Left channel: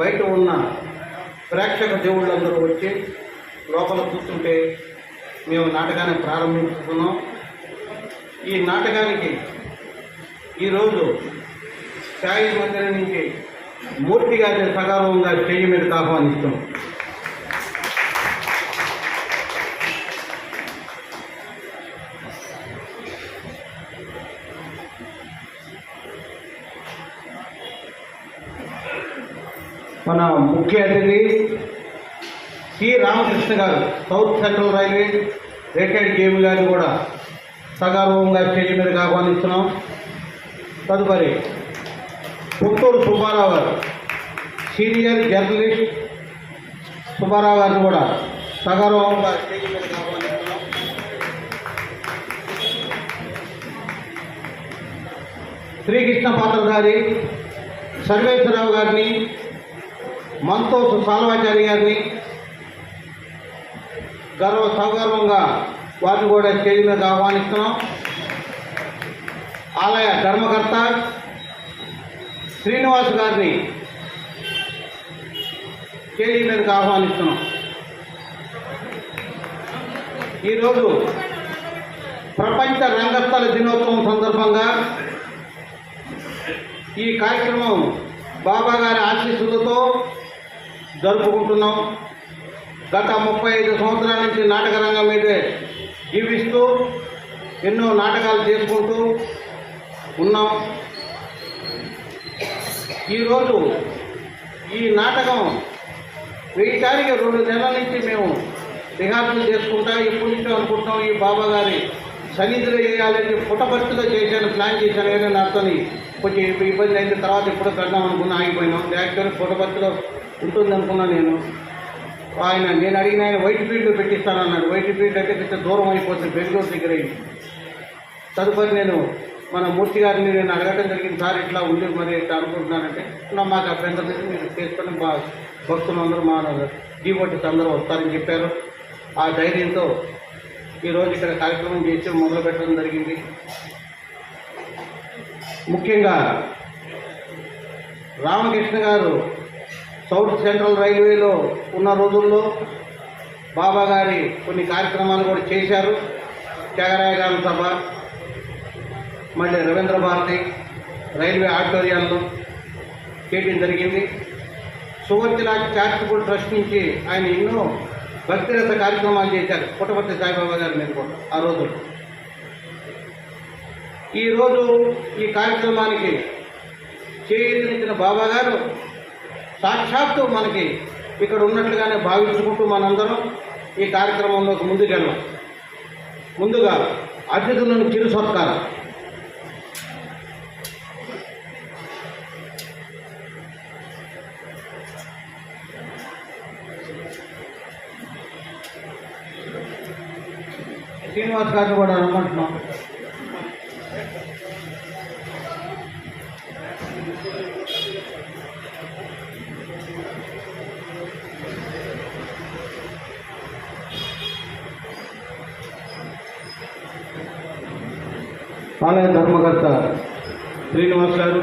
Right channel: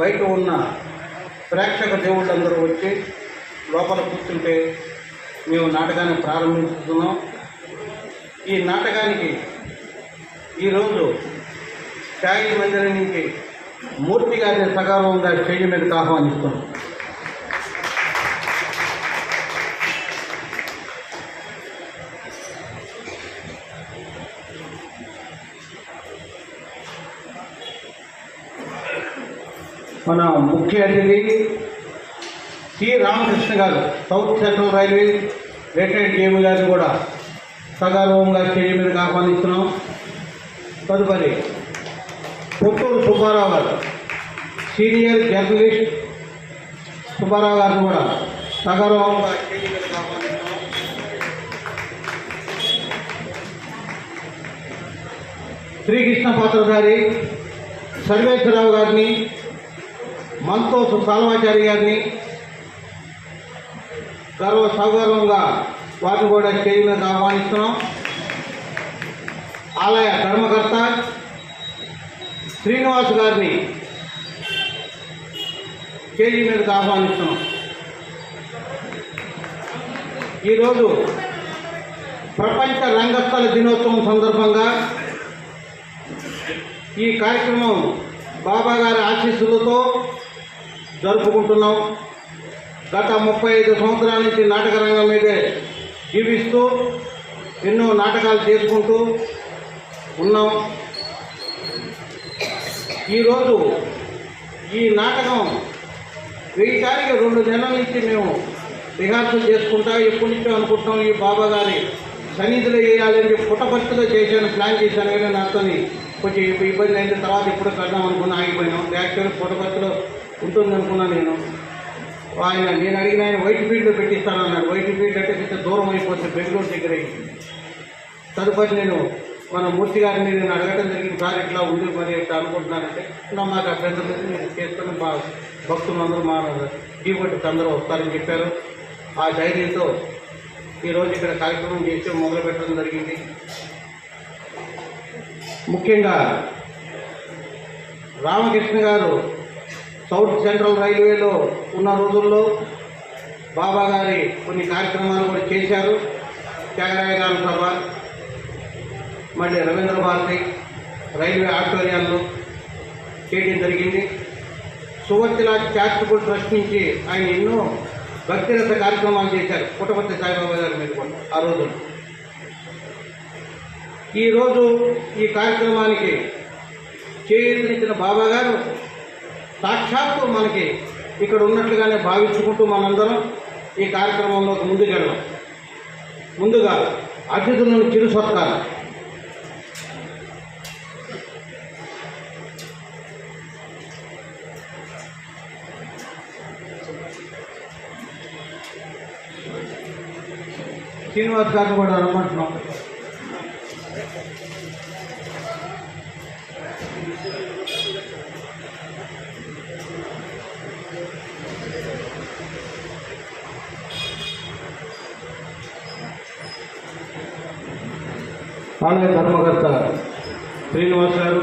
బయట ఉన్న ప్రేక్షక దేవుళ్ళందరూ వచ్చి లోపల కూర్చుంటే మేము నాటకాన్ని ప్రారంభిస్తున్నాం. ఈ నాటకానికి ఈరోజు ఛాయ్ మందిరం నుంచి మూర్తి గారిని సగౌరవంగా స్టేజ్ మీదకి ఆహ్వానిస్తున్నాం. మన ముఖ్య అతిథి సి రామకృష్ణ గారు, south central railway retired JB గారిని కూడా సగౌరవంగా స్టేజ్ మీదకి ఆహ్వానిస్తున్నాం. తదుపరి పుత్తూరు సుబ్బారావు గారు, సీనియర్ జర్నలిస్ట్ సుబ్బారావు గారిని కూడా సగౌరవంగా స్టేజ్ మీదకి ఆహ్వానిస్తున్నాం. శ్రీకృష్ణ పాత్ర గారి, సర్వేశ్వరరావు గారిని, మంతోసు సాల్వాచారి గారిని సగౌరవంగా వారిని కూడా స్టేజ్ మీద ఆహ్వానిస్తున్నాం. ఆలయ ధర్మకర్త శ్రీనివాస్ గారిని స్టేజ్ మీదకి ఆహ్వానిస్తున్నాం. ఈరోజు ప్రపంచ రంగస్థల దినోత్సవం సందర్భంగా ఈ కార్యక్రమం బాబా గారి ఆశీస్సులతో జరుపుకుంటున్నాం. గత 35 సంవత్సరాల నుంచి నాటక రంగం మీదే జీవిస్తూ ఎన్నో నాటకాలు చేసుకుంటూ ఉన్నాం. ఈరోజు ఈ నాటకం వేయటానికి 2 నెలల నుంచి మేము రిహార్సల్ చేసుకుంటా ఎప్పటి నుంచో అనుకుంటున్నాం. ఈ బాబా గారి సన్నిధిలో చేయాలని పుట్టపర్తిలో చేశాను, ప్లాన్ చేశాను. ఏమైనా నాతో కొంచెం ఇబ్బంది అయిన తర్వాత ఇప్పుడు పెడదాం అనుకున్నా, ఆగిపోయినాం. యాక్చువల్ పుట్టపర్తిలో ఉంటుంది అనుకున్నాను నేను. నేను అడిగిన ఆయన వైట్ ఫీల్డ్లో పెట్టిస్తానన్నాడు. వైట్ ఫీల్డ్ అంటే కొంచెం దూరం అయిపోతుంది, బెంగళూరు దగ్గర. తదుపరి నేను మన మూర్తి గారిని నేను అడగటం జరిగింది, సార్ ఇట్లా ఉంది మరి ఇట్లా అనుకుంటున్నానంటే మాకు అభ్యంతరం లేదు, మీరు చేసుకుని మా భక్తులు అందరూ మా డీబొట్టుకు అందరూ వస్తారని చెప్పారు. ఆ ధైర్యంతో ఈరోజు ఇక్కడ కార్యక్రమం చేసి మొదలు పెట్టడం జరిగింది. ముఖ్యంగా రామకృష్ణ గారు సౌత్ సెంట్రల్ రైల్వేలో ఉన్న రోజుల్లో బాబా గారి కొన్ని కార్యక్రమాలు కూడా చేశారు. త్యాగరాయ గారి సభ, మళ్ళీ రవీంద్ర భారతి రైల్వే ఆడిటోరియాలను చేయడం జరిగింది. సువర్తిలా చారిటబుల్ ట్రస్ట్ నుంచి ఆయన ఎన్నో భక్తిరత కార్యక్రమాలు చేశారు. పుట్టపర్తి సాయిబాబా గారి మీద కూడా ఆ రోజు. ఈరోజు ఈ కార్యక్రమానికి చేయించిన బాబా గారు సాక్షాత్తు మనకి ఇక్కడ ఉన్నట్లుగానే భావించుకుంటూ మనందరం ఈ కార్యక్రమంలోకి ముందుకెళ్ళాం. ముందుగా అతిథులను చిరు సత్కారం. శ్రీనివాస్ గారిని కూడా రమ్మంటున్నాం. ఆలయ ధర్మకర్త శ్రీనివాస్ గారు,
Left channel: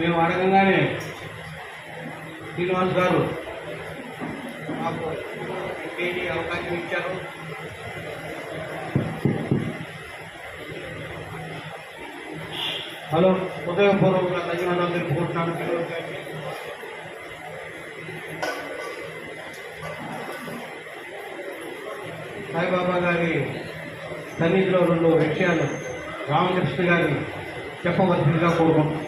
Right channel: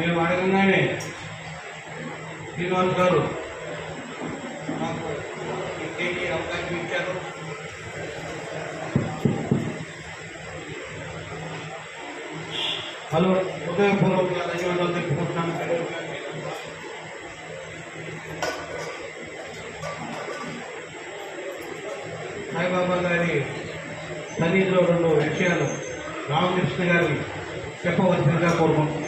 మేము అడగంగానే శ్రీనివాస్ గారు మాకు అవకాశం ఇచ్చారు. హృదయపూర్వక ధన్యవాదాలు తెలుపుకుంటున్నాను. సాయిబాబా గారి సన్నిధిలో 2 విషయాలు రామకృష్ణ గారి చెప్పవలసిందిగా కోరుకుంటున్నాను.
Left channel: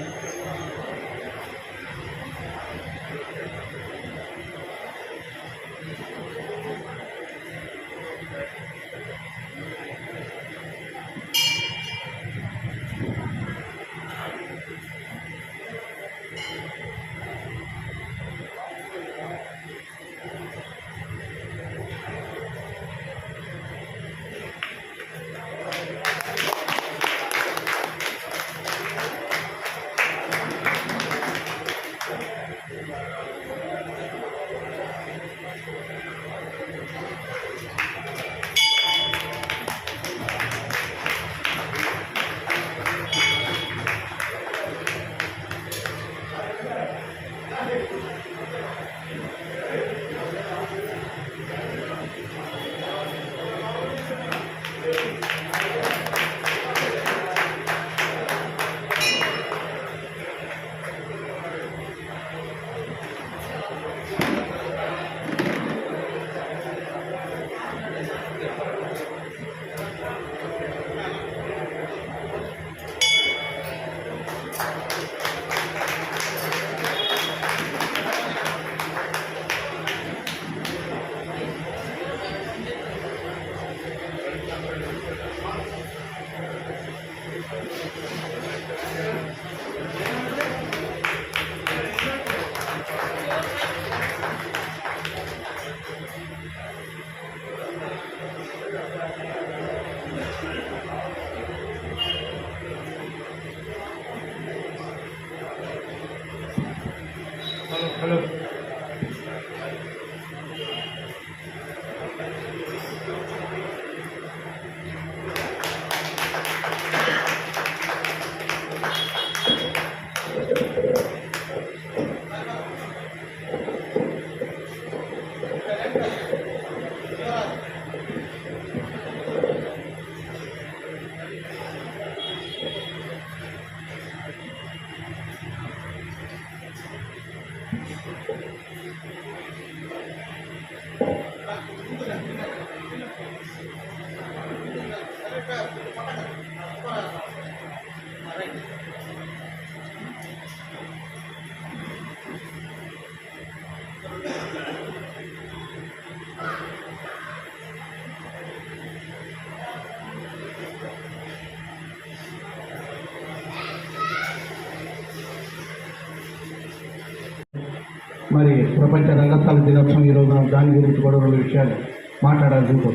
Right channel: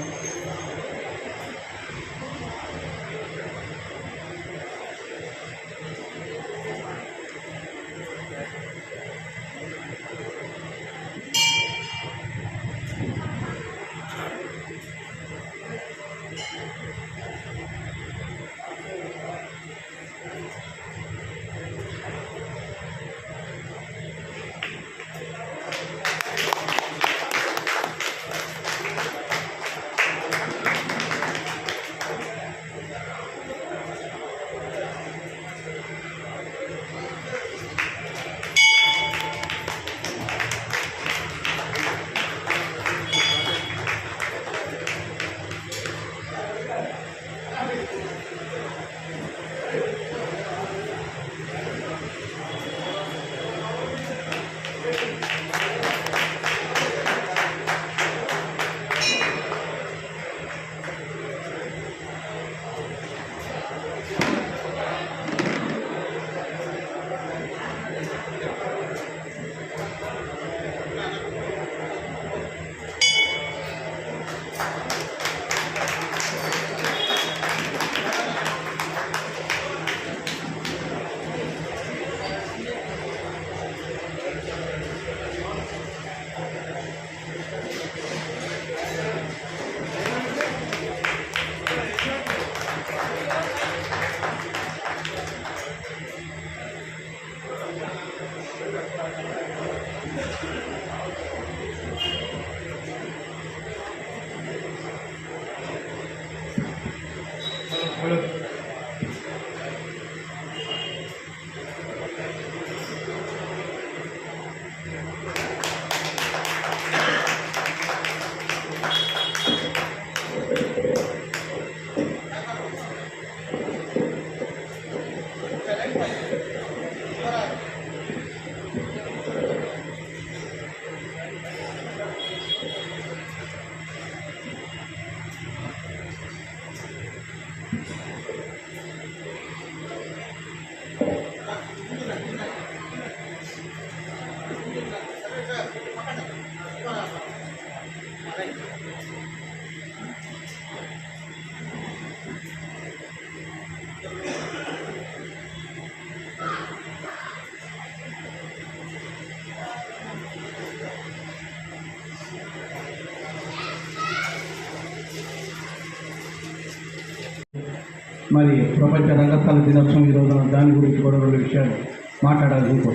మరి ప్రపంచ రంగస్థల దినోత్సవం ఈరోజు దాని గురించి కూడా 2 విషయాలు మాట్లాడాలనుకో.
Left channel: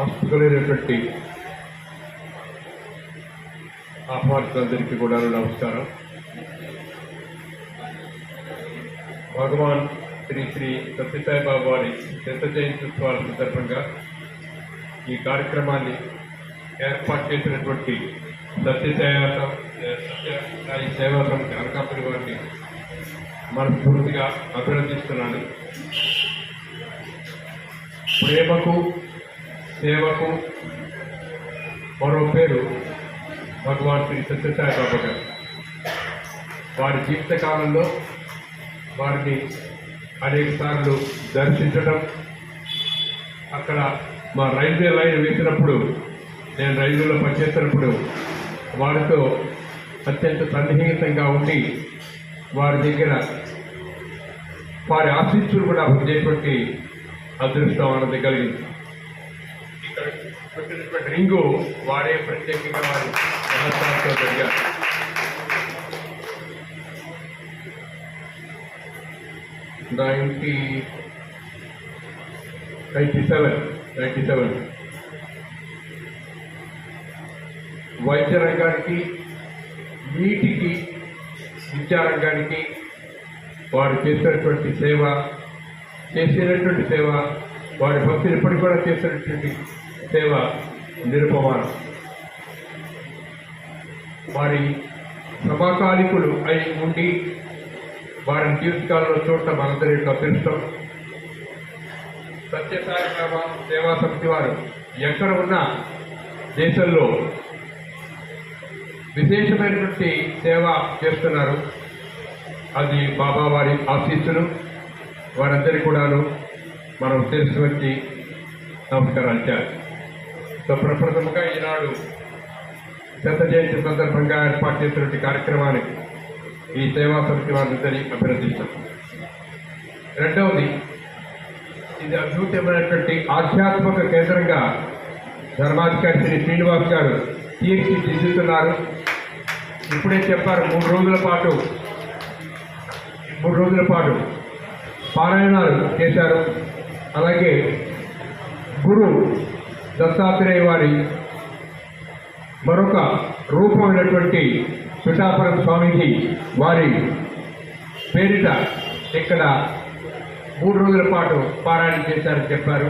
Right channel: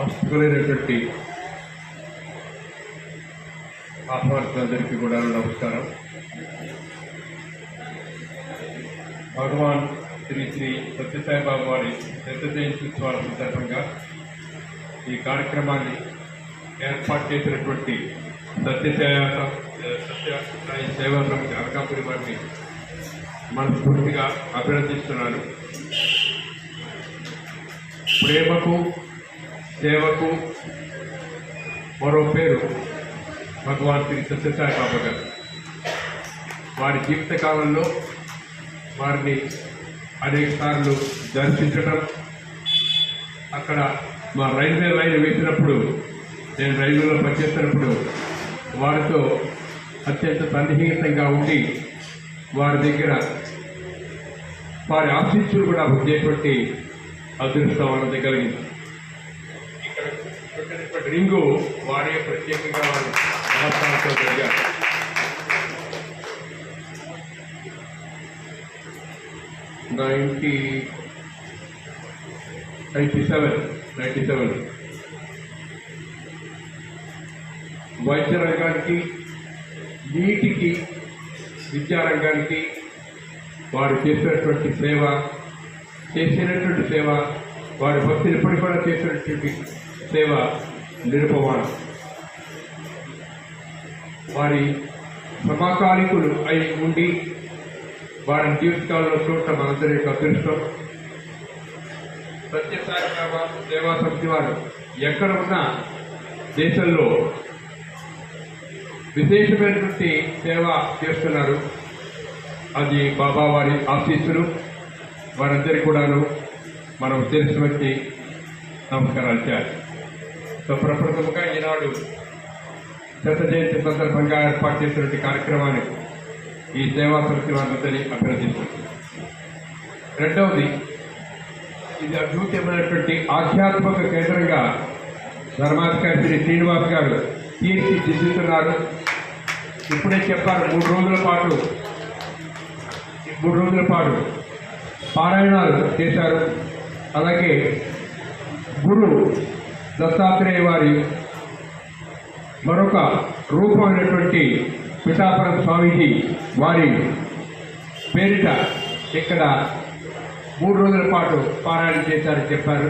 ఆసక్తులైనటువంటి ఆహ్వానితులందరికీ కూడా నమస్కారం. భగవాన్ శ్రీ శ్రీ సత్యసాయిబాబా వారి శత జయంతి ఉత్సవాల సందర్భంగా ఈ కార్యక్రమాన్ని ఏర్పాటు చేసినటువంటి సత్యసాయి సేవా సమితి అనకాపురి వారిని మనస్ఫూర్తిగా అభినందిస్తున్నాను. ప్రేమకు సేవకు మరో పేరు భగవాన్ శ్రీ సత్యసాయిబాబా గారు. వారి జీవితకాలంలో వారిని అనేక సార్లు దర్శించడం, అక్కడ మా రైల్వే లైన్ వేసినప్పుడు, నేను రైల్వేలో పనిచేస్తున్నప్పుడు వారితో అత్యంత సన్నిహితంగా ఉండి వారి దగ్గర వారి ఆశీస్సులు కూడా పొందేటువంటి అదృష్టం అన్నది కలిగింది. ఇక్కడ పెట్టినటువంటి రింగు వారే ప్రత్యేకంగా వారు నమస్కారంతో జరిగారు. వైద్య రంగానికి, నీటికి, విద్యారంగానికి వారు చేసినటువంటి సేవ, వారి భక్తులు ఇప్పటికి కూడా చేసినటువంటి సేవ నిరుపమానం. వారి సమకాలికులు అయి ఉండి వారి జీవితకాలంలో చూడటం మనందరి యొక్క అదృష్టం. సత్యసాయిబాబా సేవా సమితి వారు ఎక్కడ ఉన్నా దేశంలో విశేషమైనటువంటి సేవ చేస్తున్నారు. అది బాబా వారి ఆశీస్సులు. వారందరికీ కూడాను మనం తెలుసుకొచ్చి నమస్కారాలు చేయాలి. సో ప్రప్రథమంగా ఈనాడు శత జయంతి సందర్భంగా ఏర్పాటు చేసినటువంటి కార్యక్రమానికి ఈ సేవా సమితి వారందరినీ అభినందిస్తున్నాను. రెండవది, ఇది అద్భుతమైనటువంటి ఆధ్యాత్మిక కేంద్రంగా ధర్మాధికారి శ్రీ శ్రీనివాస్ గారు తీర్చిదిద్దుతున్నారు. ఇప్పుడే చెప్పారు, 3 రోజుల పాటు పారాయణాలు చేశారు. అలాగే గురు దత్తాత్రేయ వారి మరొక రూపమైనటువంటి పిఠాపురం స్వామీజీ వారి పేరిట ఇక్కడ 3 రోజుల పాటు పారాయణ చేశారని చెప్పారు.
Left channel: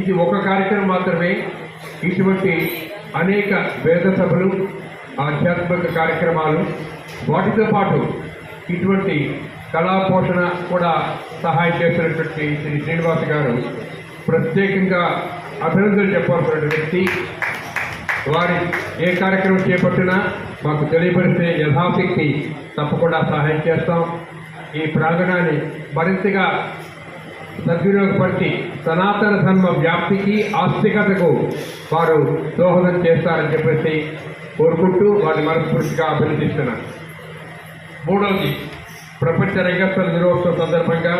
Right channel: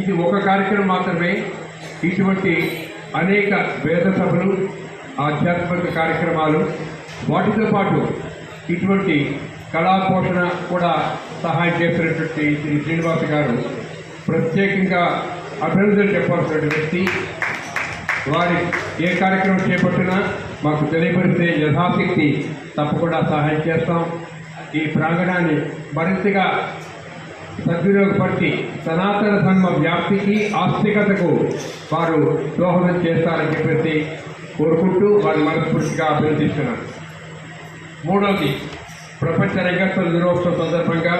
ఇది ఒక కార్యక్రమం మాత్రమే. ఇటువంటి అనేక వేద సభలు, ఆధ్యాత్మిక కార్యక్రమాలు, వాటితో పాటు ఇటువంటి కళా పోషణ కూడా సహాయం చేస్తున్నటువంటి శ్రీ శ్రీనివాస్ గారు ప్రత్యేకంగా అభినందనలు చెప్పాల్సిన వ్యక్తి. వారి ఏ కార్యక్రమం చేపట్టినా మాకు తెలియపరిస్తే యథాశక్తి తప్పకుండా సహాయం చేస్తాం. ఈ ప్రాంగణాన్ని మరింతగా సద్వినియోగపరిచి సనాతన ధర్మ వ్యాప్తికి, ఆస్తికతకు వారు దోహదం చేస్తారని చెప్పేసి కోరుకుంటూ వారిని మనస్ఫూర్తిగా అభినందిస్తున్నాను. మూడవది, ప్రపంచ రంగస్థల దినోత్సవం సందర్భంగా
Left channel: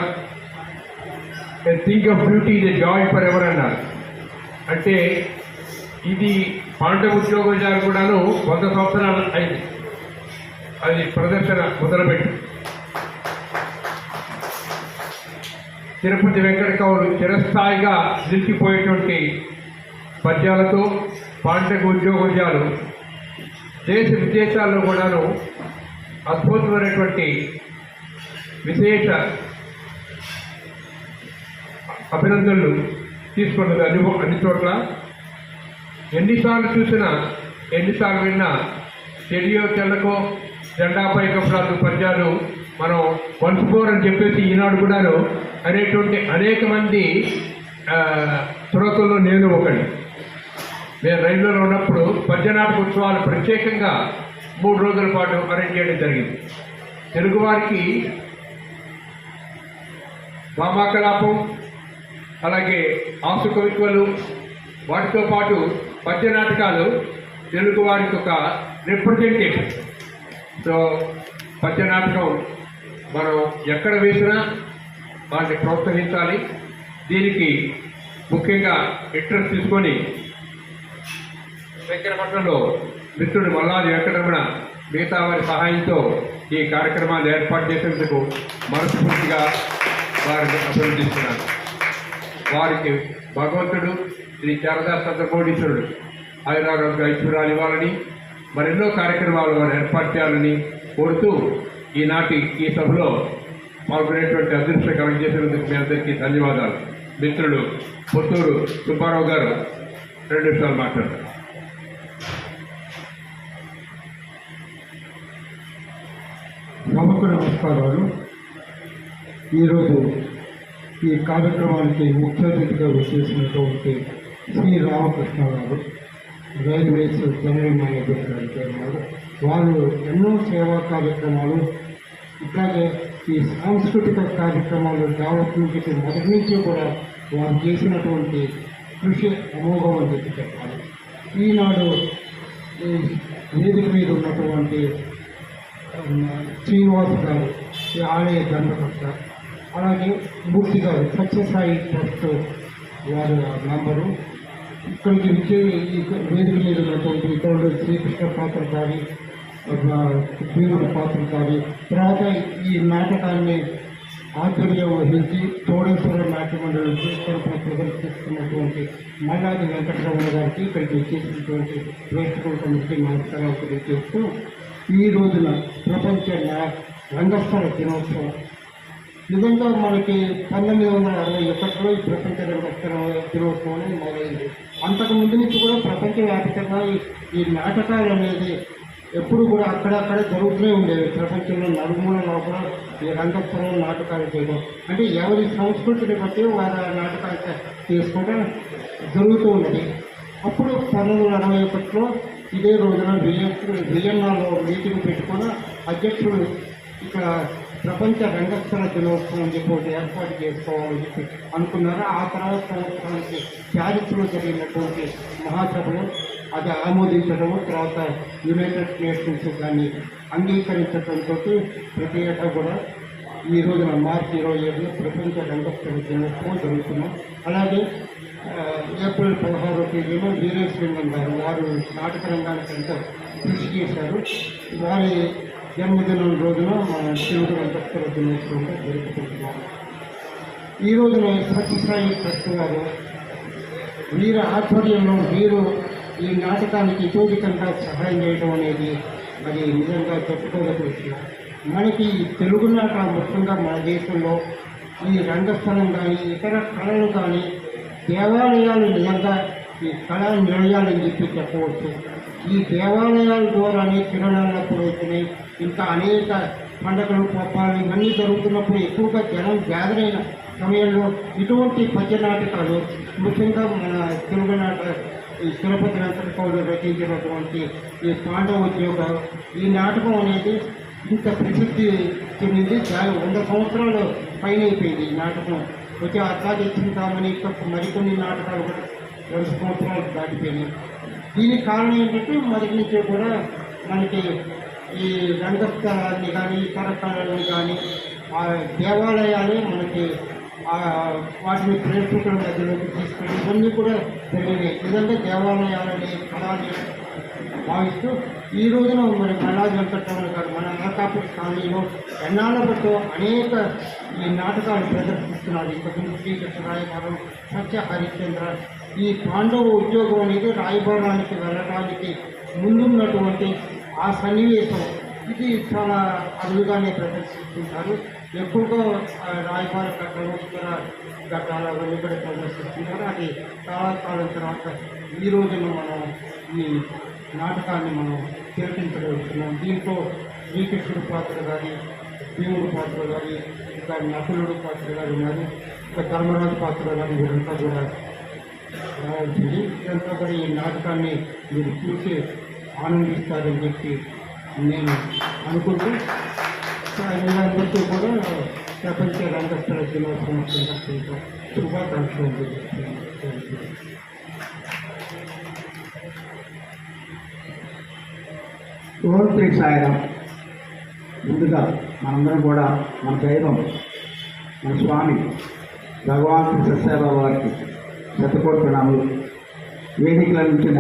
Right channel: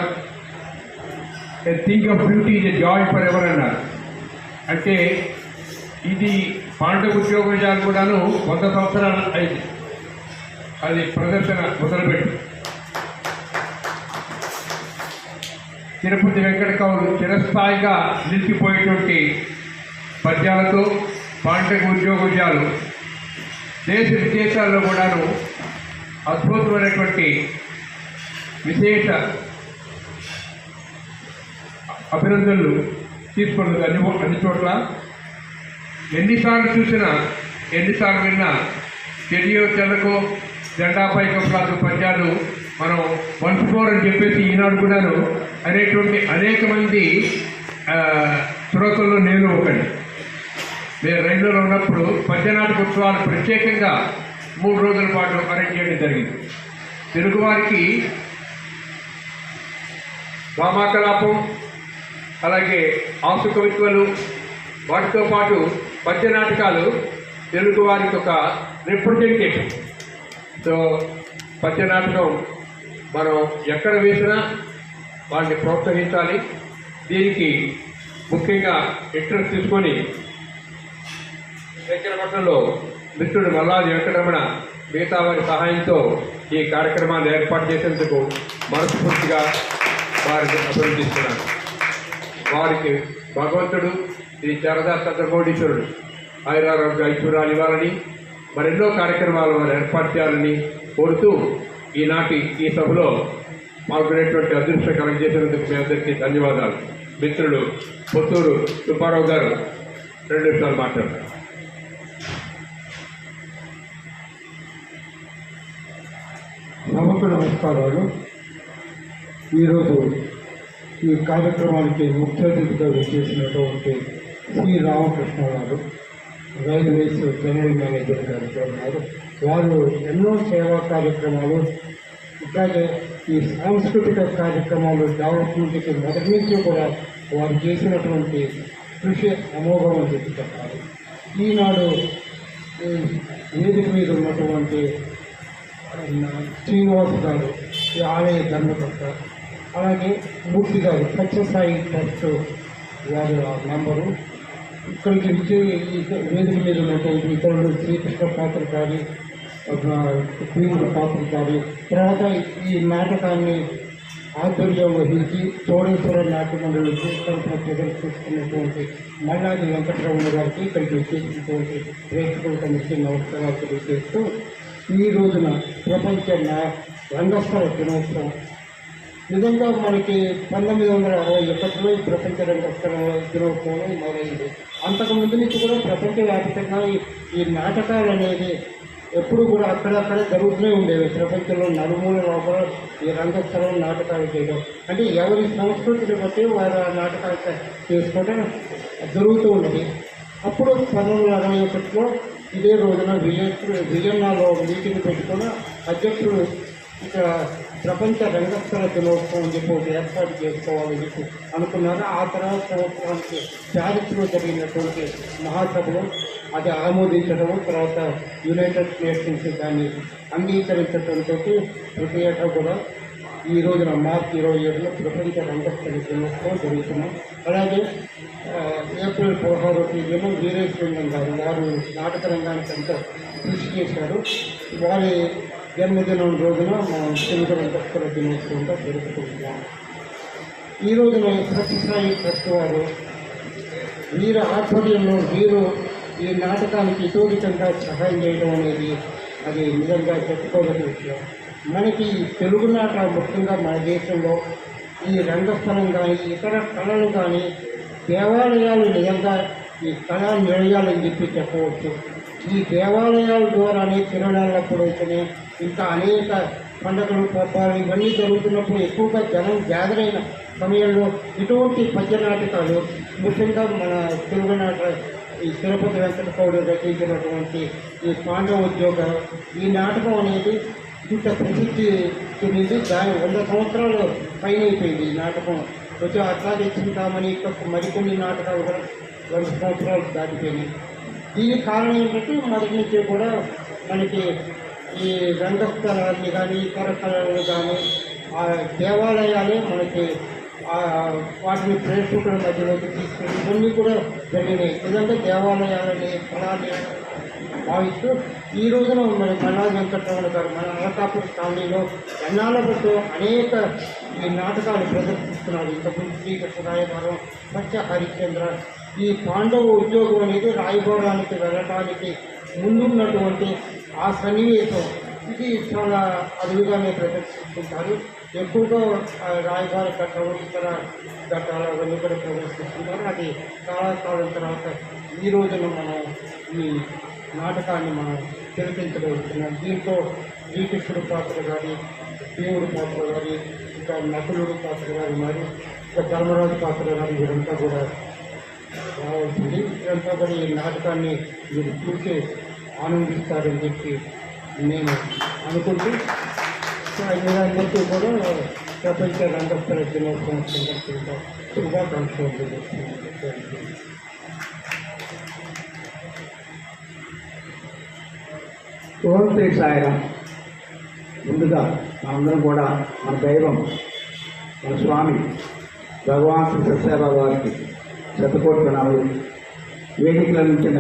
a thing of beauty is a joy for ever అన్నారు. అంటే ఇది పాండవ ఉద్యోగజాలు కూడాను 100 సంవత్సరాలు అయింది. అది ప్రదర్శన మొదలుపెట్టి తిరుపతి వెంకట కవులు చిరస్థాయిగా నిలిచిపోయేటువంటి పద్యాలతో పాండగ ఉద్యోగాలు దేశ విదేశాల్లో కూడాను అద్భుతమైనటువంటి విశేష అభినందనలు తీసుకున్నది అన్ని చోట్ల. ఎన్నిసార్లు చూసినా ఎన్నిసార్లు విన్నా చెడియో తెల్లకో జెండాపై కప్పులాదు పద్యాలు మనం వంచుకోరని చెప్పేసి ఈనాడు కూడాను అనేటువంటి అనేక మంది శ్రోతల్లో నేను ఒకటి. మేము రైల్వేలో ఉన్నప్పుడు పద్యనాటక ఉత్సవాలు ప్రత్యేకంగా 3 రోజుల పాటు అరేంజ్ చేయడం జరిగింది. తెలుగువారికి వామాకలాపం, అలాగే ఆసు కవిత్వాలు, వాటితో పాటు పద్య నాటకాలు తెలుగువారికి ఒక రిప్రజెంటేషన్. సో పద్య నాటకం మనం ఎక్కడ వేసినా వాళ్ళని ప్రోత్సహించాలి. దీనికి ముఖ్యంగా ఇంట్రెస్ట్ తీసుకొని శంకరపట్నంలో మిత్రుడు మల్లాది వెంకటరమణ మిగతా వారి సహాయంతో ఈ కార్యక్రమాలు ఏర్పాటు చేసేందుకు మనస్ఫూర్తిగా వారిని అభినందిస్తున్నాను. వారికి భగవంతుడు శ్రీ శారదా చంద్రమౌళీశ్వరుడు ఆయురారోగ్య ఐశ్వర్యాలు ఇవ్వాలని, మరెన్నో కార్యక్రమాలు వారు ఏర్పాటు చేయాలని కోరుతూ ఈనాటి ఈ సభలో పాల్గొనేటువంటి అదృష్టకరం చేసినందుకు మీ అందరికీ ధన్యవాదాలు. మిత్రులు పుత్తూరు సుబ్బారావు గారు 2 నిమిషాలు మాట్లాడారు. సభకు నమస్కారాలు. ఈరోజు ఈ కార్యక్రమానికి ముఖ్య అతిథిగా వచ్చేసినటువంటి శ్రీ రామకృష్ణ గారు, రైల్వేస్ జనరల్ మేనేజర్ గారు ఉన్నారు. వారు ఎన్నో సేవా కార్యక్రమాలు, ఇట్లాగే ఈ సాంస్కృతిక కార్యక్రమాలు డెవలప్మెంట్కి మొదటి నుంచి కూడా వారు చేసినటువంటి కృషి అమోఘం అని చెప్పాలి. ఈనాడు వేదిక మీద ఉన్నటువంటి శ్రీనివాస్ గారు, ఈ ఆలయ ధర్మకర్త, అలాగే మూర్తి గారు సత్యసాయి ట్రస్ట్ వారి నంబరు, ఇక్కడికి వచ్చి వేదిక మీద ఉన్నటువంటి ఇతరులు శ్రీకృష్ణ పాత్ర గారి, భీముల పాత్ర గారి, తర్వాత ఈ నాటకాన్ని ఆధ్వర్యం వహించి చోడేశ్వర నాట్య మండలి తరఫున ప్రదర్శిస్తున్నటువంటి మల్లాది వెంకటరమణ గారికి ఇక్కడికి వచ్చేసినటువంటి ప్రేక్షకులకు ముఖ్య నమస్కారాలు తెలియజేస్తూ, ఈ రోజున ప్రపంచ రంగస్థల దినోత్సవం నిజంగా మనకి 1961లో ఈ ప్రపంచ రంగస్థల దినోత్సవం అనేది మొదలైంది. అంతకుముందు నుంచి కూడా ప్రపంచవ్యాప్తంగా ఈ నాటకాలు అనేది ఎప్పుడు కూడా అక్కడక్కడ జరుగుతూనే ఉండేవి. ప్రపంచంలో నలుమూల లోపల ఈ రంగస్థలం నాటకాలు చేయడం అంటే ఎవరి సంస్కృతిని బట్టి వారు ఆ నాటకాలు చేసుకోవడం జరుగుతూ ఉన్నది. అప్పుడు 1961లో ఇదే రోజున వియన్నాలో మీటింగ్ పెట్టుకుని అధ్యక్షుడు ఇక్కడ ప్రపంచ రంగస్థల దినోత్సవం అని చెప్పి ఒకటి ఏర్పాటు చేసుకోవాలని చెప్పి అనుకున్నారు. ఆ తర్వాత సంవత్సరానికి ప్యారిస్లో జరిగినటువంటి మహాసభలో అది ఆమోదించడం, తర్వాత యునైటెడ్ నేషన్స్ దాన్ని అంగీకరించడంతో ప్రతి ఏటా కూడా ఈ రోజున మార్చి 27 ప్రపంచ రంగస్థల దినోత్సవం జరుగుతున్నాం. అలాగే ఏప్రిల్ 16వ తేదీన వీరేశలింగం గారు, వారు నాటక రంగానికి ఎంతో కృషి చేశారు. వారి జన్మదినం రోజున మనం తెలుగు రంగస్థల దినోత్సవంగా జరుపుకుంటున్నాం. ఈ రోజున సత్యసాయి ట్రస్ట్ వారు వీరి ఆధ్వర్యంలో వీరు ఈ నాటకానికి ఇతోధికంగా సహాయం చేయడం అనేది అది నిజంగా చెప్పుకోదగ్గ విషయం. మనకి తెలుగు నాట ముఖ్యంగా మన దేశంలో ఈ రంగస్థలం కానీ ఇతర కళలు కానీ దేవాలయాలు నిజంగా ఈ కళా నిలయాలని చెప్పి చెప్పవచ్చు. ఈ దేవాలయాల ద్వారానే తిరునాళ్ళప్పుడు అయితేనే ఇంకా అనేక పండుగలు పబ్బాలు ఇవన్నీ జరుగుతున్నప్పుడు ఎక్కువగా జనం గ్యాదర్ అయిన సమయంలో ఇటువంటి పద్య నాటకాలు ముఖ్యంగా మన తెలుగు నాట ఈ తిరుపతి వెంకట కౌలు రచించినటువంటి ఈ పాండవోద్యోగం ఈ నాటకం అనేది ఇంత ప్రసిద్ధి చెందింది. దాని 100 సంవత్సరాలు పైన అయిపోయింది ఈ నాటకం వచ్చి. అట్లాగే చింతామణి మరికొన్ని నాటకాలు కూడా 100 సంవత్సరాలు దాటిపోయినాయి. దీనికి కారణం ఏంటంటే మొదటి నుంచే కూడా మనకి ఈ రంగస్థలాన్ని కానీ ఇతర కళలను కానీ ఆ దేవాలయాలే మనకి వాటిని ప్రేక్షకుల మధ్యలోకి తీసుకుని ఇవన్నీ కూడా జరిగినాయి. ఎందుకంటే దేవాలయాలని కళని భావిస్తూ ఈ రోజున మరి మల్లాది వెంకటరమణ గారు మన అనకాపల్లి కాలనీలో ఎన్నాళ్ళతో అనేక ఈ నాటకాలు ప్రదర్శిస్తున్నారు. ఇంతకుముందు శ్రీకృష్ణ రాయబారం, సత్య హరిశ్చంద్ర, ఈ పాండవ ఉద్యోగం అనేది రాయబారానికి వెళ్ళడానికి ముందున్నటువంటి ఆ సన్నివేశం ఇది చాలా అరుదుగానే ప్రదర్శిస్తుంటారు. ఎక్కువగా రాయబార ఘట్టాలు ఇతర ఘట్టాలు అవన్నీ కూడా ప్రదర్శిస్తుంటారు. అది చాలా కాలం తర్వాత ఈ రోజున మనం ఈ నాటకాన్ని మనం తిలకించగలుగుతున్నాం. దీంట్లో శ్రీకృష్ణుడు పాత్ర కానీ, దేవుడు పాత్ర కానీ, ఇంకా నకులుడు పాత్ర కానీ ఉన్నారు, ఇంకా ధర్మరాజు పాత్ర కానీ వీరంతా కూడా రావాల్సింది. ఇదంతా కూడా ఈ నాటకాన్ని మీరు చూసి ఆనందిస్తారని చెప్పి నేను అనుకుంటూ అందరికీ కూడా ప్రపంచ రంగస్థల దినోత్సవం సందర్భంగా శుభాకాంక్షలు తెలియజేస్తున్నాను. ఓం శ్రీ సాయిరామ్. ముందుగా మనందరం కూడా మన దైవం మన స్వామి భగవాన్ శ్రీ సత్యసాయిబాబా వారికి శతకోట్ల వేదికల నుంచిన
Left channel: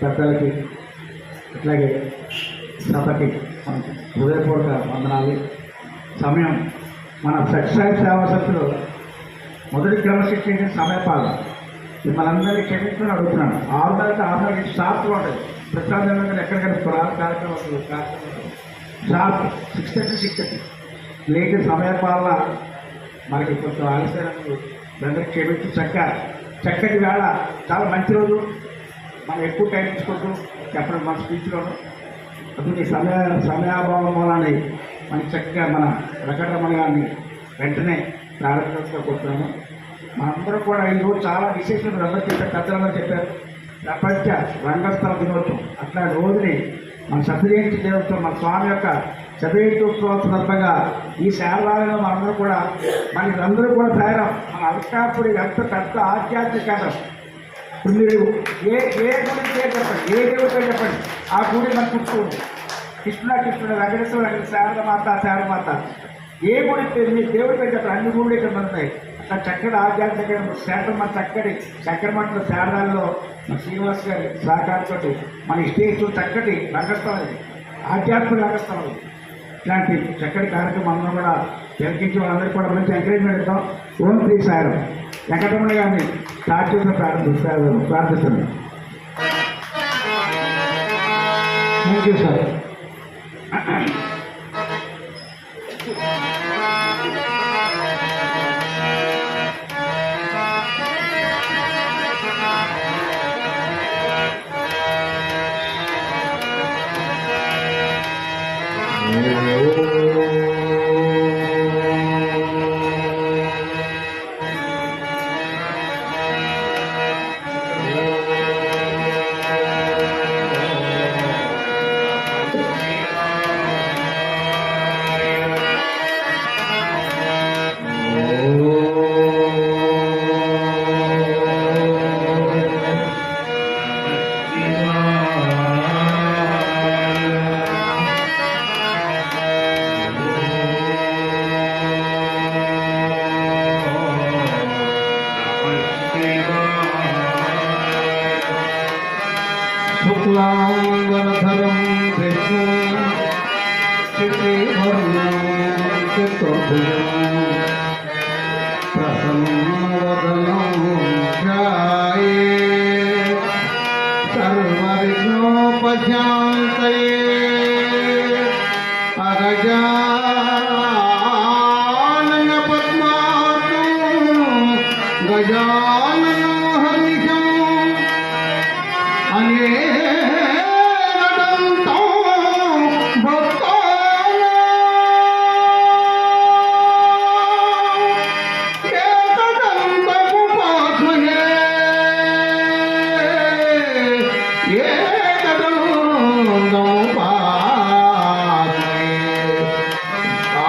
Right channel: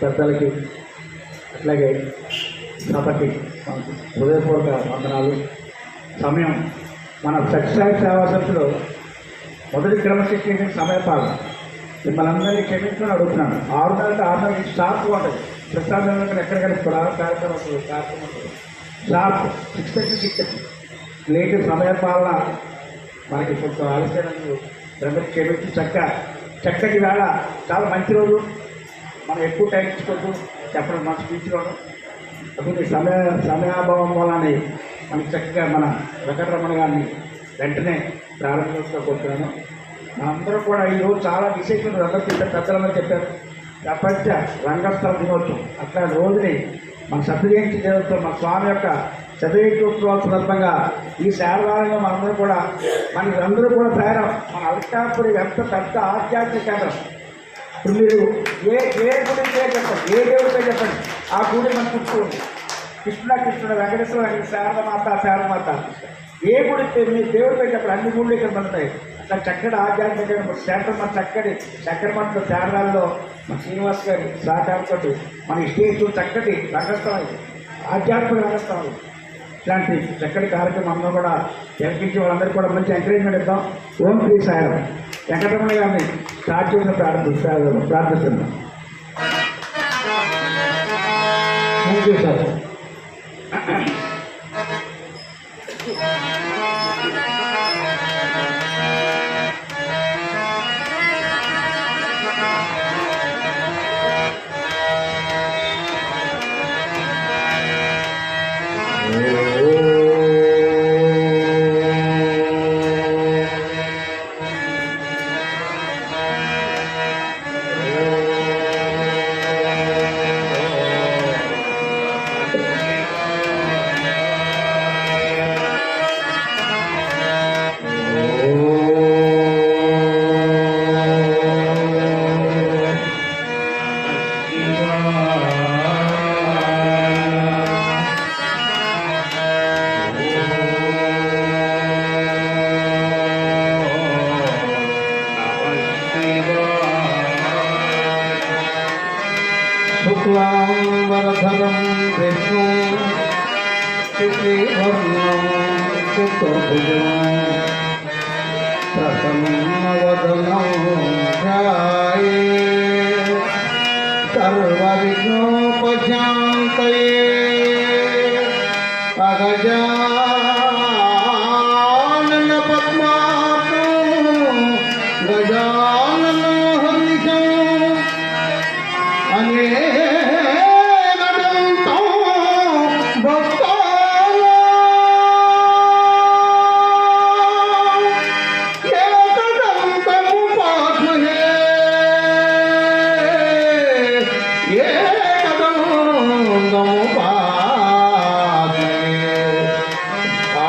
పెద్దలకి అట్లాగే సభకి హృదయపూర్వక వందనాలు. సమయం మన సత్యసాయి సేవా సమితిలో మొదటి క్రమశిక్షణ సమయపాలన మిమ్మల్ని అందరినీ క్షమించమని అడుగుతున్నాను. 6 షార్ప్గా ఉంటుంది. ప్రసాదం ఎక్కడ కలుపుకోవాలి కార్యక్రమం షార్ప్ 6:30 లేట్ సమయపాలన మనకి కొంచెం ఆలస్యాలను అందరికీ క్షమించి చక్కటి వేళ చాలా మంచి రోజు. మనం ఎక్కువ టైం తీసుకోవద్దు చెప్పడం మన స్పీచ్లోను. అటువంటి సమయాభావం మూలాన్ని మనకి చక్కగా మన వెంకటరమణ గారిని వెంటనే ప్రారంభించుకోబోతున్నాను. మనందరూ కూడా ఈరోజు చాలా విశేషం అందరికీ పెద్దలందరూ చెప్పారు. ప్రపంచ రంగస్థల దినోత్సవం అట్లా రోజుని మన శతజయంతి దినోత్సవం మన స్వామి యొక్క శతజయంత్యోత్సవం సందర్భంగా ఈ శారదాలయంలో మనందరూ కూడా అందరూ కూడా తయారం. మన అల్కాపురి ఎంత పెద్ద ఆధ్యాత్మిక కేంద్రం. ఇప్పుడు మీరు ఏ గుడి పేరు చెప్పండి, ఏ దేవుడి పేరు చెప్పండి, ఆ గుడి మన చుట్టూ ఉంది. కృష్ణుడు వెంకటేశ్వర శారదమాత ఏ గుడి పేరు మీ దేవుడి పేరు చెప్పండి. అన్ని గుళ్ళు ఇక్కడ ఉంటాయి. అక్కడ చక్కటి ఆధ్యాత్మిక శాస్త్రం మన చక్కటి చక్రమట్ల శారదాల్లో మన శ్రీనివాస్ గారి సహకారంతో మన స్టేజ్ చక్కటి రంగస్థలం, ఆధ్యాత్మిక రంగస్థలం. ఇట్లాంటి చక్కటి కార్యక్రమం అందరూ కూడా తిలకించి వాళ్ళందరూ కూడా మంచి ఎంకరేజ్మెంట్ ఇద్దాం. ఓం శ్రీ సాయిరామ్. వెంకటరమణ గారిని స్టార్ట్ చేసిన ప్రార్థిస్తున్నాం. Thank you sir. శుక్లాంబరధరం విష్ణుం శశివర్ణం చతుర్భుజం ప్రసన్నవదనం ధ్యాయేత్ సర్వవిఘ్నోపశాంతయే. అగజానన పద్మార్కం గజానన హరిషం అనేకదంతం భక్తానాం ఏకదంతముపాస్మహే.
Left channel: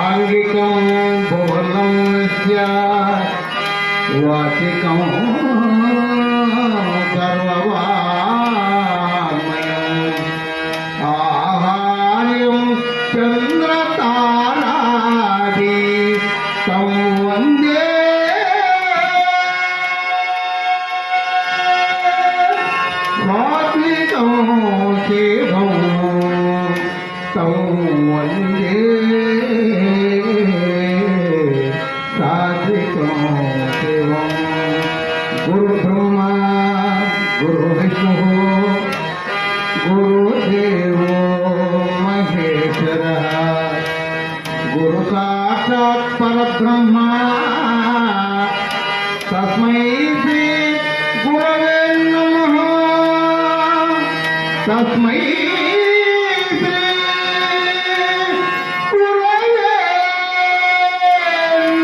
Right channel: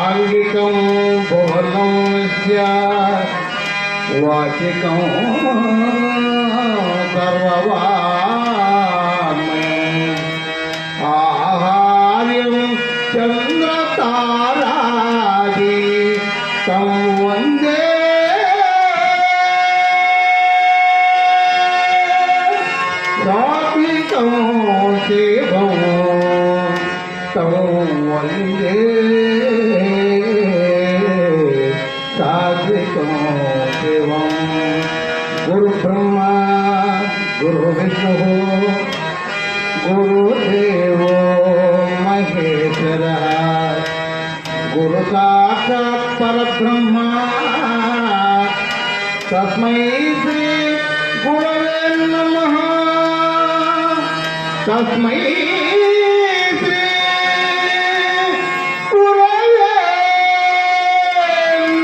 ఆంగికం బహుళం స్యాత్ వాచికం సర్వవాంగ్మయం. ఆహార్యం చంద్రతారాది తం వందే సాత్వికం శివం తం వందే సాత్వికం శివం. గురు బ్రహ్మ विष्णुः गुरुदेवो महेश्वरः गुरु साक्षात् परब्रह्म तस्मै श्री गुरवे नमः तस्मै श्री गुरवे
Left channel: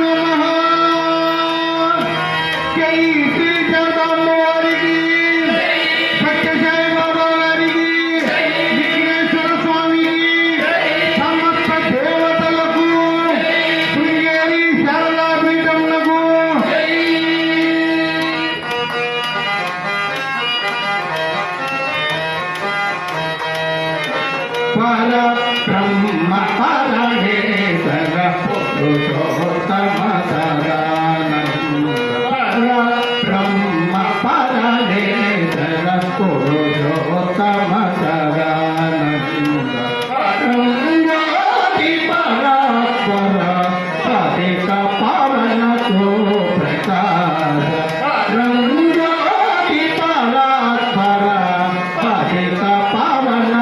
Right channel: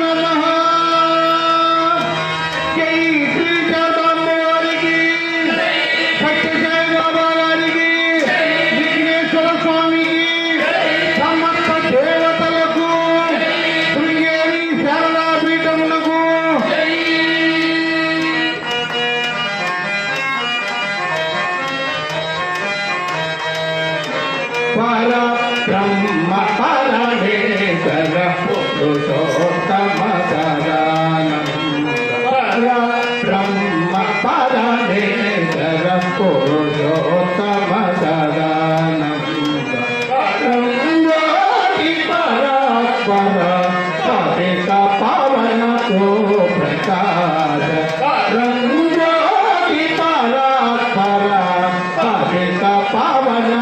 नमः जय श्री जगदम्बारिकी सत्यसाई बाबा గారికి విఘ్నేశ్వర స్వామికి సమస్త దేవతలకు శృంగేరి శారదాపీఠములకు పరబ్రహ్మ పరమేశ్వర పురుషోత్తమ సదానంద పరబ్రహ్మ పరమేశ్వర పురుషోత్తమ సదానంద రంగోటి పరాత్పర పతిత పవన ప్రకాశ రంగోటి పరాత్పర పతిత పవన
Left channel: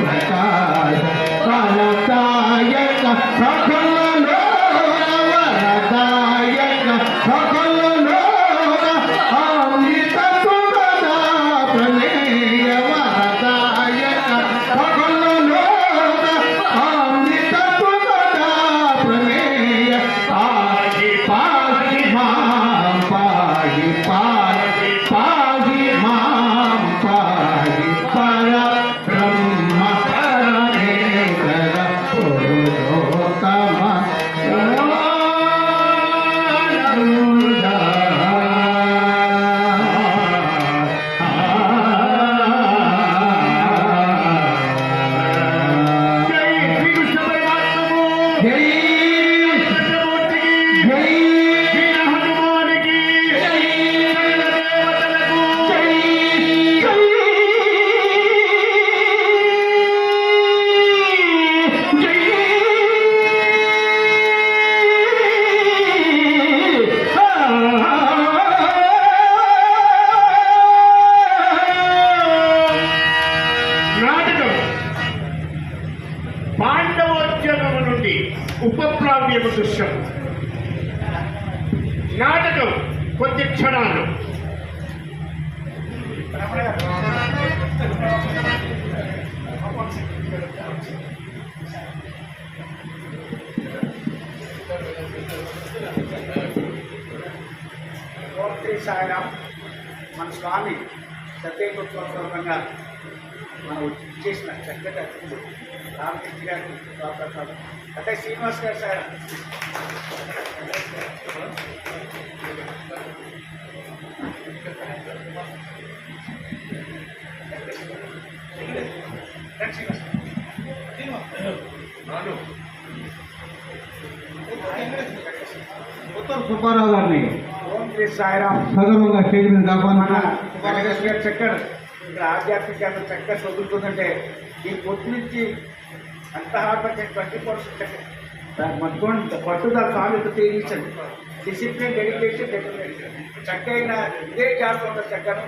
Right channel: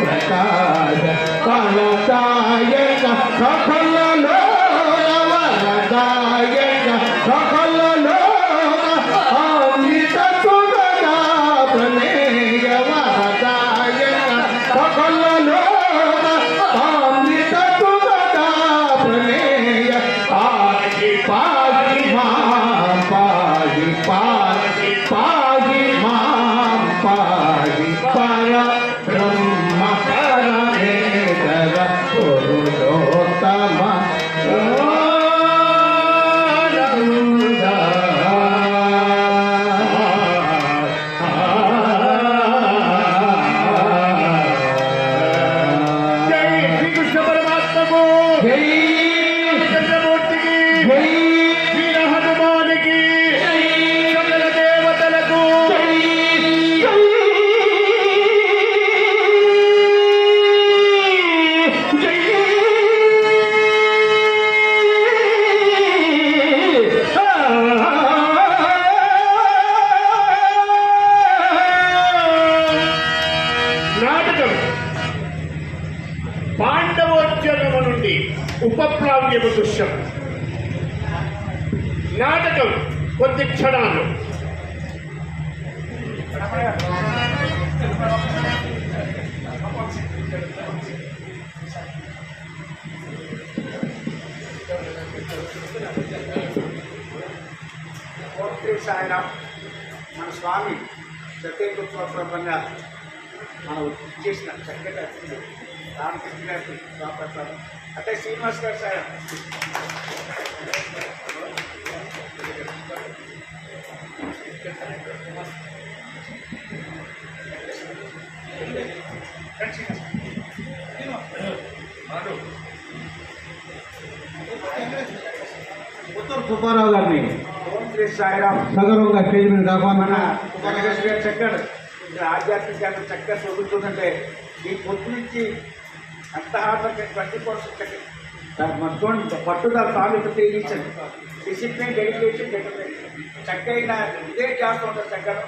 ప్రకాశ వరదాయక సకలలో వరదాయక సకలలో అమృత సుగంధ ప్రమేయ వరదాయక సకలలో అమృత సుగంధ ప్రమేయ పాగి పాగి మాం పాగి పాగి పాగి మాం పాగి పరబ్రహ్మ పరమేశ్వర పురుషోత్తమ జై శ్రీకృష్ణ పరమాత్మకు జై కృష్ణమూర్తికి జై వీర హనుమానికి సకల దేవతలకు జై నాటకం పాండవోద్యోగము నుండి ఉపప్లావ్యము దృశ్యం. నాటకం కొద్ది క్షణాలు. సాయిరాం మన స్వామి సత్యకృష్ణంగా మనం చేసిన చక్కటి అతిథులు రామకృష్ణ గారికి స్వాగతం అంటే శ్రీనివాస్ గారు సాయిరాం ఉత్తర్ సుబ్బారావు గారిని ఓం శ్రీ సాయిరాం సగర్వంగా స్టేజ్ మీద కాపాడుతున్నా చక్కగా ఆధ్యాత్మికంగా చక్కగా చదువుతుందంటే ఈ పొద్దు నుంచి ఎంత హార్డ్ వర్క్ 24 దానికి మొత్తం పట్టుదల స్వామి తెలియచండి డిసిప్లిన్ డెడికేషన్ డెటర్మినేషన్ చక్కగా ఇదే చేస్తూ ఉంటుంది చక్కగా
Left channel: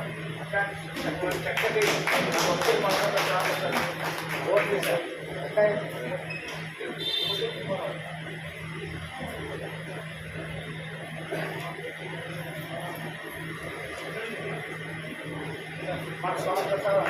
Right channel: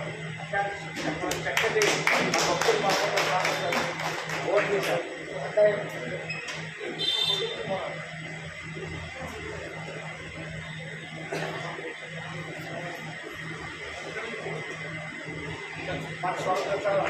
చక్కటి భక్తులు మాట్లాడుతారు ఓకే సార్ అంటే మన స్వాగతం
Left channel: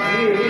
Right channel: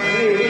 Hey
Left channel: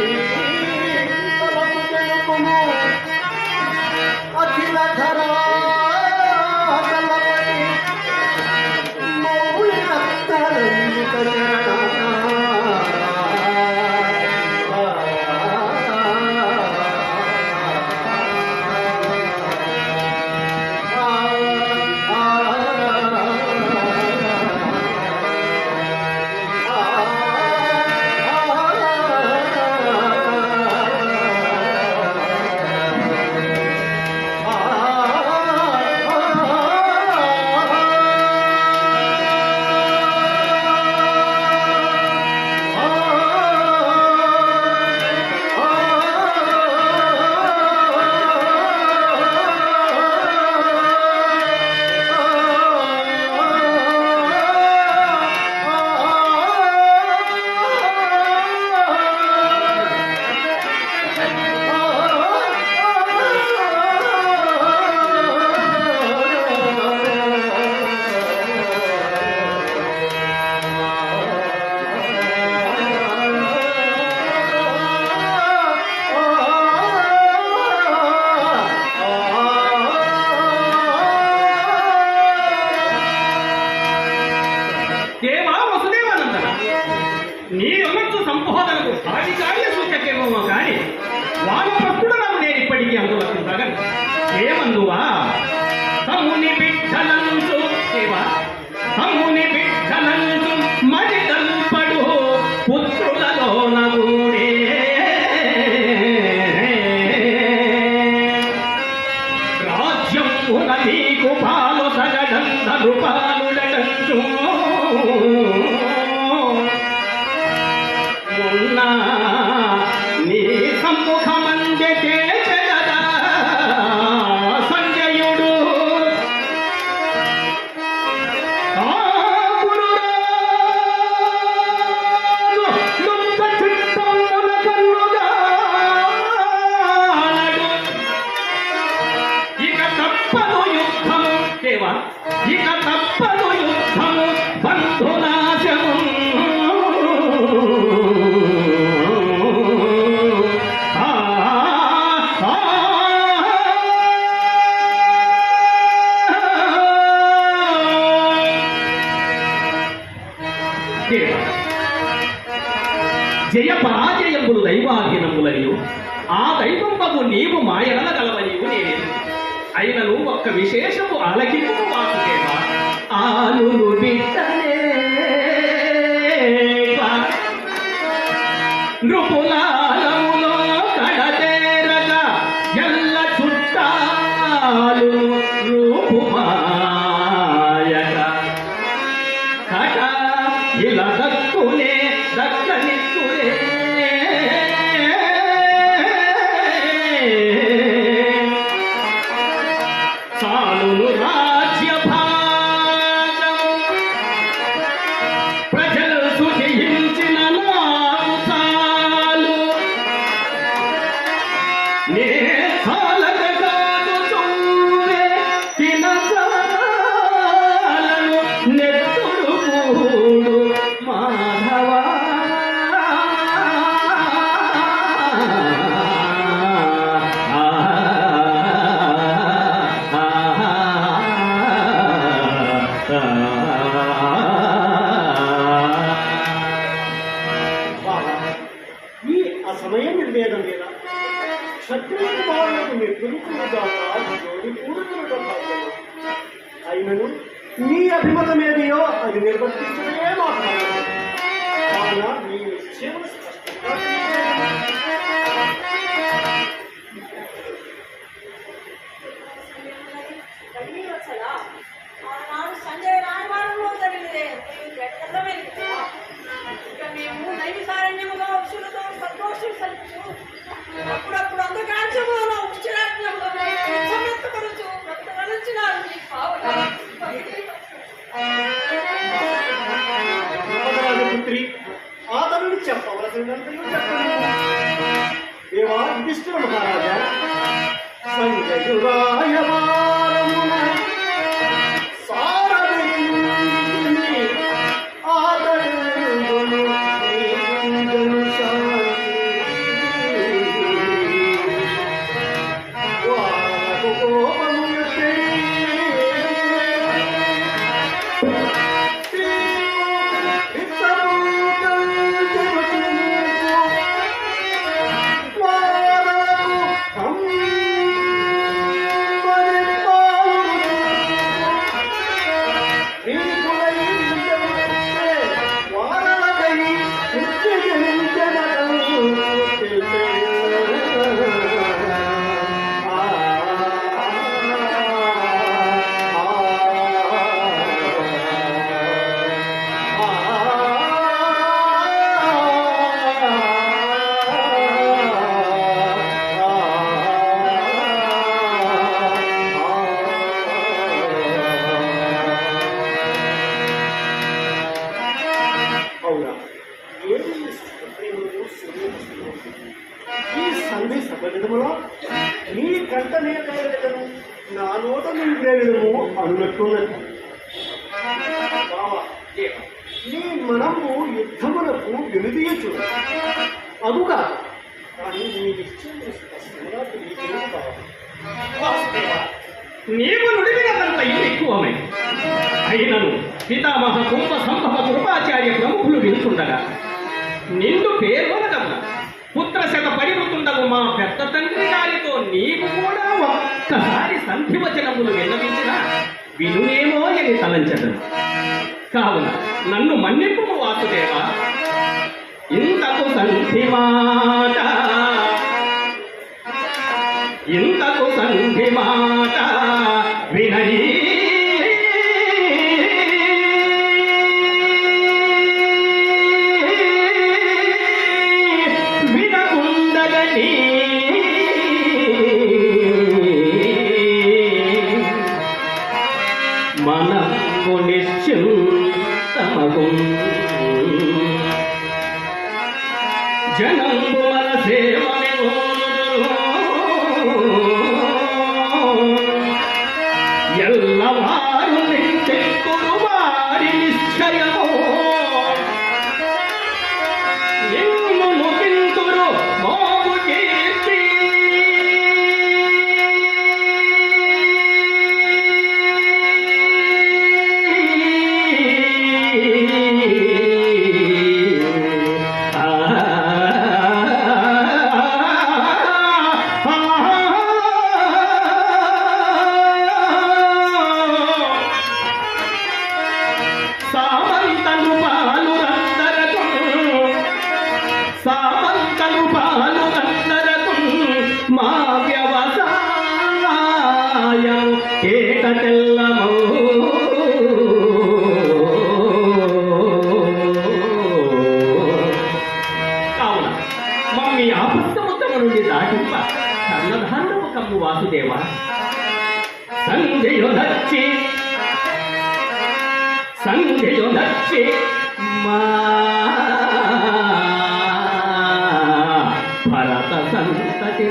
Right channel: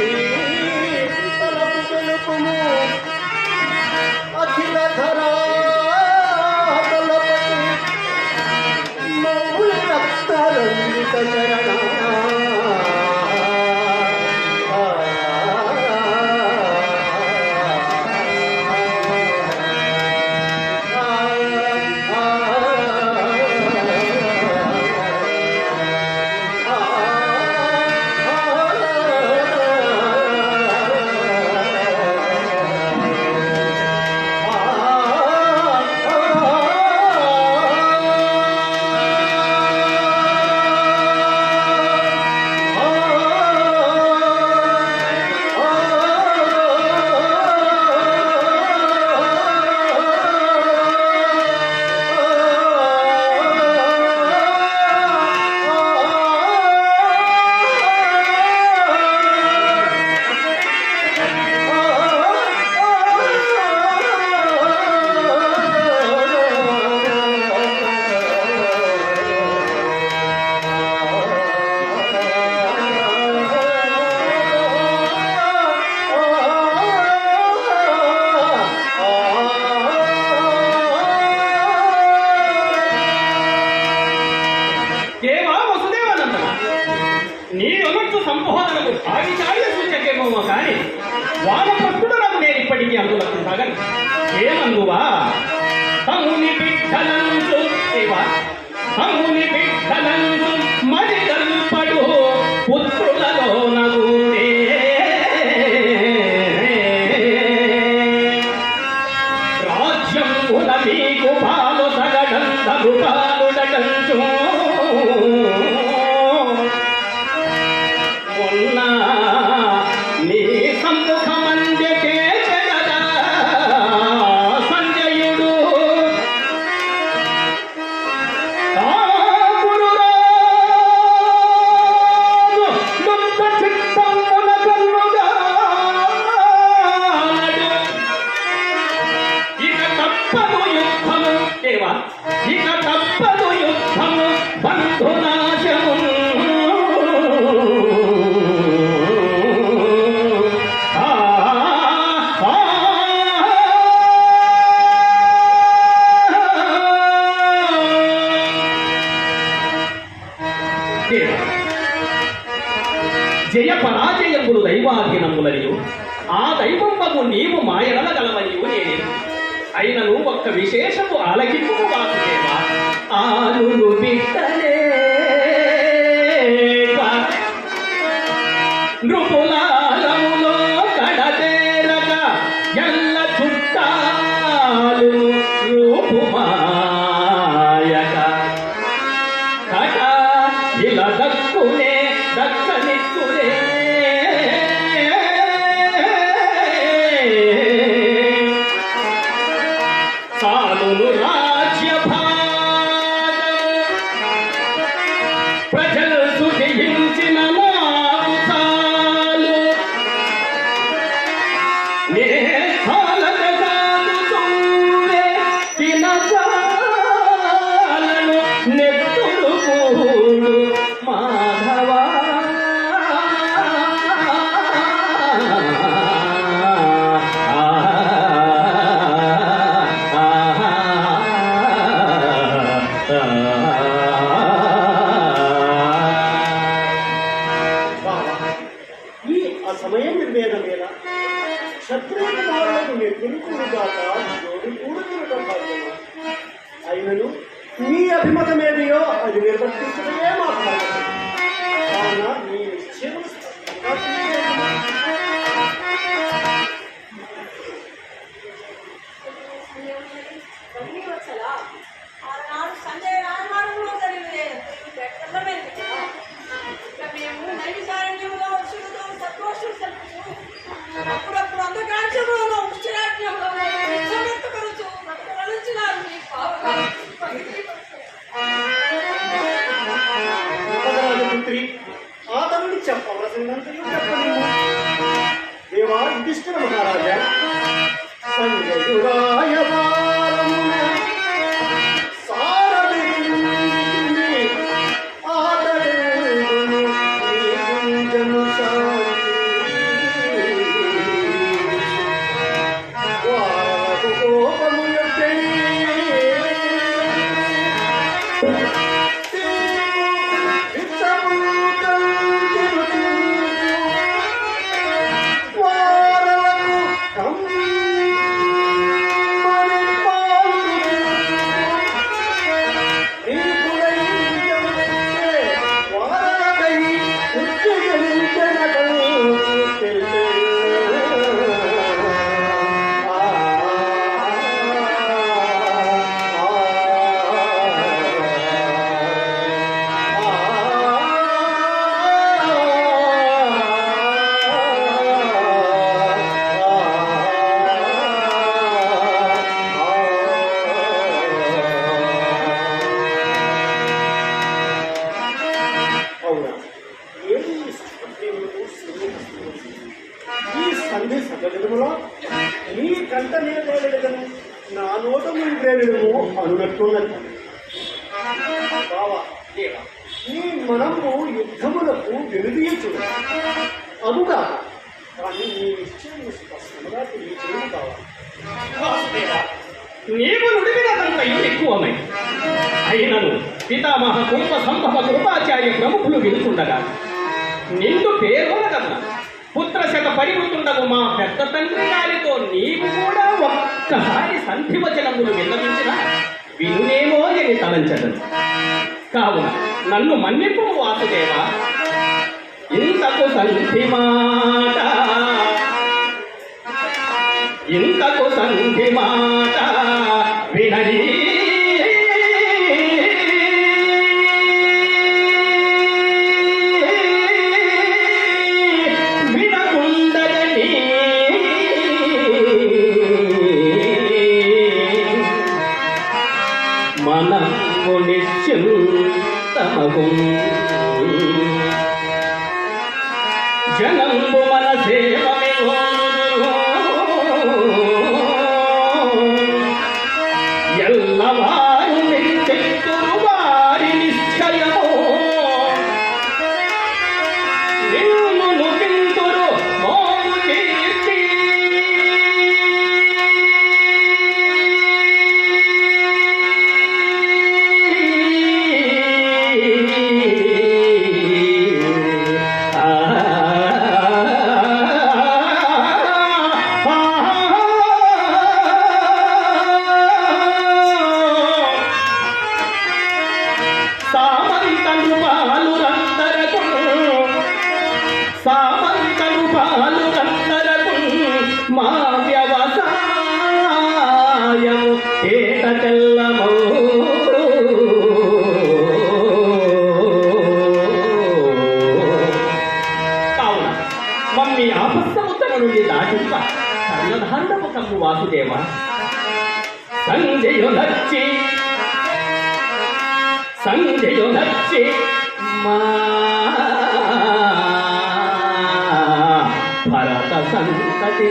పాలు పాలుడటంచు మొన్న నీ సమ్ముఖమందే చేసెదరా సంజయుడు ఇక తప్పదు యుద్ధము బంధునాశము జయ పరాజయములు దైవాధీనములనియు ఆ దైవంబగు నీవు మాయన గలవనియు నేనే అయినను ఒక్క విశేషము ఆలకింపు వాసుదేవా ఆలులు బిడ్డలే నృపులాలములో కడతేరక ఎల్ల చుట్టాలు రూపుమాయక కట ఇలా దక్కునే దక్కనిక్కునే సాలును రాజ్య ప్రజలు సుఖించిన నాకు చాలు నే కాలదగాడుతుండే తినచాలను నెత్తుడు కూడు మాధవా ఈ అసమయ నిర్వేదం మీద క్షత్రియ బాలకు నిర్గమికులుగా జోడి కూడుకులుగా భాగ్యమా అయినను నీ అభిమతమేదియో అది నిర్వర్తించడమే మా భాగ్యం కావున నీ నిశ్చయములు స్పష్టంగా వచ్చలా ఆనాడు సంజయ్ రాజమానంలో జరిగినదే తెల్లమైంది కదా ఇక మేము నైమిసారణ్యములో వృషులతో సద్గోష్ఠులు సలుపుతూ అప్పుడప్పుడు అంధకాంశములలో ఉచ్చిరాజ్ఞములో నిత్యమెత్తపరుచు బ్రతకగలుచున్నారు నీ పావన పుత్రి ఆతనుడు చెప్పవలసినంతయు చెప్పలేదు దేవా యుధిష్ఠిర మహారాజా సంజయురాయవారమున సారథిని ఆదరించును నీ గుంజను శాంతి వారపు కోపములకై అవునా ఏది సుప్రీములకు సూర్యహస్తులు ఈ సంధి సకలితములో నీ కంట నేతను నా నోట నింపేయడము అనునట్టున్నది కావా నీ మనము యుద్ధములకు వెనుదీయచు అదుగా కానీ నీ నిశ్చయం స్పష్టంగా తెలియచేయడం కావాలి వాసుదేవా నీవు నుడివినంతయు ఎక్కువమై అయినను పితామహ కుంభ సంభవ కృపాచార్య ప్రముఖులు వినుచుండగా నిండు పేర్కొనగల పుత్రశత పరిమితుండగు మా పెద్ద తండ్రి గారితో నీవు కూడా ఒక్కసారి సంధి వచనములు విన్నవించిన వినునేమో అని తలంచదను కావున నన్ను మన్నిపు వాసుదేవా ఇంతకు సంధి మాట ఇంతకు సంధి మాట వినరీ మనము నిశ్చింతమగు జనంబు మన సేవమెగోరుదురు ఎల్లవారు నిందెత్తురు వారి నిశ్చయము నిన్ను నుకింతురు మోము కీర్తి సామంతను పాలురందరకు మా వ్యవసాయం ఏకకెల్లమో కావున మమ్మీ ఆపస్తముతల నుండి దాటింప కర్ణధాండవకము వాసుదేవ సంధ్యయు నచ్చి మా భరత సంతతి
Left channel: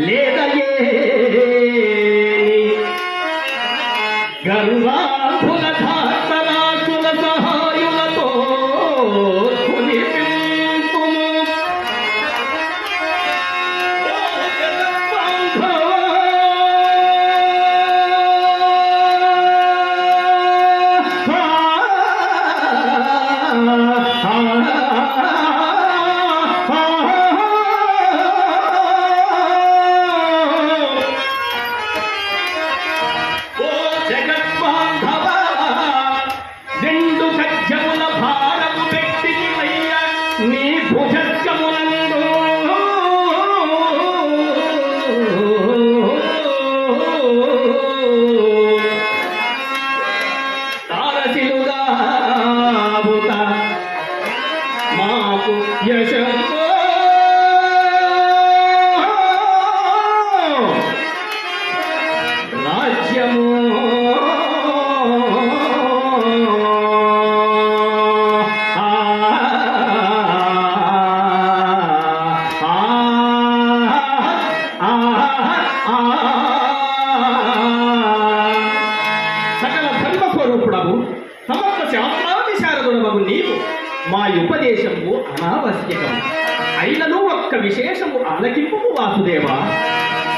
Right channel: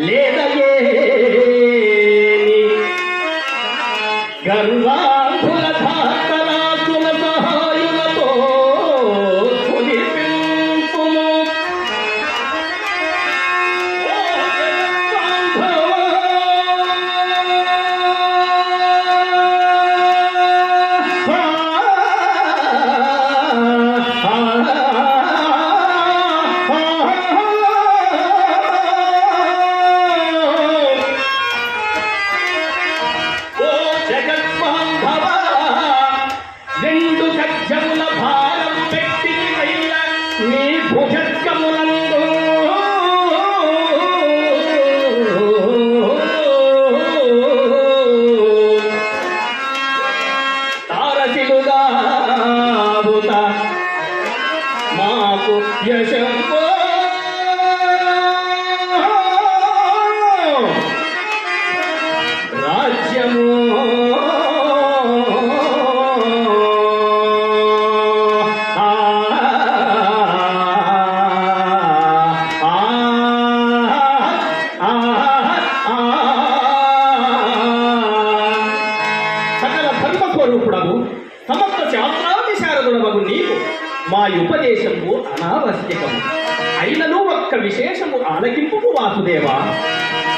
లేదయే గరువాధుల భారతరాజుల సహాయులతో కులిపింపుము. ఓ జగద్బాంధవ రెండు గజ్జముల భారం పెట్టి నీ భుజస్కములందు తారసిలుగా మాకు యశంబో రాజ్యము సకల ధర్మస్వరూపుడము సమస్త శాస్త్రావిశారదుడవగు నీకు మా ఉపదేశము అనావశ్యకము అయినను ఒక్క విశేషము ఆలకింపు వాసుదేవ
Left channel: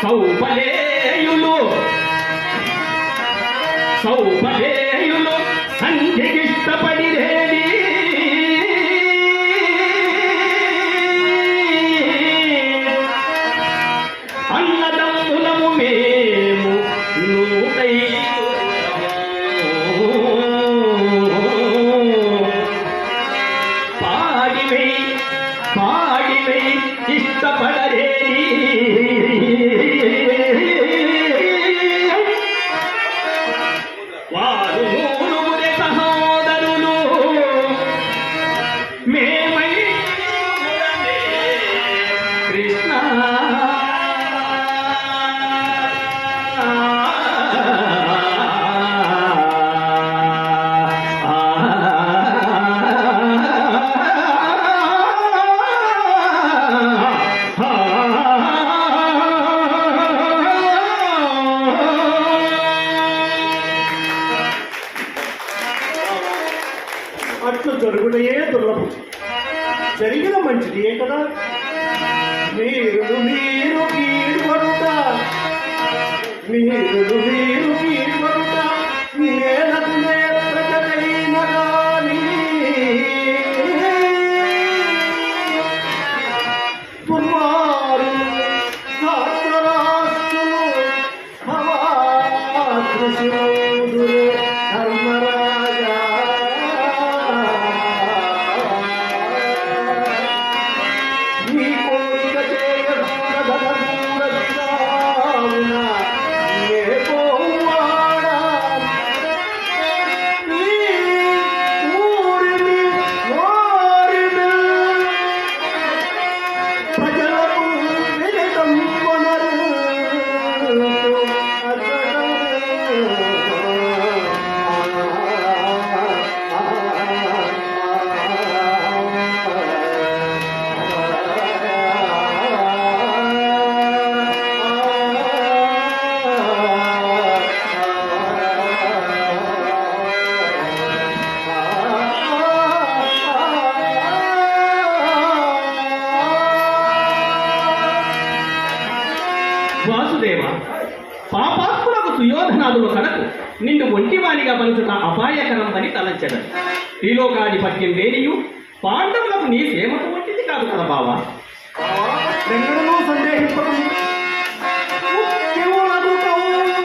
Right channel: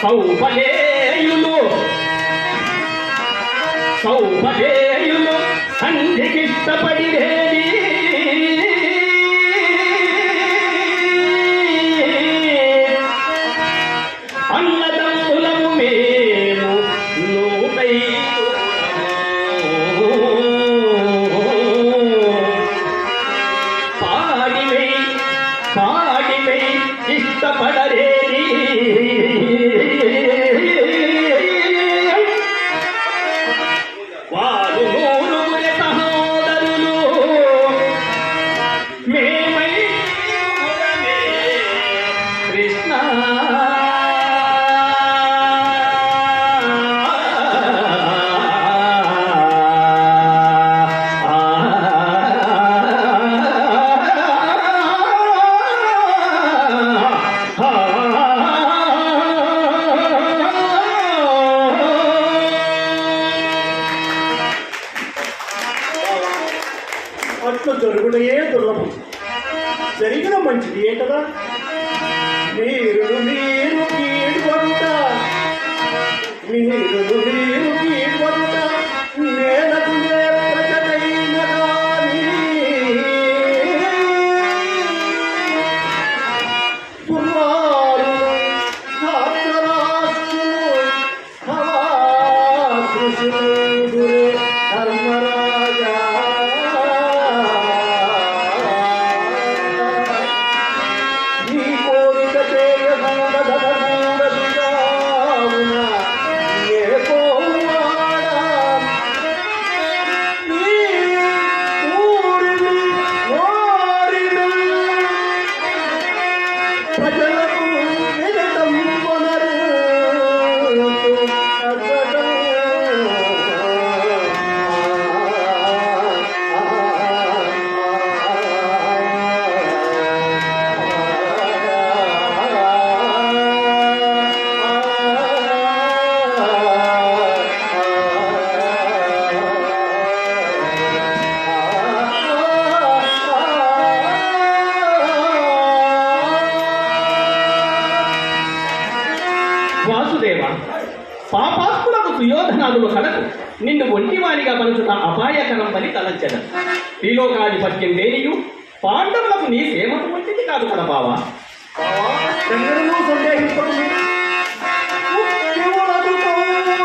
సౌపలేయులు సంధికిష్టపడిరేది అన్నదమ్ములము మేము పాడివై ఇష్టపడరేది వారు మూడుగురి సహోదరులు వాసుదేవ, పాపాత్ములకు సుయోధనాదుల కడకు నిన్ను ఒంటివానిగా పలుచుట అపాయకరమని తలంచెదను. త్రిలోకాధిపత్యం దేనియు పాండవులకు నీ సేవకు వంటిది కాదు కదా బావా. ఎన్నడూ సందేహింపకుము. ముఖ్యములకు కౌరవులు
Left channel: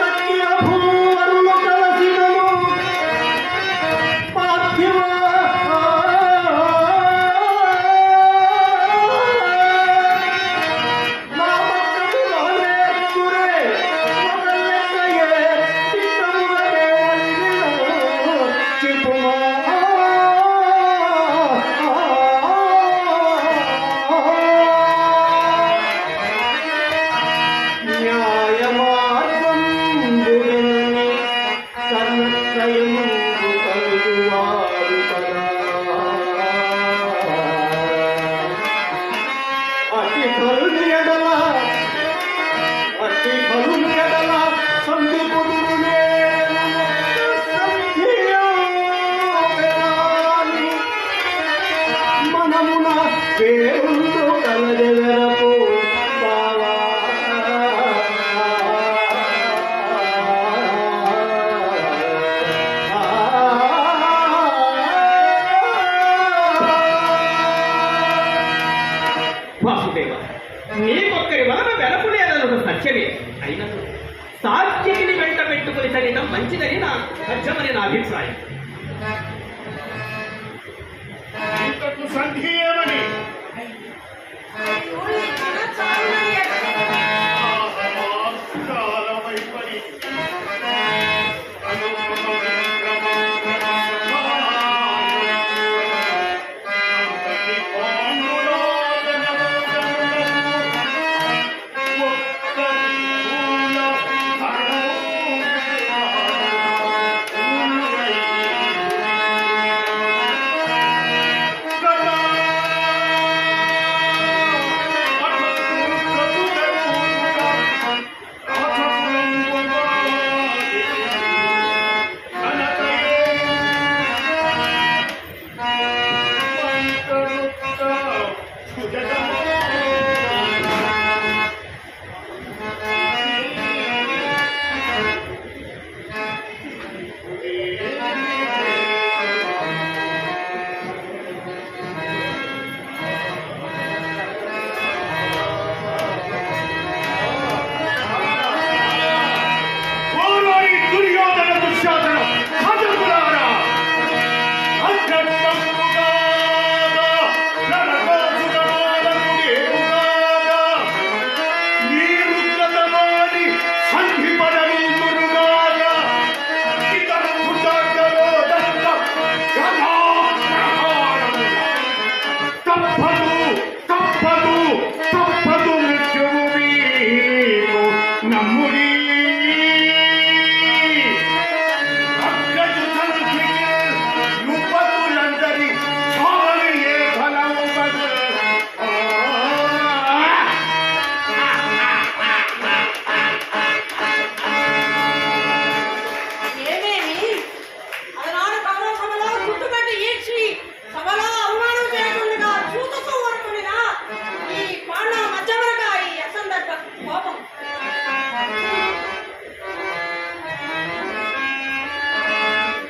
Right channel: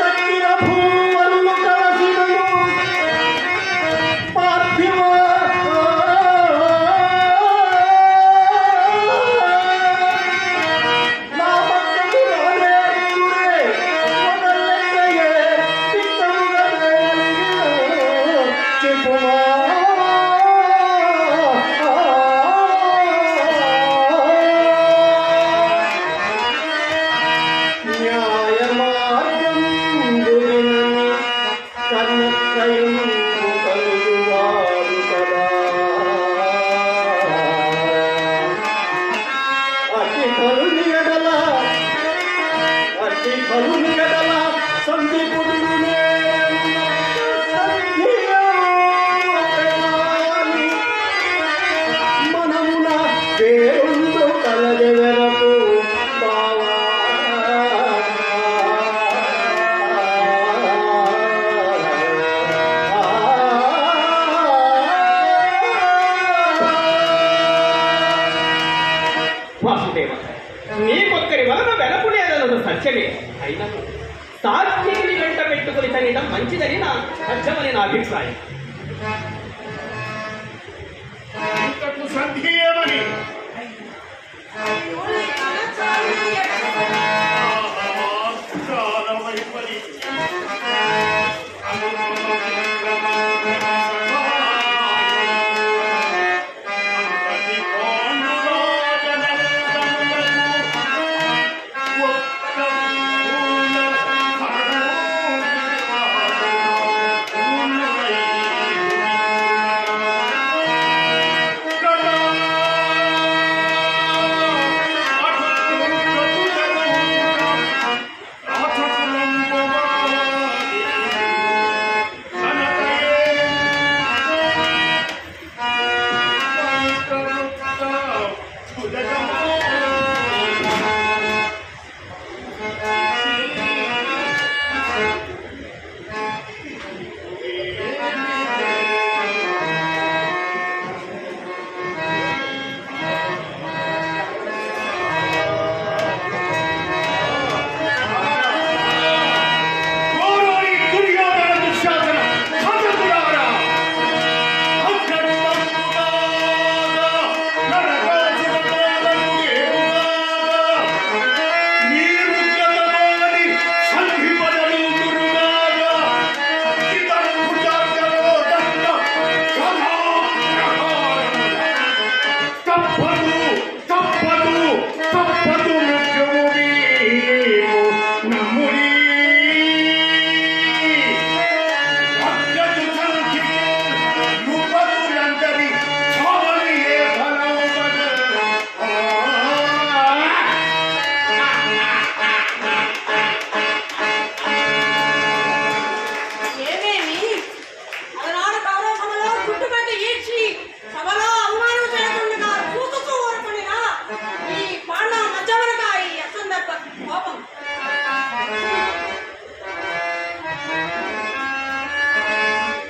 తక్కిన భూవరులు కలసినను పార్థివ నా భక్తుడు రాజేంద్రుడే మొదలెన్నయే చిత్తముగా చెప్పుమా. మనమున దేవుడు కలదెవరకు బావా. వాసుదేవ, నీకొక్కరి వలన వెనకులేదన్నది సత్యమే. అయినను సాత్యకిని వెంట పెట్టుకుని తనడం మంచిదని నా సత్యమని నా అభిప్రాయం. ఇంతకు సంధి ఏమని? అయ్యో, నీ మనస్సాక్షి ఎక్కడ? చాలా వైపరి.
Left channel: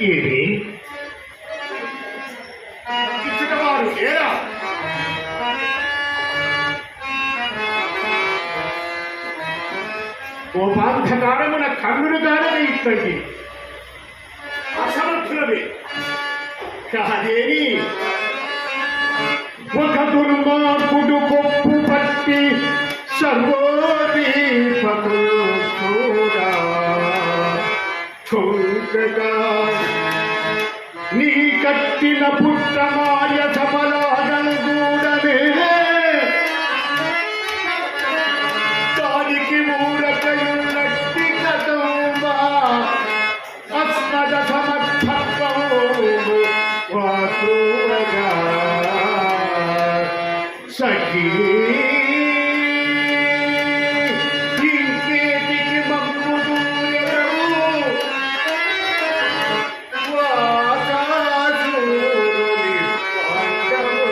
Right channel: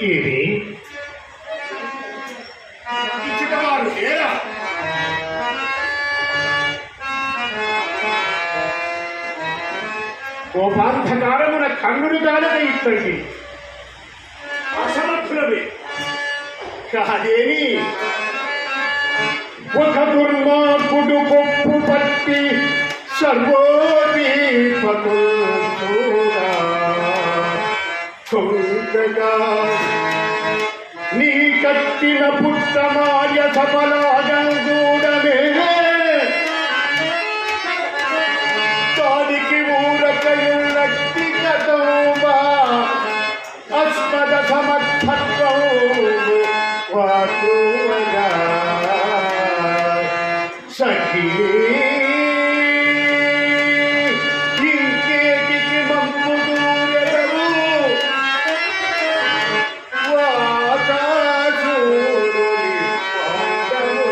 ఏమి ఇచ్చుటవారు ఏరా? కోపాంధకారమున కన్నులు కాదని ఇక్కడికి అసమర్థులవే కాదేని ఒక దుర్మార్గుడు కొప్పు పట్టి సర్వోదీపకుగా నీ కట్టిన పుట్టమాయ సఫలాగూడమే దానికి ఊరకయున్నట్టి కథోమా అస్మద సమర్థత్వం వాకుగా సఖీ ఇంకేటికి మమ్ము దూరెదవు వాసాసురుని పాండవు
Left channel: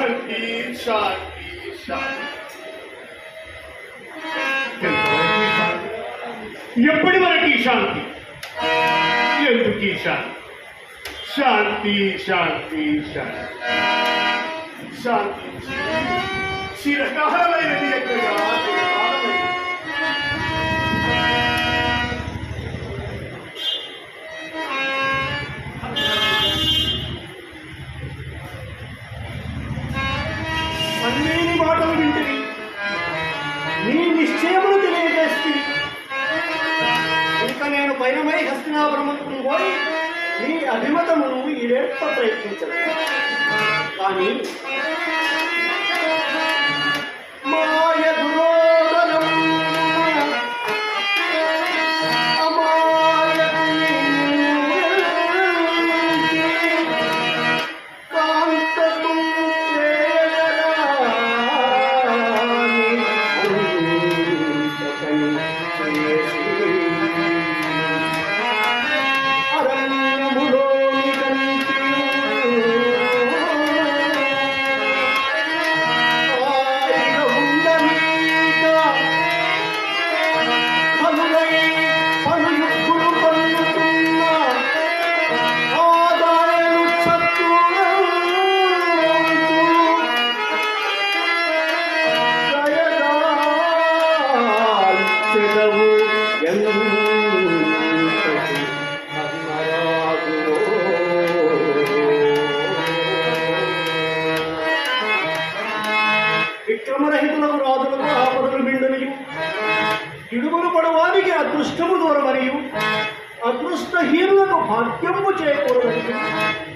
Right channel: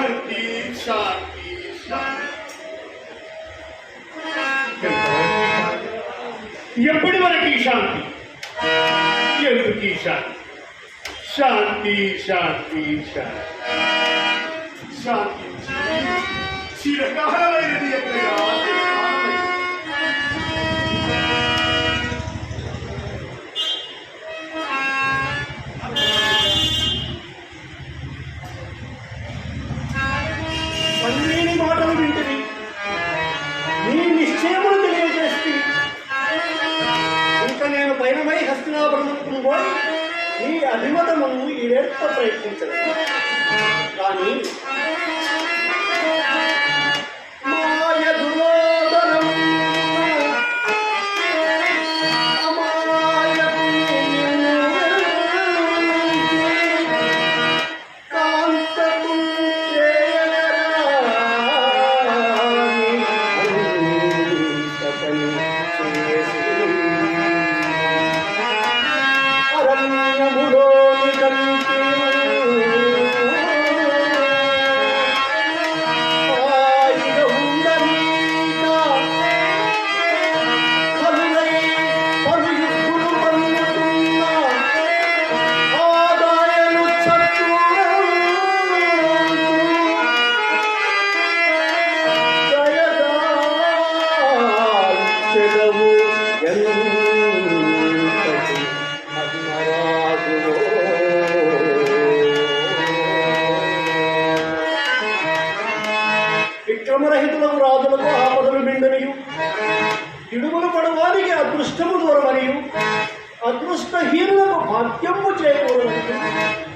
శాంతి శాంతి శాంతి. ఎప్పటి వరకు ఈ శాంతి? ఎందుకు ఈ శాంతి? శాంతి శాంతి శాంతి శాంతి చిరకాలమైనది ఎక్కడగా చిరకాలమైనది. అన్నీ మాటలు వింటివి, నీ నిశ్చయమును తెలియజేస్తే ఇంకా నేను పైనమై హస్తినాపురమును పోయి నీ అభిమతమును ఈడేర్త ప్రయత్నించదు. కానీ మాయ దురోధనం విక్రమరహితులకు రాజులకు ఆపదలు బిందనియు ఇడుగులు పడవానికి అదృష్టము దూరమనియు అదృష్టహీనులకు భాగ్యము చేకూరమని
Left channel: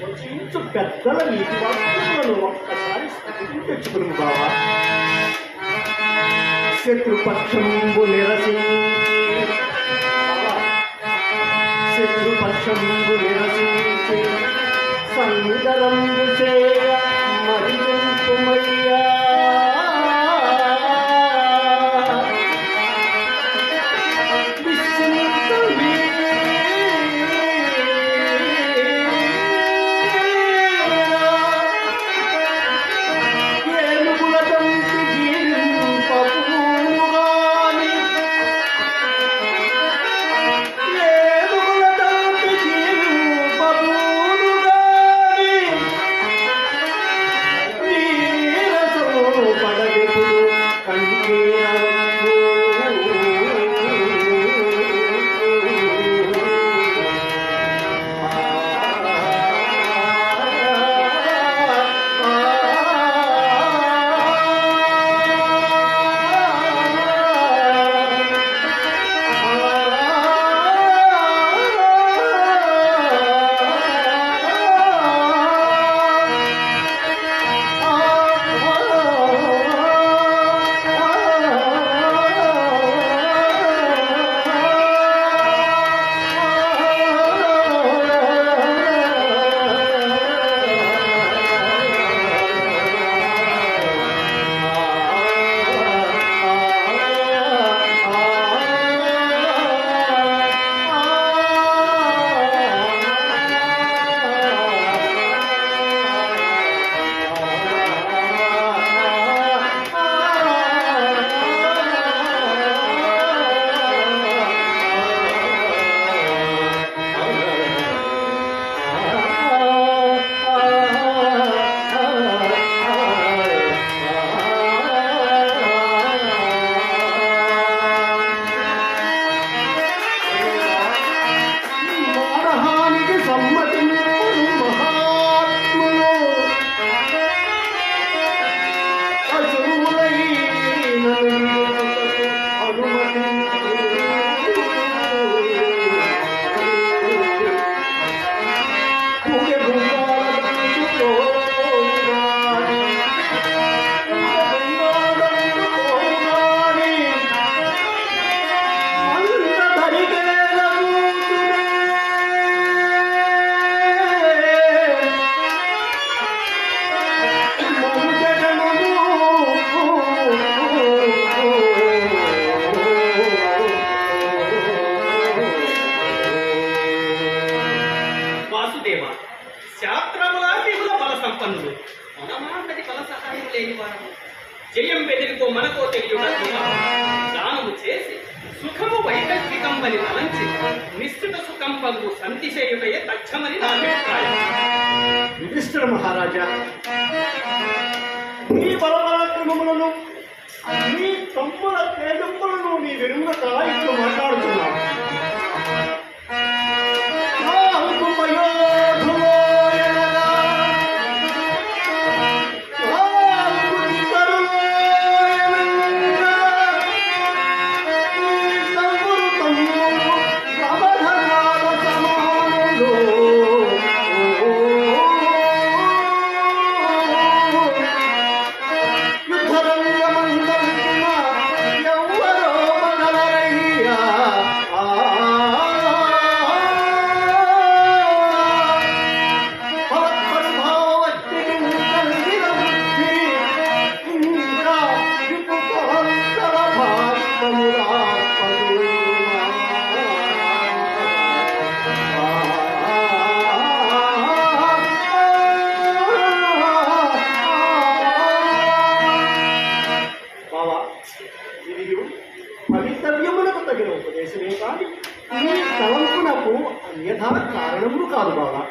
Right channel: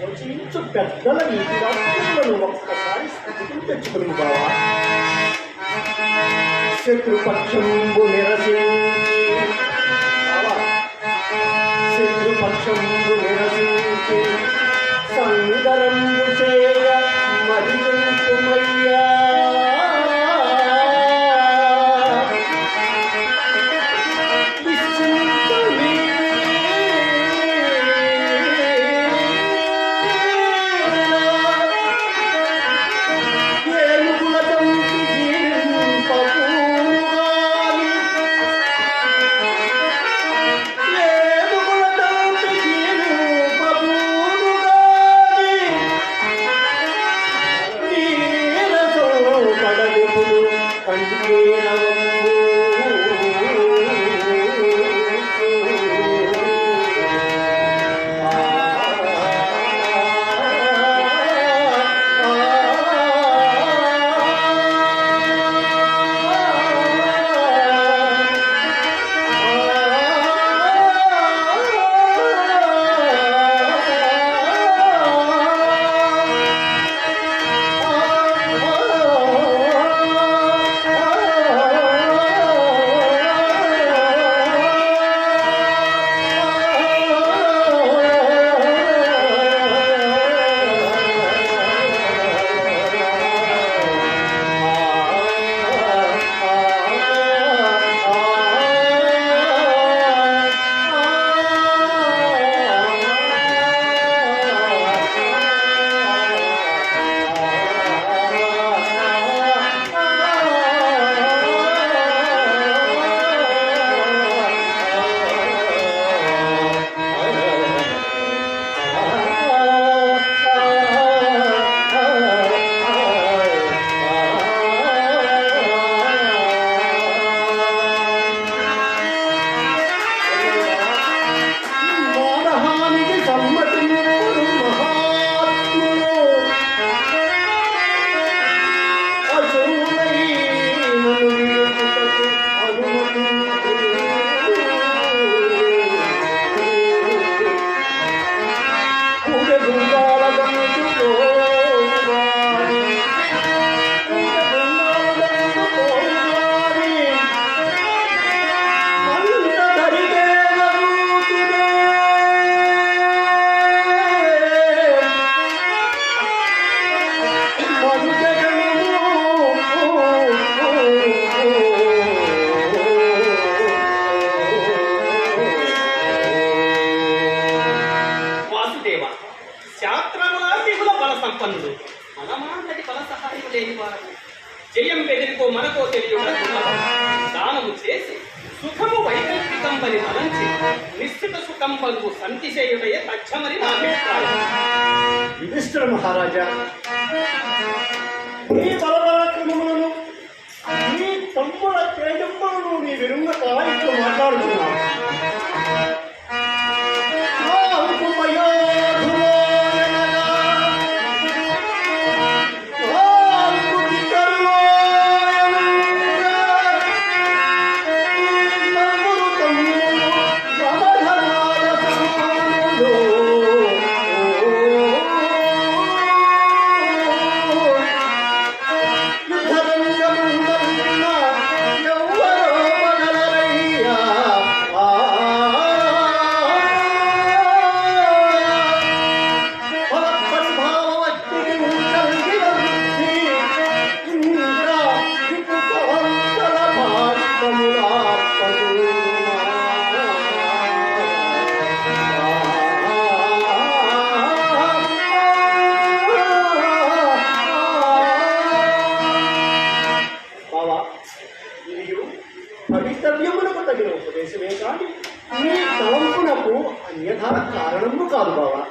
వచించు పెద్దల నీతి వాక్యములను ఒక్కసారి స్థితికి తెచ్చుకుని బావా. శత్రుపక్షంబు శత్రుపక్షంబు నిరసించి సందరంబు చేయ మరించుమయ్యా. మనమాన్నది ఫల సహాయం లేని వారము జయం బెదిరికో మనకో తెలియక దానము చేసి సుఖము వైకల్పికం అని తలంచి నిశ్చిత సుఖం పలుకు సంతిశయుడయే తచ్చమని నా అభిప్రాయం. యుధిష్ఠిర మహారాజా, నీ బలపరాక్రమములను నీ తమ్ముల తేజంబులను నీ వెనుక ఇట్లు మాట్లాడుతున్నావు. భవితవ్యములకు తగిన ఉపదేశమే కానీ నీ తలంపునకు అన్యథా కారణము కాదు బావా.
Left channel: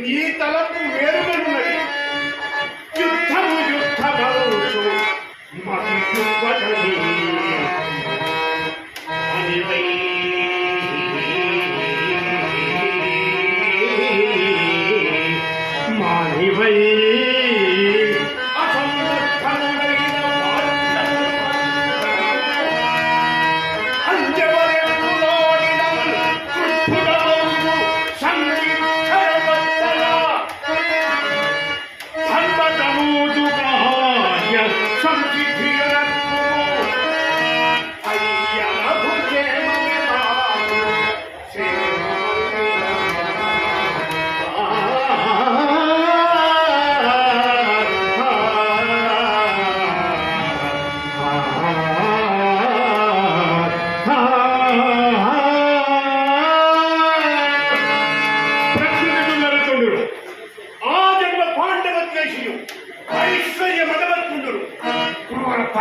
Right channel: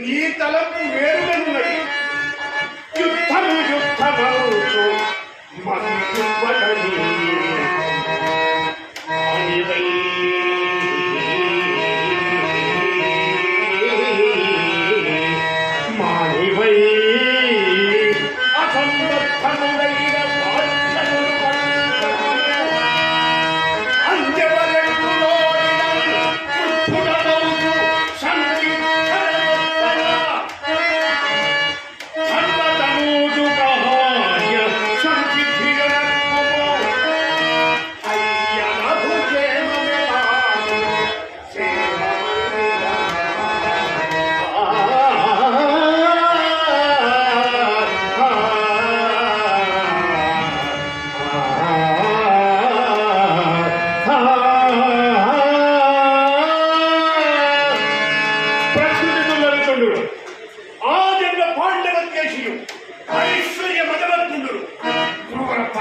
నీ తలపు వేరుగనున్నది. యుద్ధము యుద్ధమౌచు మతి యుద్ధని అనివై మానివై అసందర్భములైన వార్తములు అంజవరెక్కులోడిన ఉద్ధుడమౌచు సంగీతరగొత్తల ధర్మతనూజుగాయ సంసిద్ధియనక్కుమో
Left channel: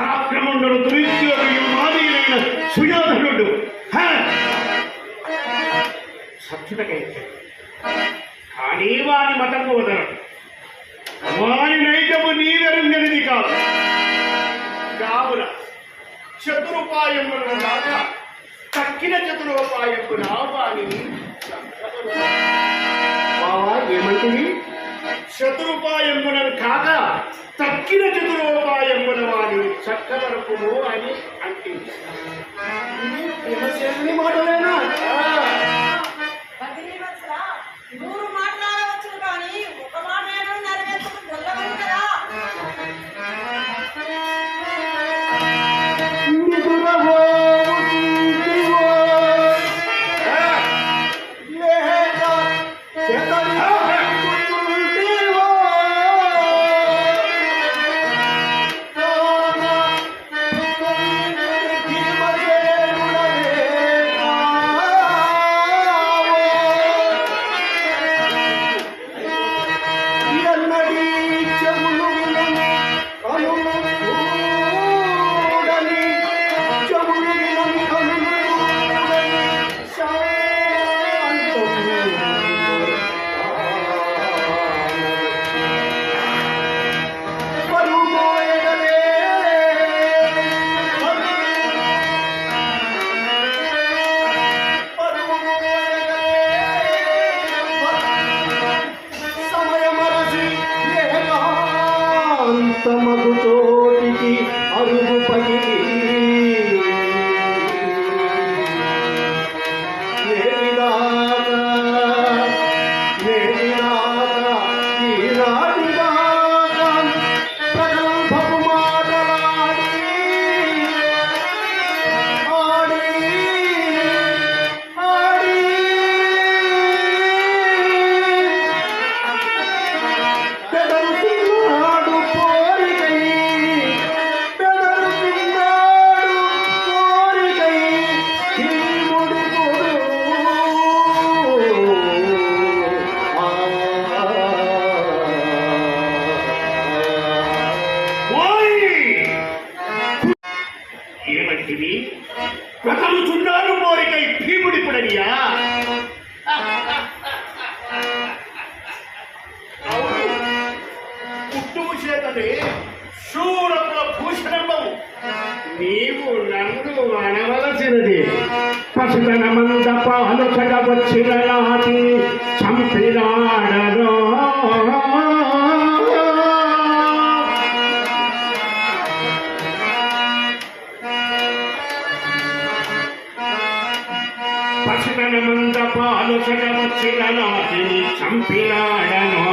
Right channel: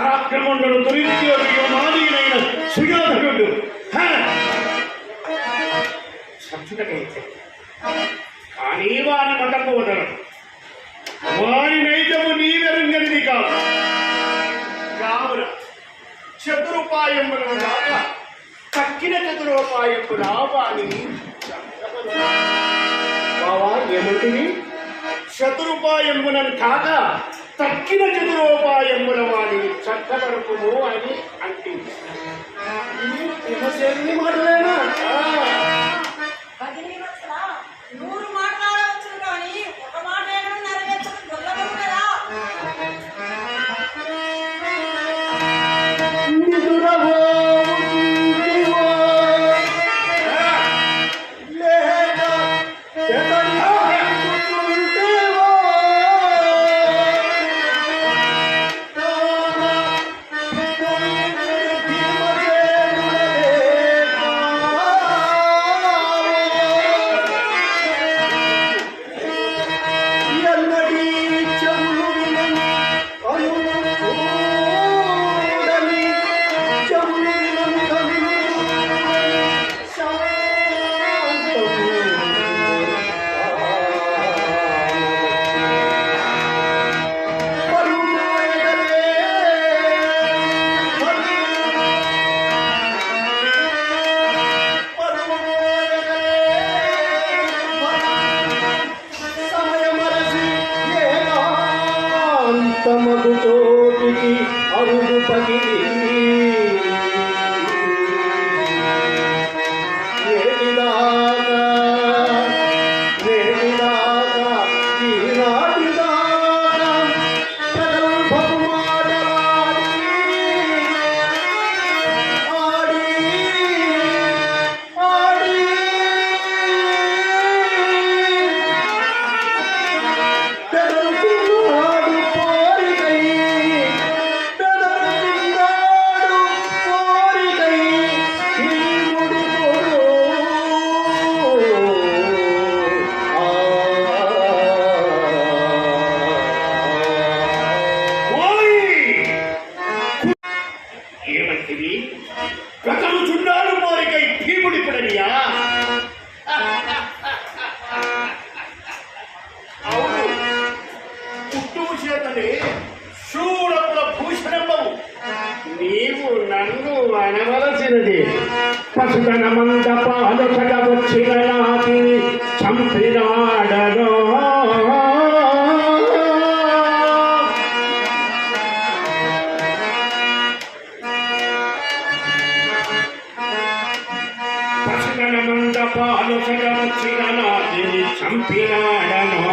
పరాక్రమంలో దురుద్యోగుడు మాదీనైన సుయోధనుడు సచ్చుటకైతే కానీ వారి మతము వదలడు. వారి నైజము నీవెరుంగనిది కాదు. కావున చతురుపాయములను దాకా తక్కిన చతురోపాయముల వాణిని ఏమంటివి? చతురుపాయములను కాక తక్కిన చతురోపాయముల వాణి చక్కదరపును అని అంటుంది. భీమసేనుని మాటలేనా? బదిలీవత్సల, 100 మాట్లాడవచ్చు కానీ ఒక మాట ఏమో నెరవేర్చడం గొల్లవరు కదా. తమకు చోటికి అరుగు పగిలి ఏమంటివి? ప్రకలుచున్నాడు మోరికై భీముడిపుడనియా? అవును, పుట్టుము చేతనే శూరపుల భూషణంబవు. నీవు నన్ను అనవలసినది పశుధన మందపాలొకట వచ్చిన నాటి చంపినాడనో. పశుధన మందపాలొకట వచ్చిన నాటి చంపినాడనో.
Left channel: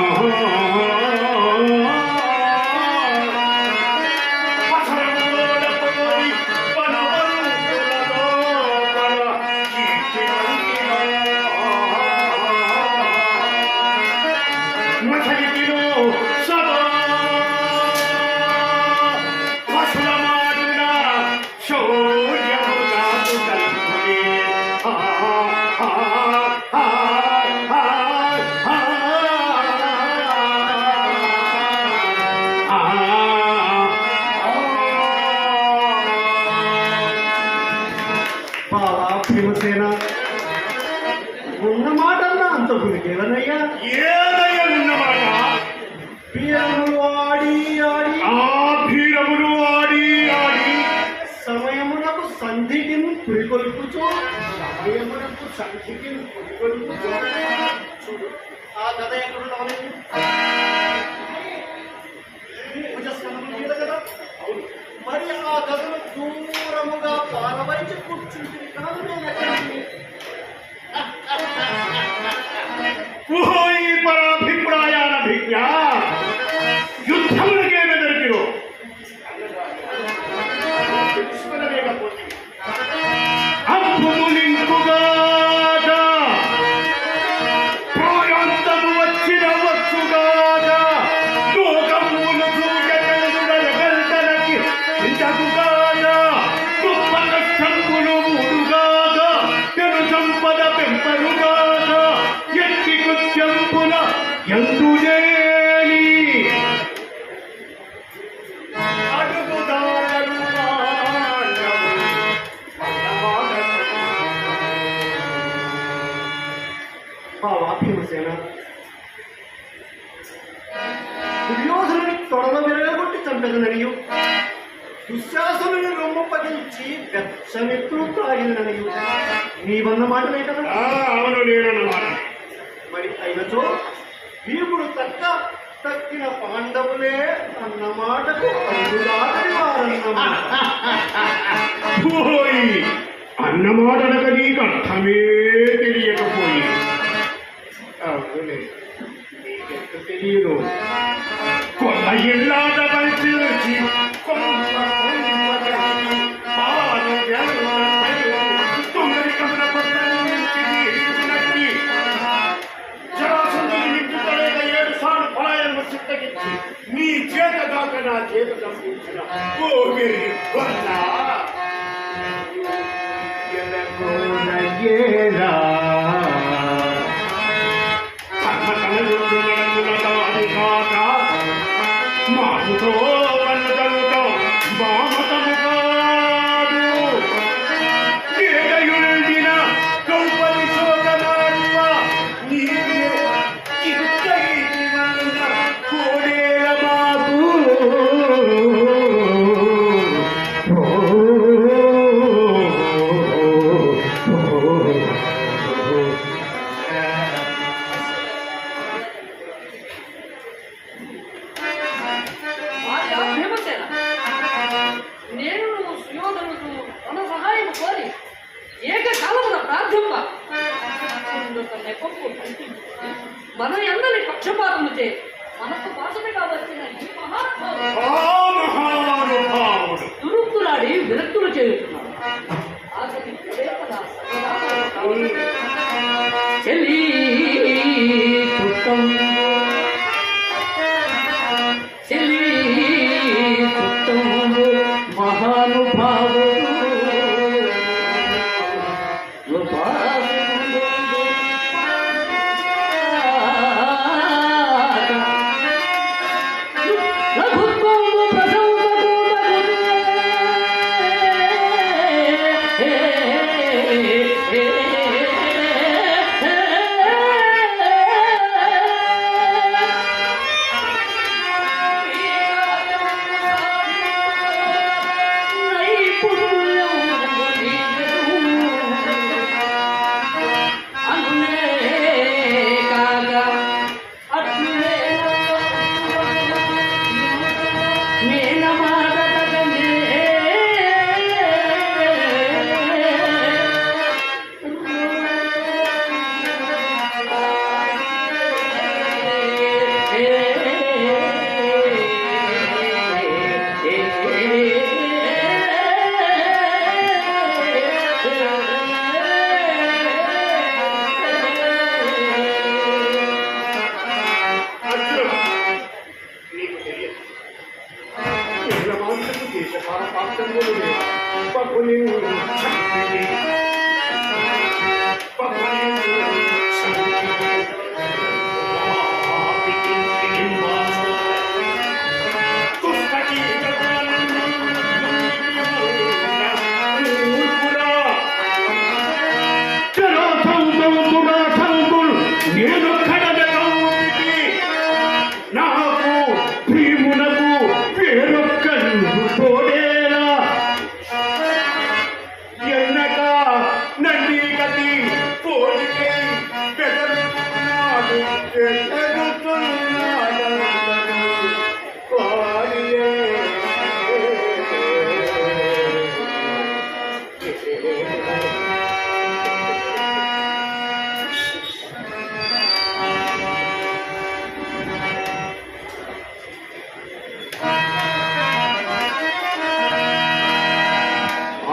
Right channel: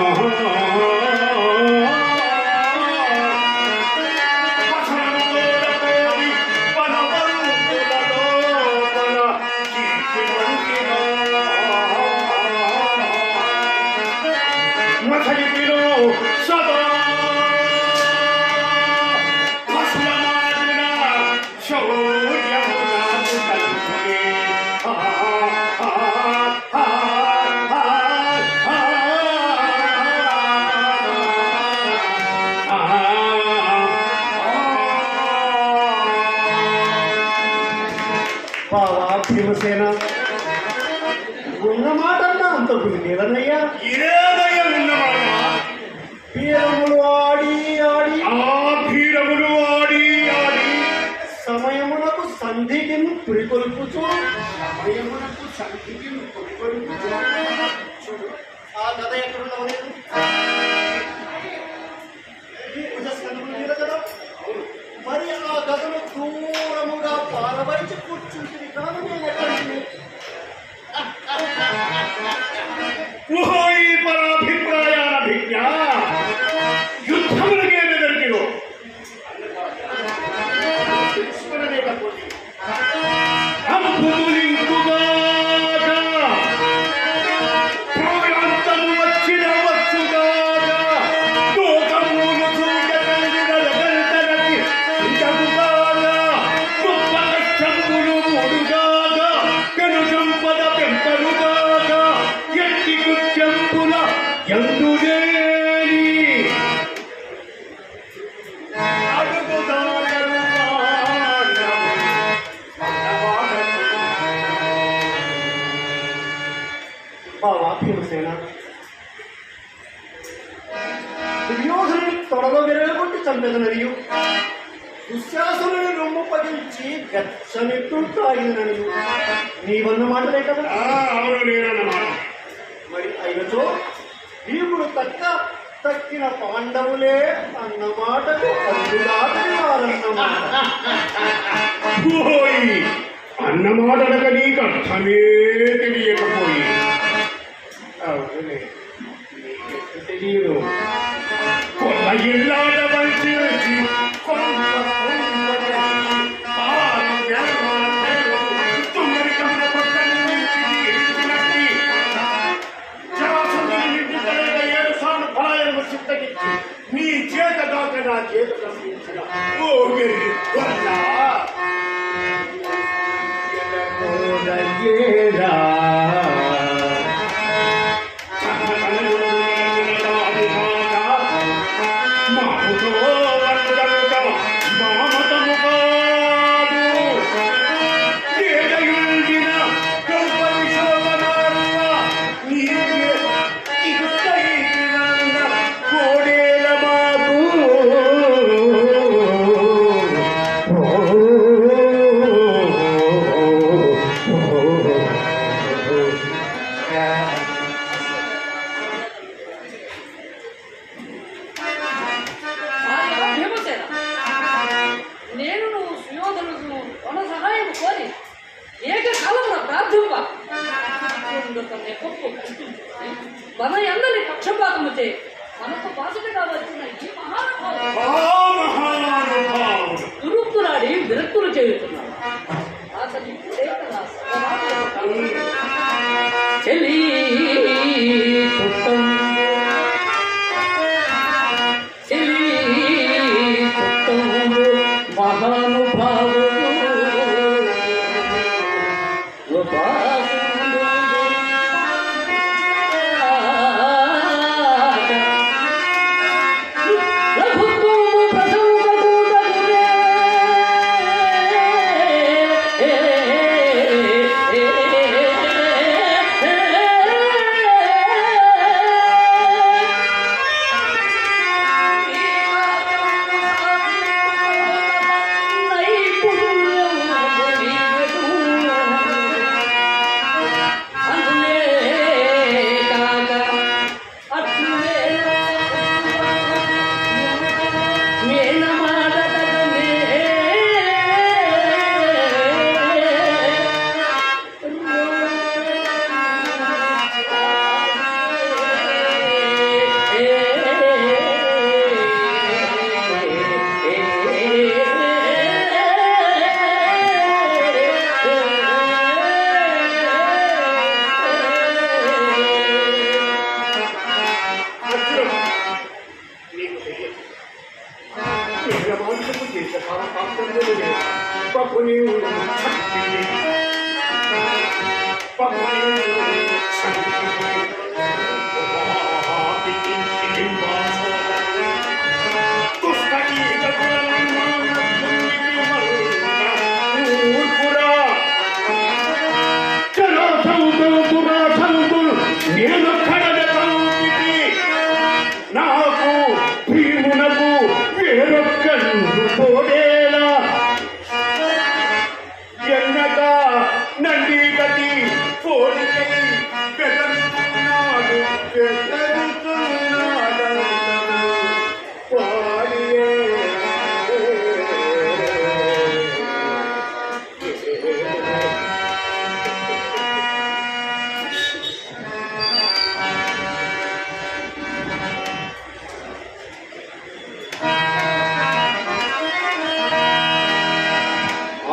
భీమసేన ఉన్న మాటన్నా అంత పులికేవన్నయ్యా? ఏదయ్య ఉన్నమాట? వీరములు ఆడి ఆడి భీరములు ఆడి ఆడి సమయమునకు సంధికి పురికొల్పుచు సమయమునకు సంధికి పురికొల్పుచు చూడు ఆ కథ ఎక్కడుండవలేదు కదా. అవును, మరి ఆ కథను దూరముగా పారవైచి కూర్చుంటుంది కాదు. నేను ఎక్కడికి ఈ పరాభిప్రాయాల భిజ్ఞ యుద్ధములకేమి దొరికిరో తెలుసుకునలేకపోతే అద్భుతులింకుగాక ప్రాయాంతము వచ్చిన వచ్చుగాక లోకమును చూడగలిగినలకి ఇంతకుగాక గొప్ప కష్టములు మూడుగాక పెను సంపద పెంపరుగాక ఎట్టి కుత్యంపుల ఎందులేని అడుగుదారలు తొడల విరగొట్టి చంపెదననియు దుశ్శాసనుని రొమ్మప్పగించి వెచ్చనెత్తు తాగిననియు నీవన్న మాటలే కదా. అవును, నేనన్నమాట. మరి అయినచో భీముడు తక్కిన పాండవులే అన్నమాటకు పోయి అన్నమాటలక నీకు అర్థమే తెలియకపోయి. అవునులే, నీకెంత తెలియదు. కొన్న ఇళ్ళాట వంచి నీ చేత దాక నా చేత పంపించిన ఓ గిరి కొన్నా మాటతో మామతము నేను నువ్వు సుయోధనుడు తన సహాయం కోరి ఏకకాలంలో ప్రార్థింప నెప్పప్పు మన ఎందని పక్షపాతము చే మనకు బాసటగా వచ్చిన ఈ మహానుభావుడు దురుక్తులాడి విరక్తులు చేయుతున్నారు. అతని చెలి మహానుభావుడు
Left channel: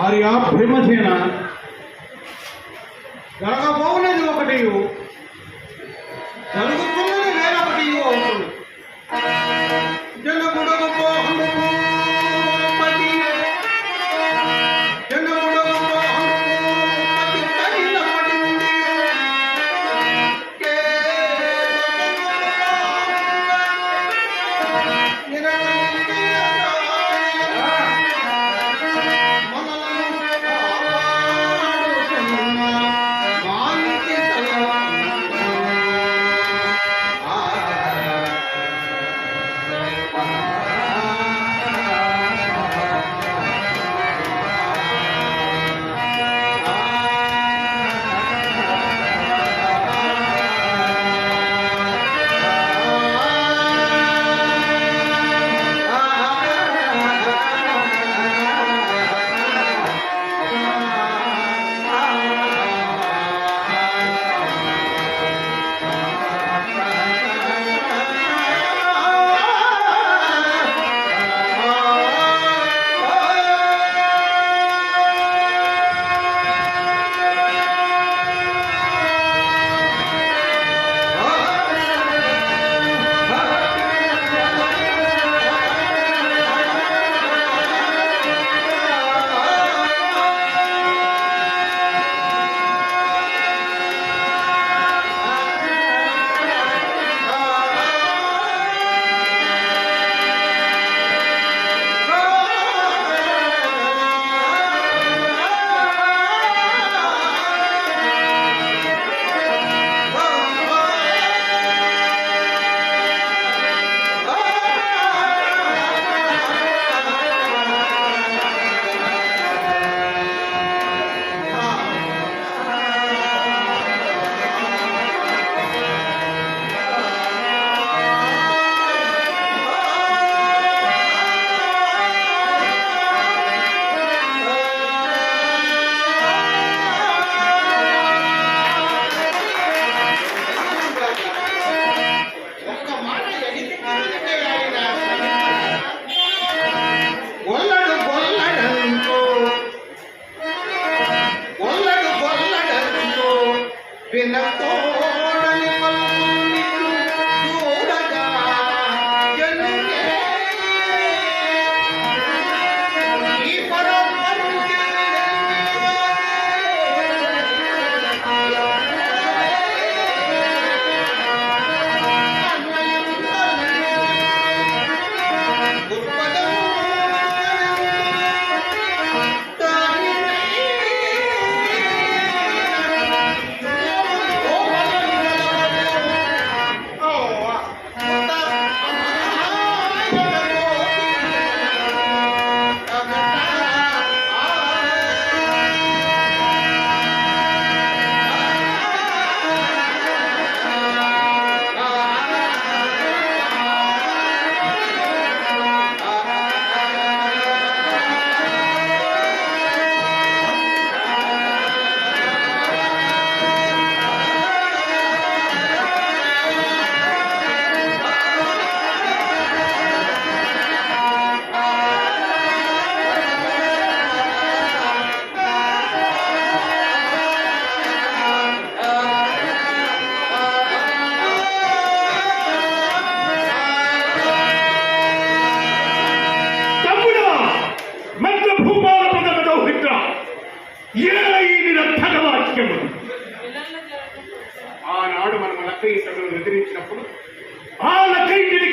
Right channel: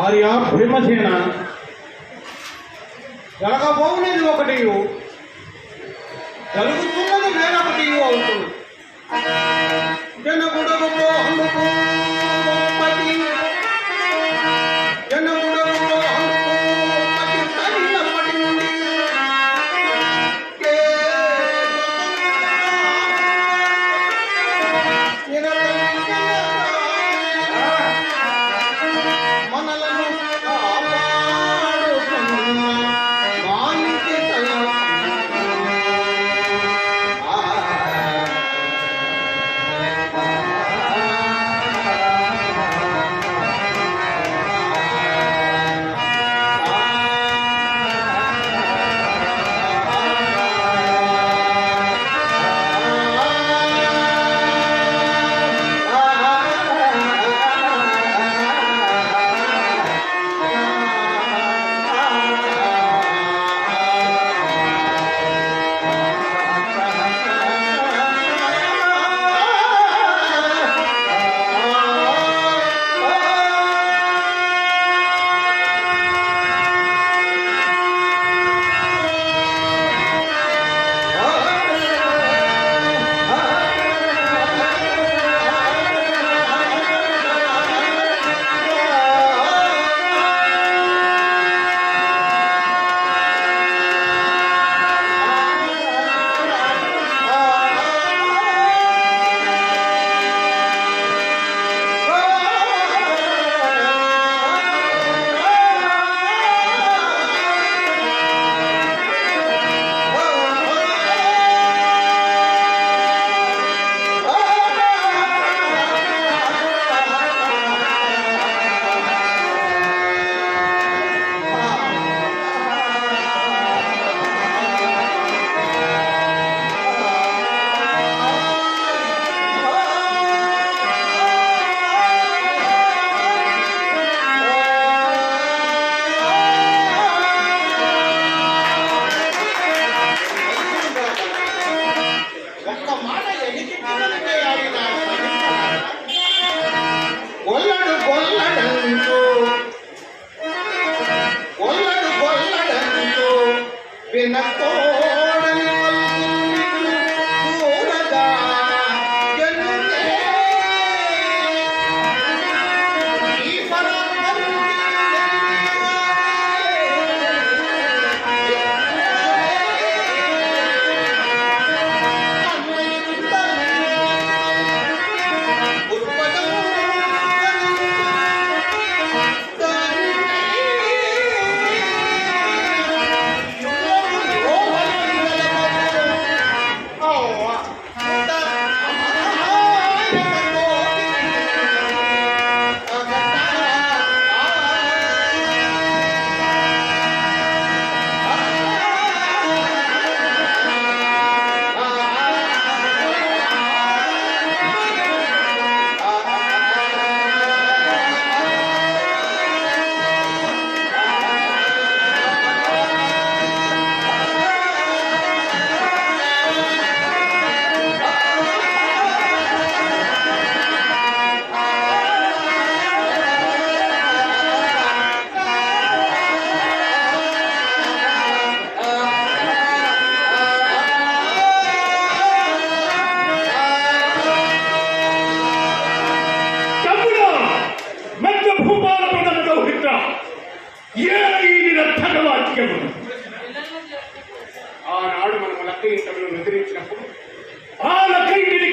ఆర్య భీమసేన జరగబోవున్నది ఒకటి జరుగుతున్నది వేరొకటి అవుతుంది. జనగుడగో అందుకు పతి జనగుడగో అందుకు పతి తగినప్పటి నుండి మనలను కాపాడుతున్న మా ఇంటి తల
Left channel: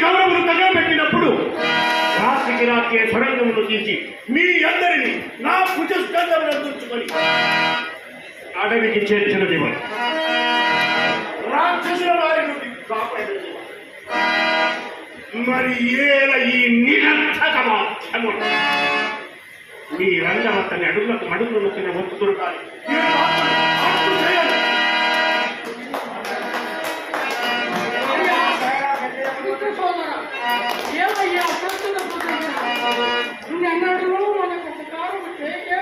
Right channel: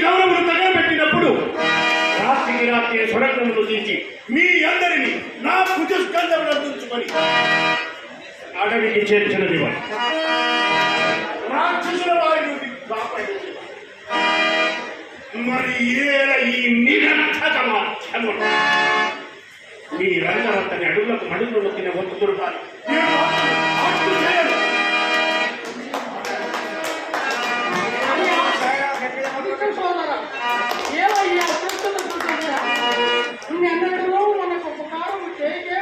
కౌరవులు తగలబెట్టినప్పుడు రాత్రికి రాత్రే స్వరంగమును తీసి మీ అందరినీ నా భుజస్కంధమును అందించుకొని అడవికి చేర్చినది రాక్షసుల వారి నుండి కాపాడింది. మరి ఏల ఈ నిరర్థకమా మీ రంగవత్తని అడుగులకు అడుగులు నొక్కిన ఒత్తు దొరకాలి. ఏమయ్యా చూస్తున్న నువ్వెన్నడూ మనకు ఉపకారం చేయకే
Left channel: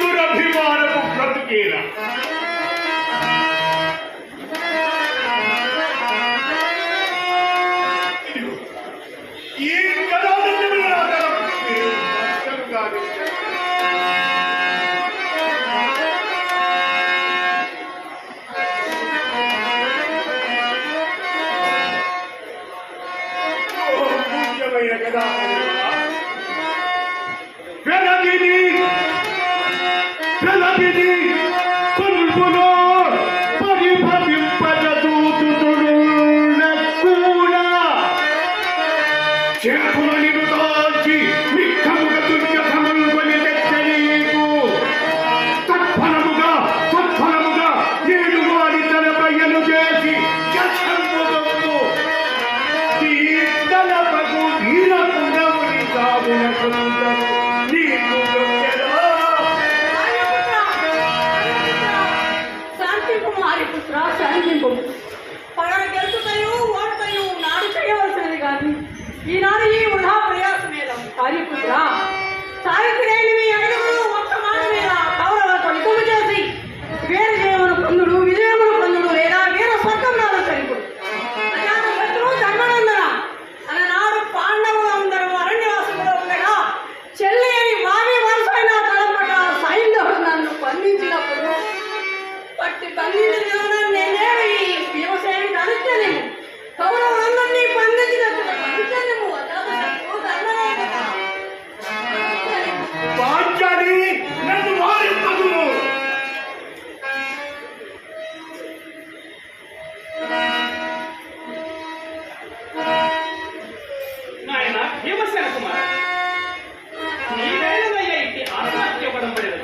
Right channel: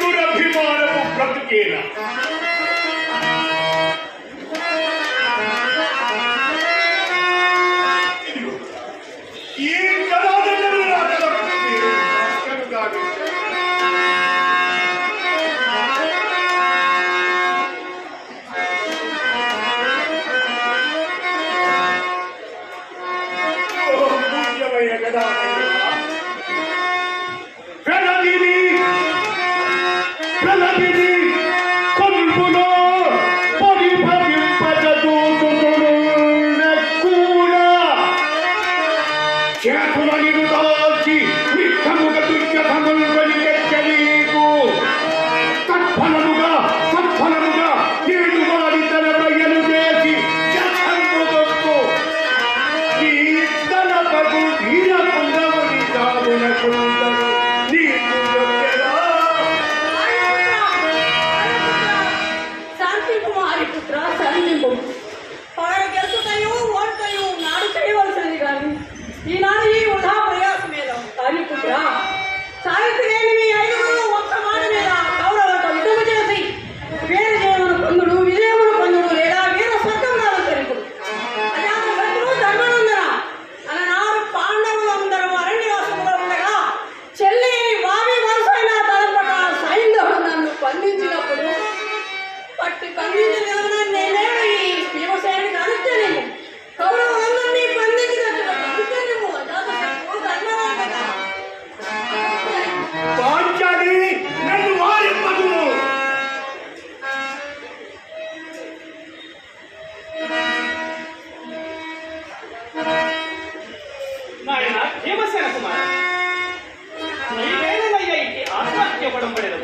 దురభిమానపు బ్రతుకేలా ఈ కళాదండలు నా కష్టముగా పూజ్యమైన కళాదండ కొల్పులో పరిభవింపజూతుడు చేతులని దాల్చి నిక్కముగ దుర్గతముల్వని తెచ్చనీకు తత్ఫలముగా ఏడు వారి తలపయ్యను చేసి జన్ముగొప్పు ఈ తలపకు వీరపుంగముని కాదునకుందరు నీకు శాంతి కుమారి పుత్ర సైన్యము పగడ గెలుచుటయు ఓటయు నాడు చేయవలసినది కానీ ఈనాడు ఈ వృధా ప్రయాసమేదం హరిపుత్ర సావిత్రిని మీ ఐదుగురు ఒక్క మాట మీద కౌరవులతో యుద్ధము చేసి వీర జయమును పొందుడు విజయమును పొందుడు లేదా వీర స్వర్గం నాడు తెలుపుడు అజాతశత్రువు ధర్మనందన అలనాడు పాండవులందరూ అరణ్యవాసములో ఉండగా చెల్లి వావి వరుసైన తలపట సైంధవుడు నన్ను బంధించినప్పుడు పట్టి బంధించిన నేనేడు ఈ భీమసేనుడికి అనుచర్యము కౌరవులందరినీ బంధించినట్టు అనుచర్యము అజాతశత్రువు ధర్మనందన రాజ్యాన్ని నన్ను వారింపదును. నాయన భీమసేన కుమార నీవేళనయ్య ఇట్టి ఆత్మహత్య ఇవ్వడం పడేది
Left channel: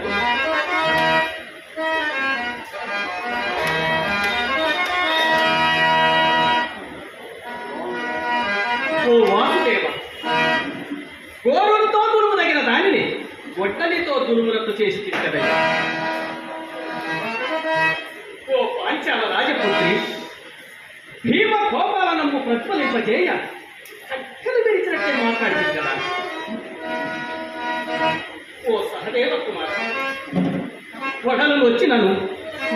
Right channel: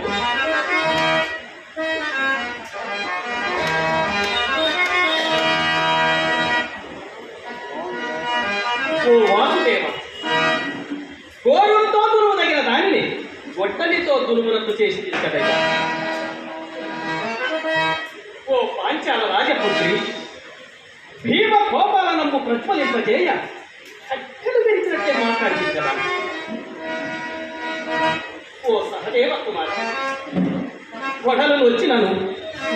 ఓ వాసుదేవ గోరులతో దురువు తగిన దానిని ఒట్టలితో దురుమునకు చేసి తీసుకదయ్యా. ఓ పాంచాల రాజపుత్రి భీమ కోపాల నమ్ము ప్రతిఫలింపజేయ చక్కలు పెరిచినట్టే మాట్లాడింది కదా. ఓ సహదేవ కుమార్ కొడలు వచ్చినను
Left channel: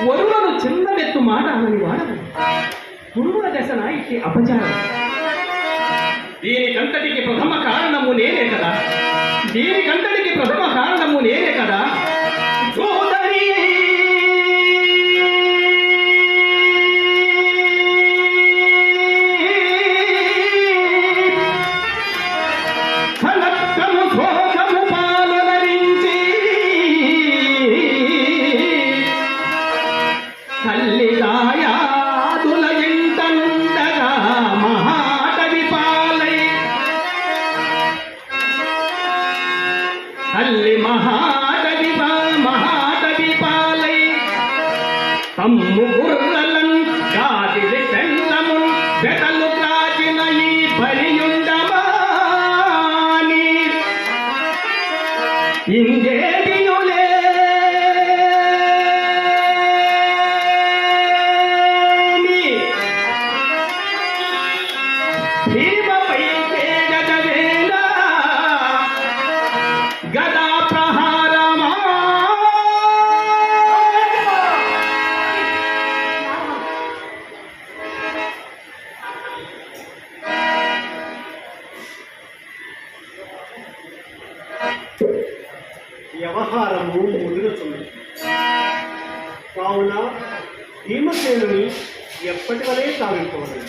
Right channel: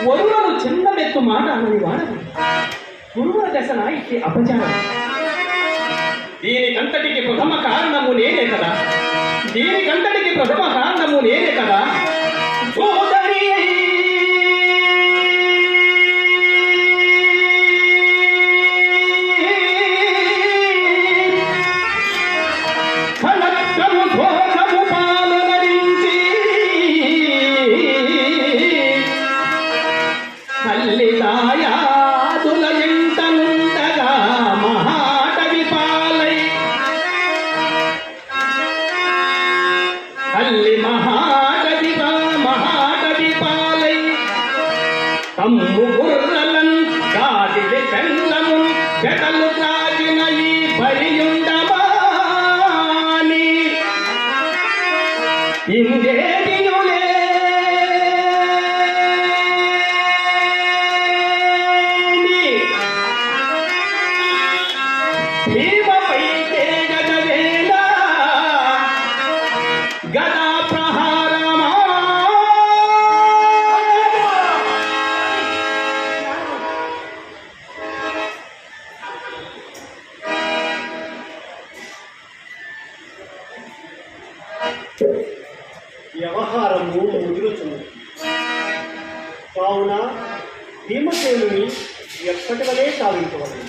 వరులను చిన్న మెత్తు మాట అని వాడదు గురువుల దశన ఇట్టి అపచారం. దీనికంతటికి ప్రథమ కారణము నేనే కదా, దీనికంతటికి ప్రథమ కారణము నేనే కదా. సోదరి ఫలత్వము శోకము పాలనరించి తల్లిదాయాదుల జింతనుండగా మహాటవి పాలై తల్లి మహాటవి పాలై తమ్ము గుర్రలను గాదిలి పెళ్ళము జగలు త్రాజిన ఈ పరియుండమాని ఇందేదియులే భీమపై తేగదవేళ గదా ప్రహారమా. వ్యవహారము ముదురుతుంది కావున భీమసేనుని ఎప్పటి వలే సాగించవలను.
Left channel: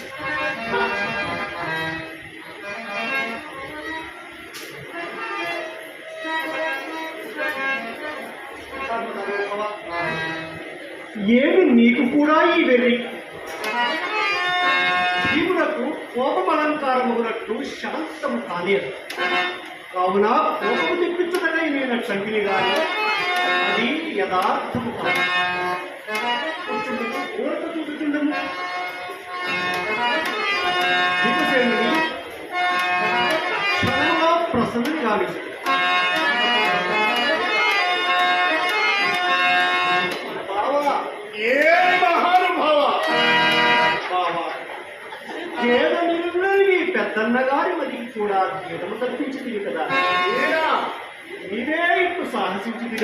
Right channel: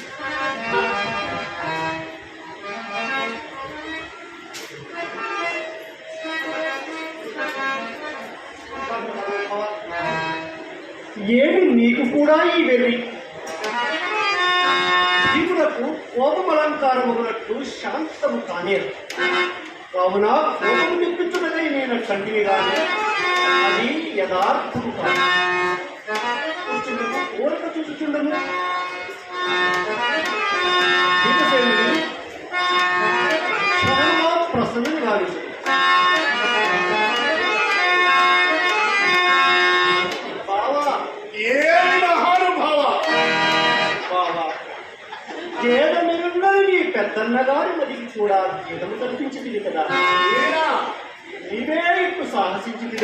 ఏమి నీకు కూడా ఈ వెర్రి? భీమునకు కోపమలంకారమునట్టు శాంతము కాలేదు కావున కోపము తెప్పించున్నదే నేను కంటిని గాను అది యథార్థము కాదు. కోరిక చూసుచుండము భీమసేనుని చాలా ప్రసన్నం గావించు. పేదమిరున్నది పెద్దన్న గారి మదికి కూడా గీతము తప్పించింది కదా. నీవే ఇప్పుడు సాహసించింది.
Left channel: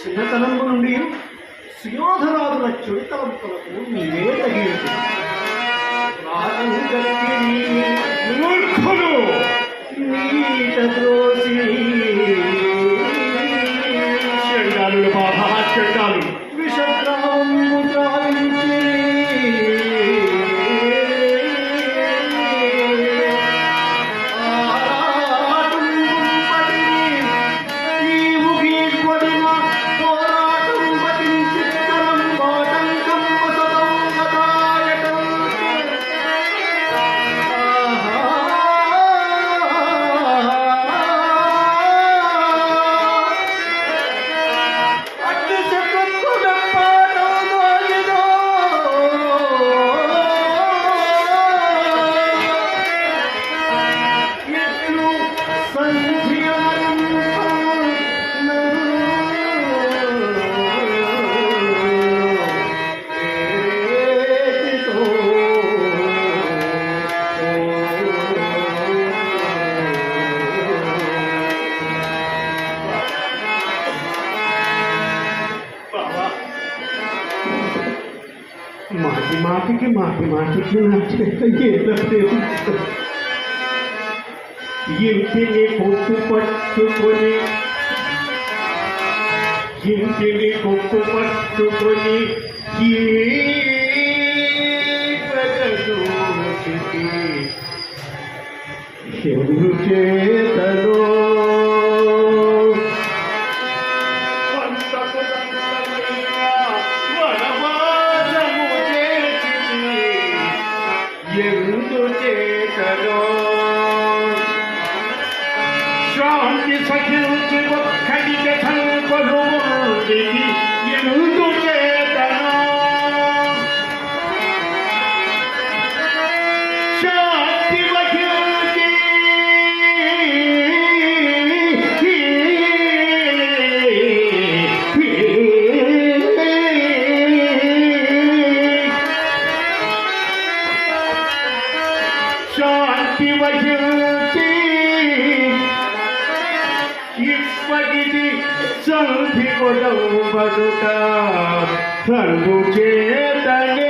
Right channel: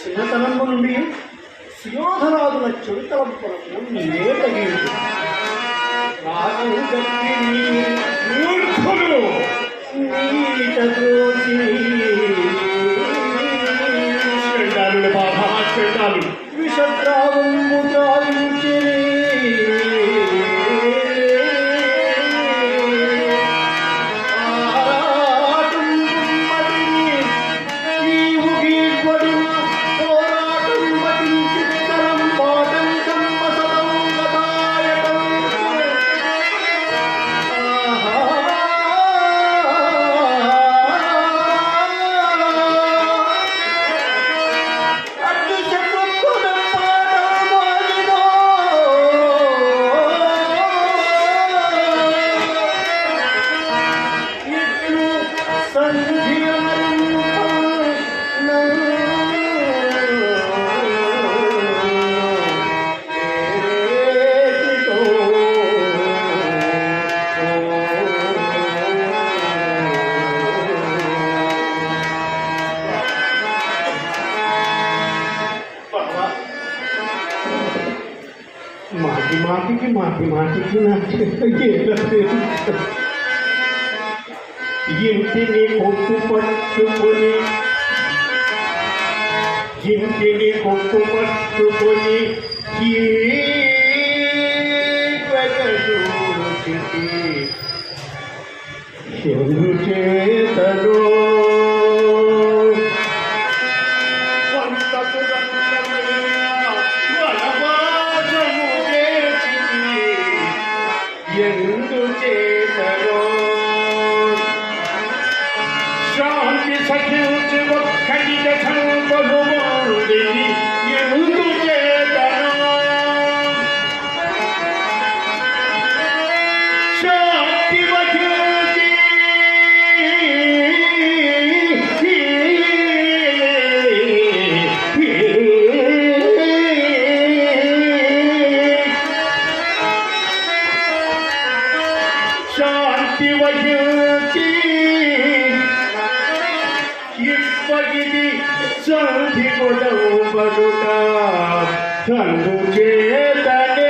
చిన్నతనము నుండి సుయోధనాదుల చెడుతలంపులకు నీవే తగిలింది. రాజు జరిగి నీట ద్రోసి విషద్రావము గావించి మాటికి నా చేత ఇంటిని పొట్టు పట్టుకొని ఈ ప్రగదూచితి ఎందుచేతను శాంతి సఖించి ఒక్కడికి సంకొలుండి ఎందుచేతను శాంతి వహించి శాంతి వహించి ఇప్పటిది శాంతి కొడవు బదుట అందుచేతనే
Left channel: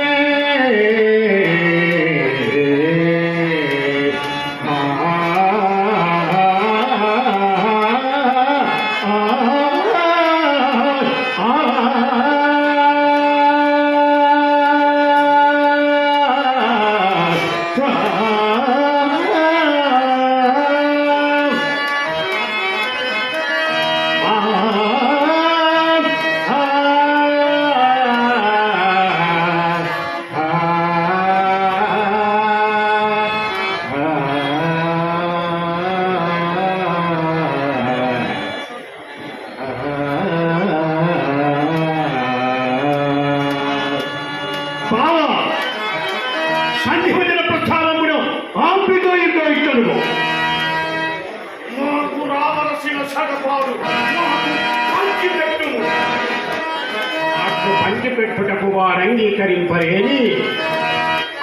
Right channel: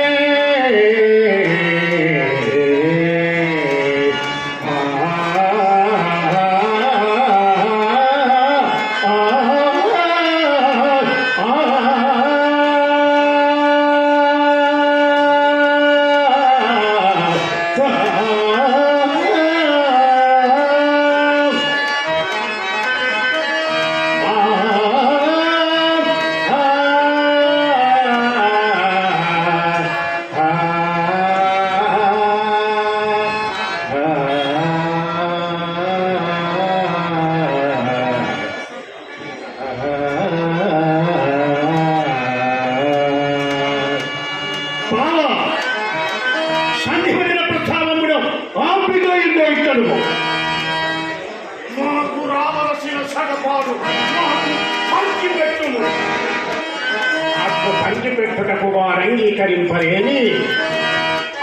సంధివదిన ప్రస్థానముడు ఆపితో ఇంకో ఇట్టడు మాకు రావలసిన సగపాడు మాకు పంచిపెట్టుము అప్పు పంచిపెట్టుటకు వారు అంగీకరింపరేని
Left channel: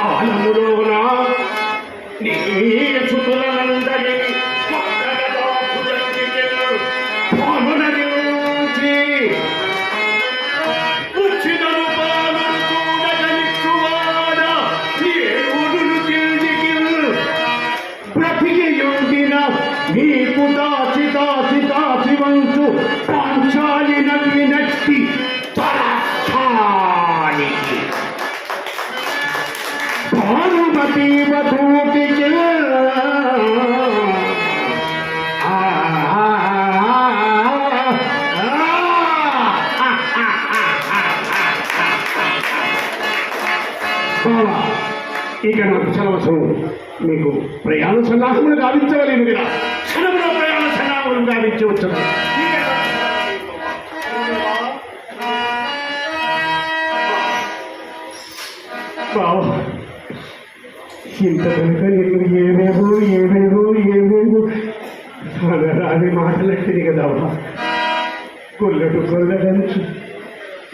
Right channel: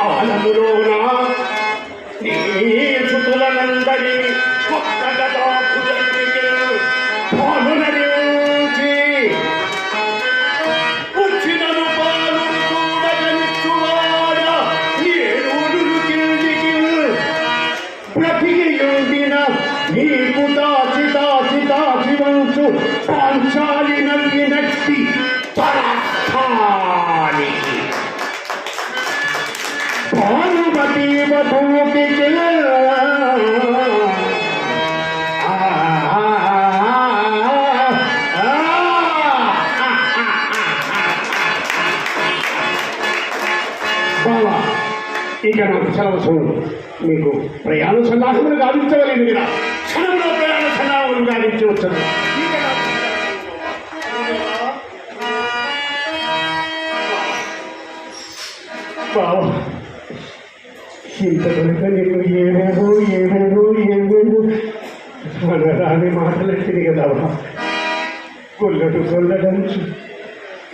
ఆలములోన నీ సుతులనందరి ఒక్కగదా పాలునరించి వచ్చినను పాలును చూడగనిచ్చువాడా ఏడుగురు కిందికి బ్రతికియుండిన నీకు దాచి వంచు పాంచాలి నవ్వినట్టి పరాక్కానికి భానుమతి వధూటికి ఇక నాకు సెలవు మీకు ప్రయాణ సన్నాహములు గావించవలేదు మీరు క్షణంలో ప్రయాణ సన్నాహములు గావించవచ్చును బావా ఇంత కనుక నీకు ఏవేవో రాని మాటలట్టింది కదా గొల్లడంచు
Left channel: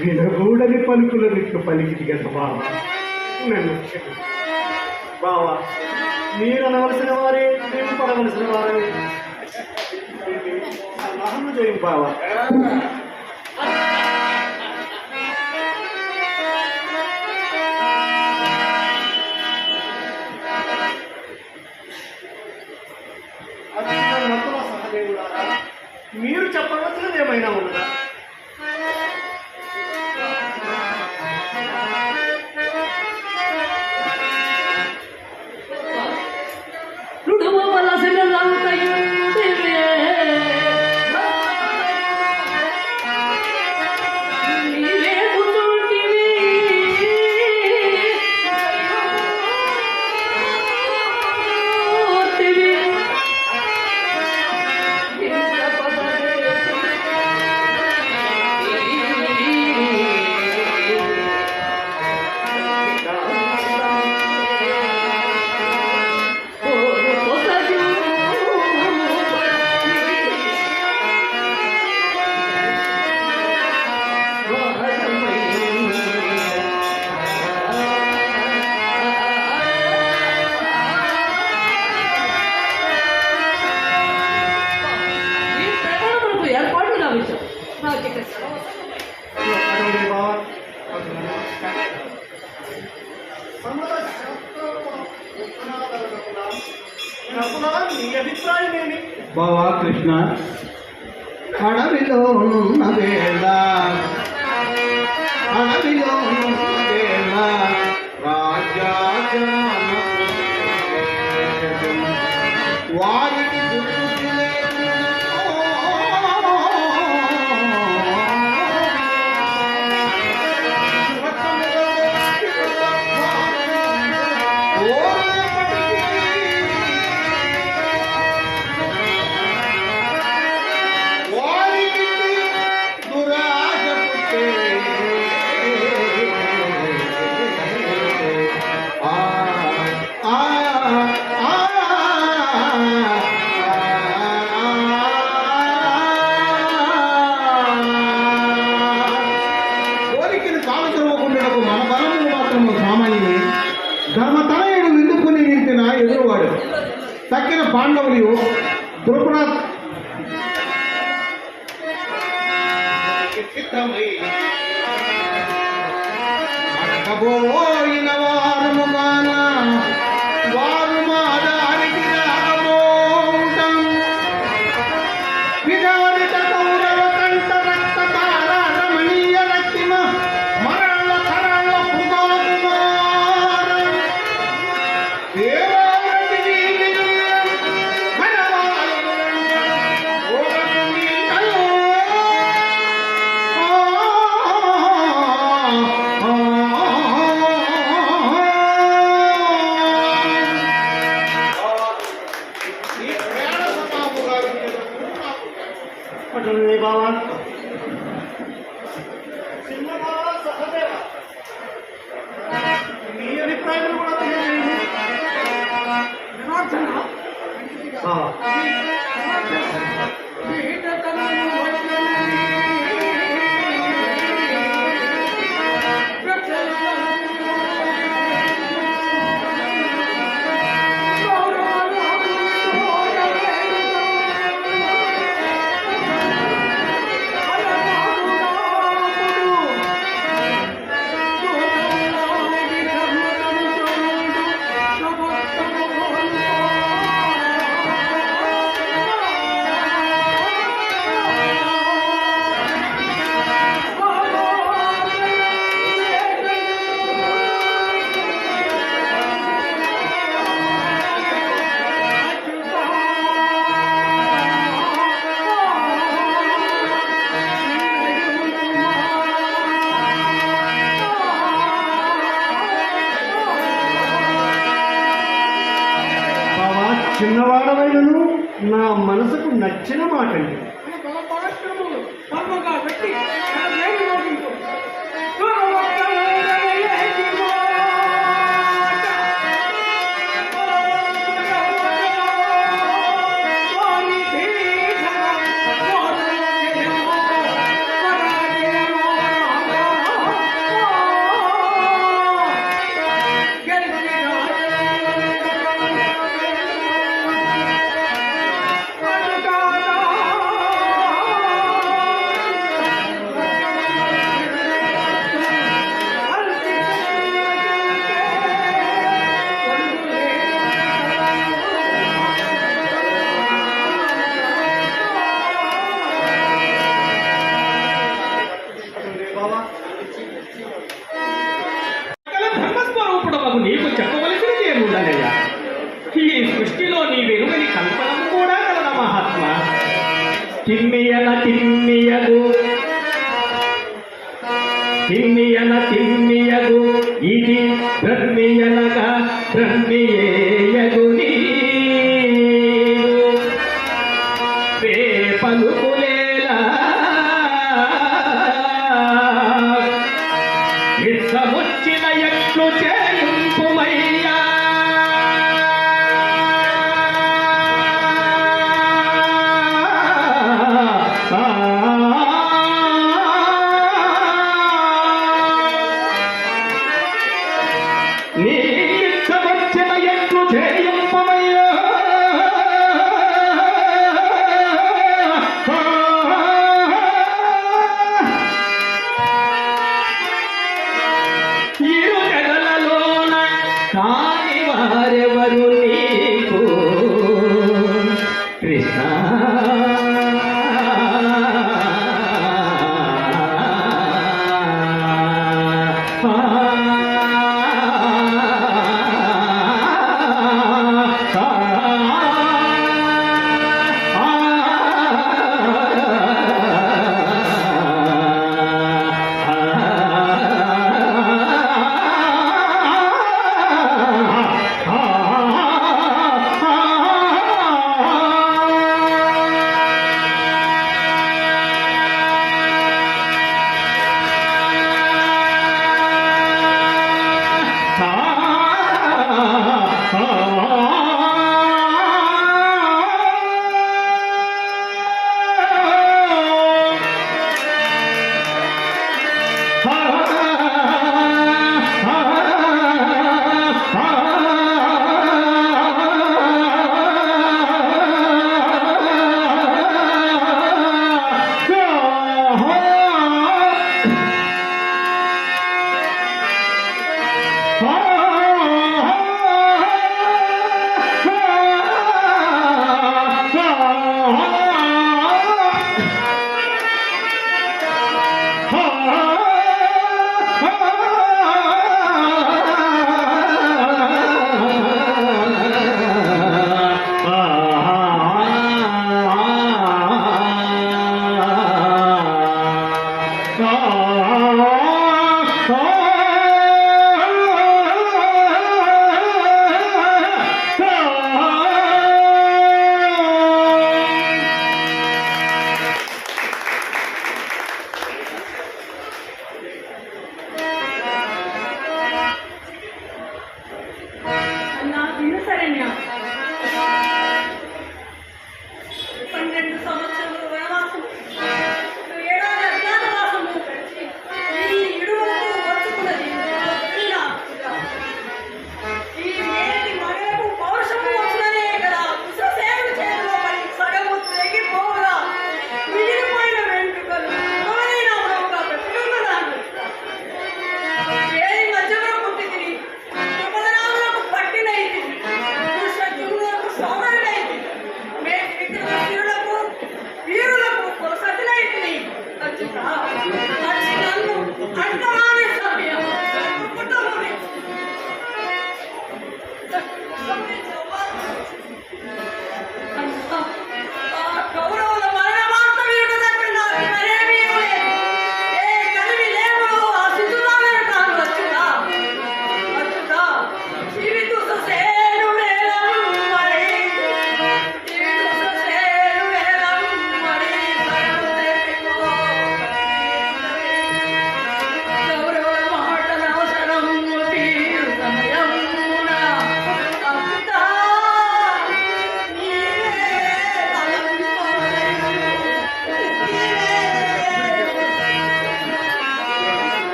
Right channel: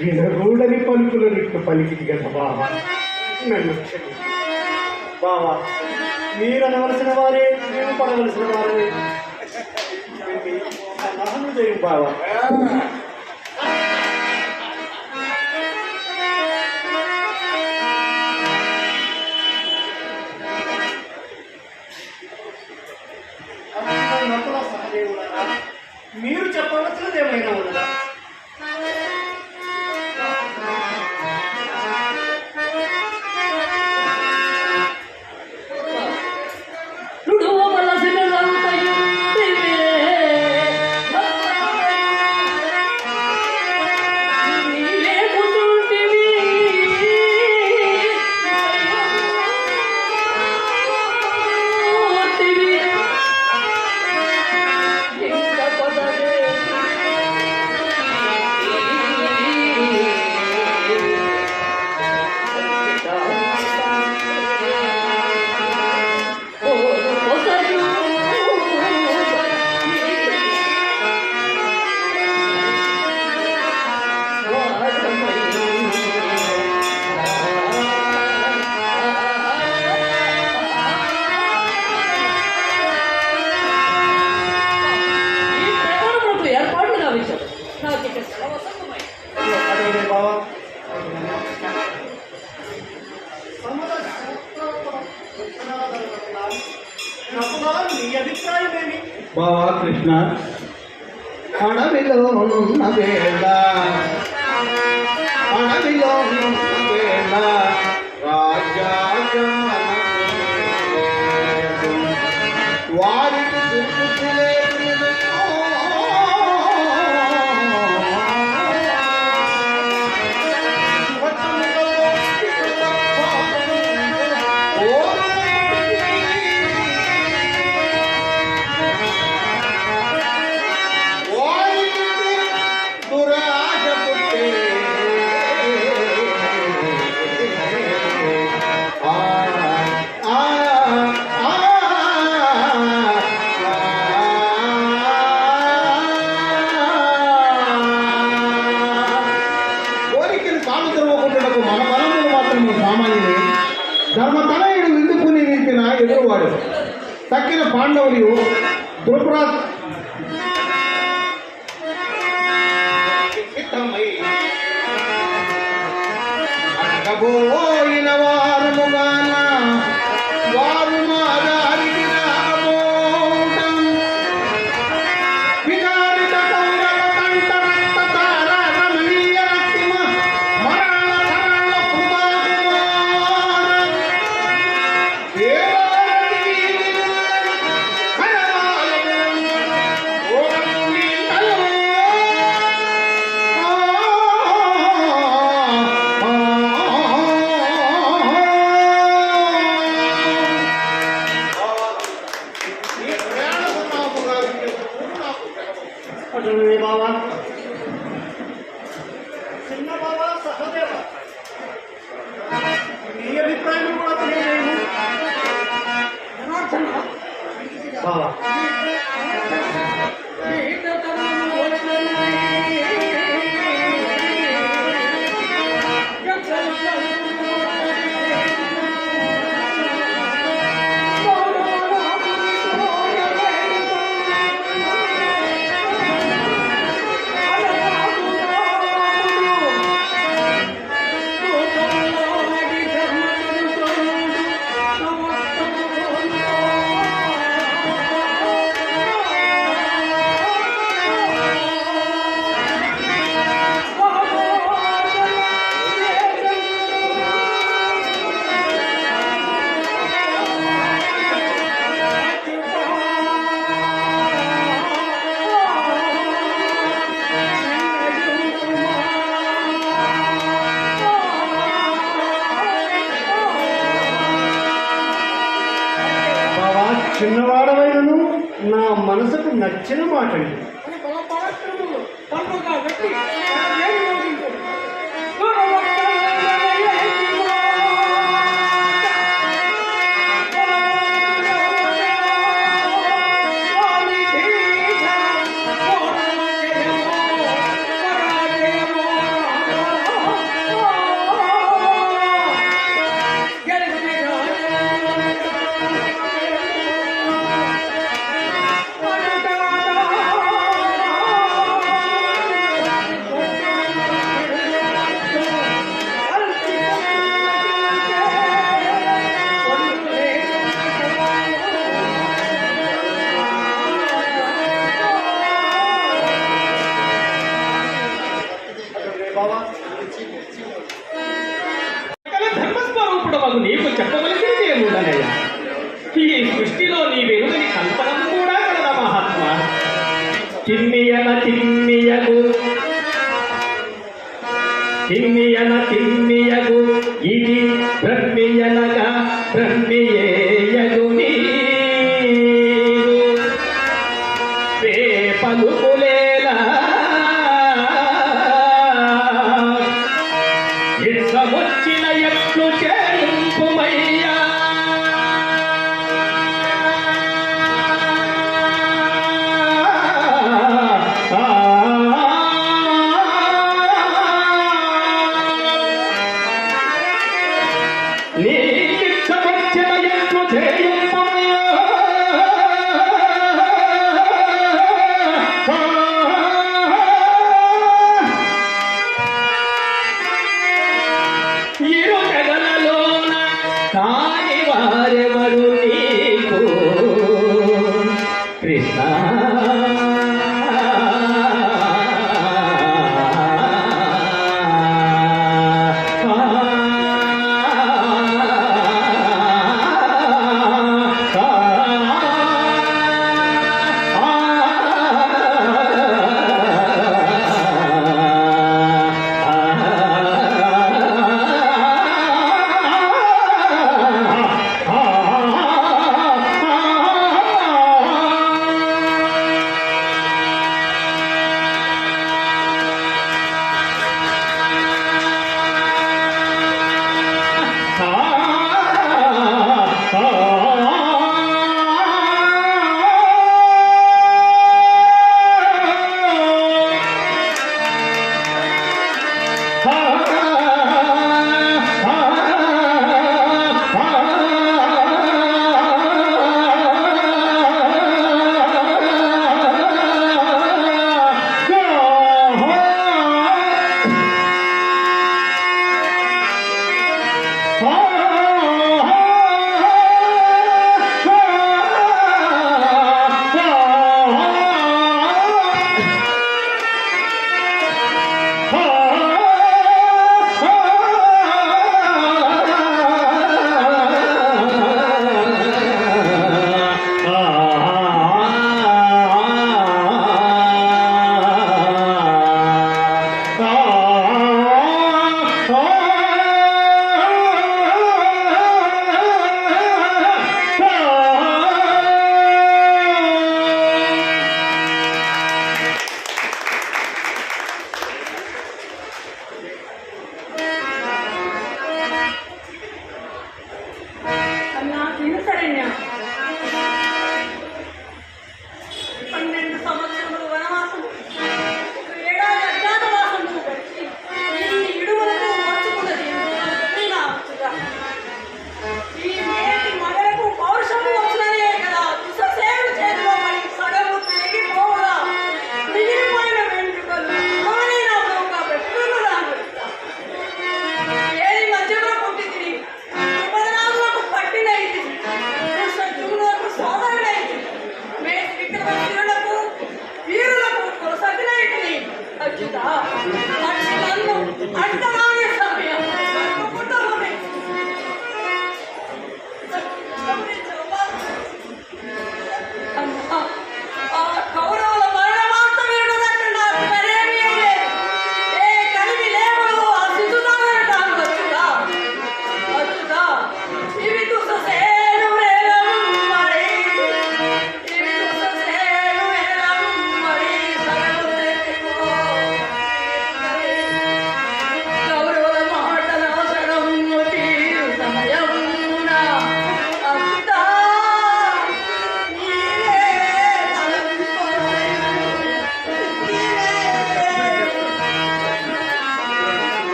వినగూడని పలుకుల నిట్లు పలికింది కదా బావా నన్ను క్షమించు. బావా మీరు అనవలసిన వారే నేను పడవలసిన వారే సన్నాహములు చేయం బావా మీరు చెప్పవలసినది ఏమైనా ఉన్నదా సమత శాస్త్రోక్తం ఉత్తరాదవగమనాలు. నకులా, నీ అభిప్రాయమేమి? బావా కృష్ణ, అడవిలో ఉన్న వేళ వారికి ధర్మతనయుడు విందుకుని నింపిన ఎదురువాడు తక్కిన పాండవులు ద్రుపరాజ్ అనగబోయిన వారు వారు మా దారికి రాబోటం విచారిత రమణీయ రక్తిమ మరణ అటువే బావా, చిన్న బావా, సహదేవ, నీ అభిప్రాయం కూడా తెలియదు. బావా, చిన్నవాడవైనను నా మనసుకు నచ్చిన మాటండి. ధర్మస్వరూపుడు నీకు చెప్పవలసింది ఏముందనయ్యా? ఈ సృష్టిలో నీ వెలుగని కల్పన కూడా కలద మహాత్మా. తిమ్మియన తిమ్మియగు తిమ్మియన తిమ్మియగు ఇది బ్రహ్మియనగా బ్రహ్మియేయగు పలుకులేలా ఇట్లొచ్చిన ఎట్లు చేయింపుమయ్యా. నీ ఇట్లొచ్చిన ఎట్లు చేయింపుమయ్యా. ఇరు పెదలలోన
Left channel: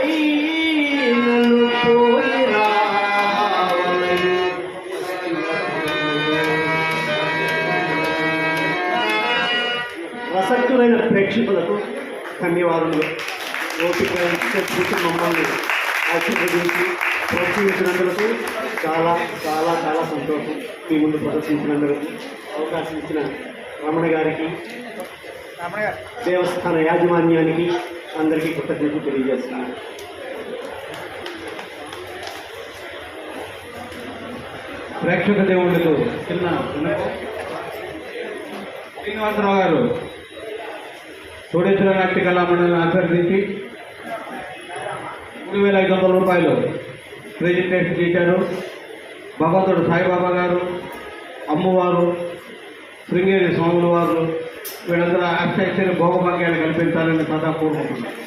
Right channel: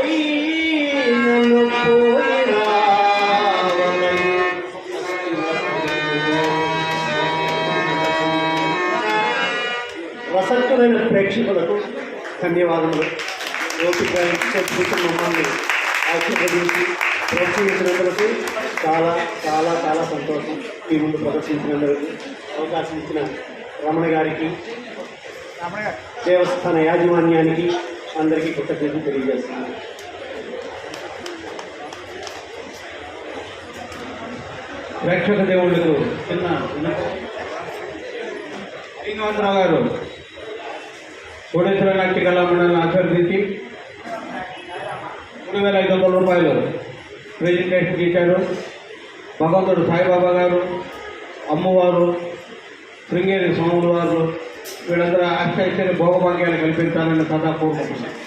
నన్ను పోయి రావలెను. రసక్తమైన ప్రేక్షకులకు ధన్యవాదములు. ఓపిక కూర్చుని మమ్మల్ని ఆశీర్వదించి ప్రోత్సహించినందుకు చాలా చాలా చాలా సంతోషం. మీ ముందు ప్రదర్శించినందుకు అవకాశం ఇచ్చిన రమణ గారికి, దేవస్థాన యాజమాన్యానికి అందరికీ కృతజ్ఞతలు తెలియజేస్తున్నాను. ప్రేక్షక దేవుళ్ళకు చిన్న శ్రీనివాసరావు గారు సూడేశ్వర నాట్య కళా మండలిని అభ్యర్థించి 3,500 రూపాయలు ప్రెజెంటేషన్ చేశారు. భగవంతుడు సాయిబాబా గారు, అమ్మవారు, శృంగేరి స్వాముల వారు వీళ్ళందరూ ఆశ్చర్య భోగభాగ్యాలు కల్పించాలని సదా కోరుకుంటున్నాను.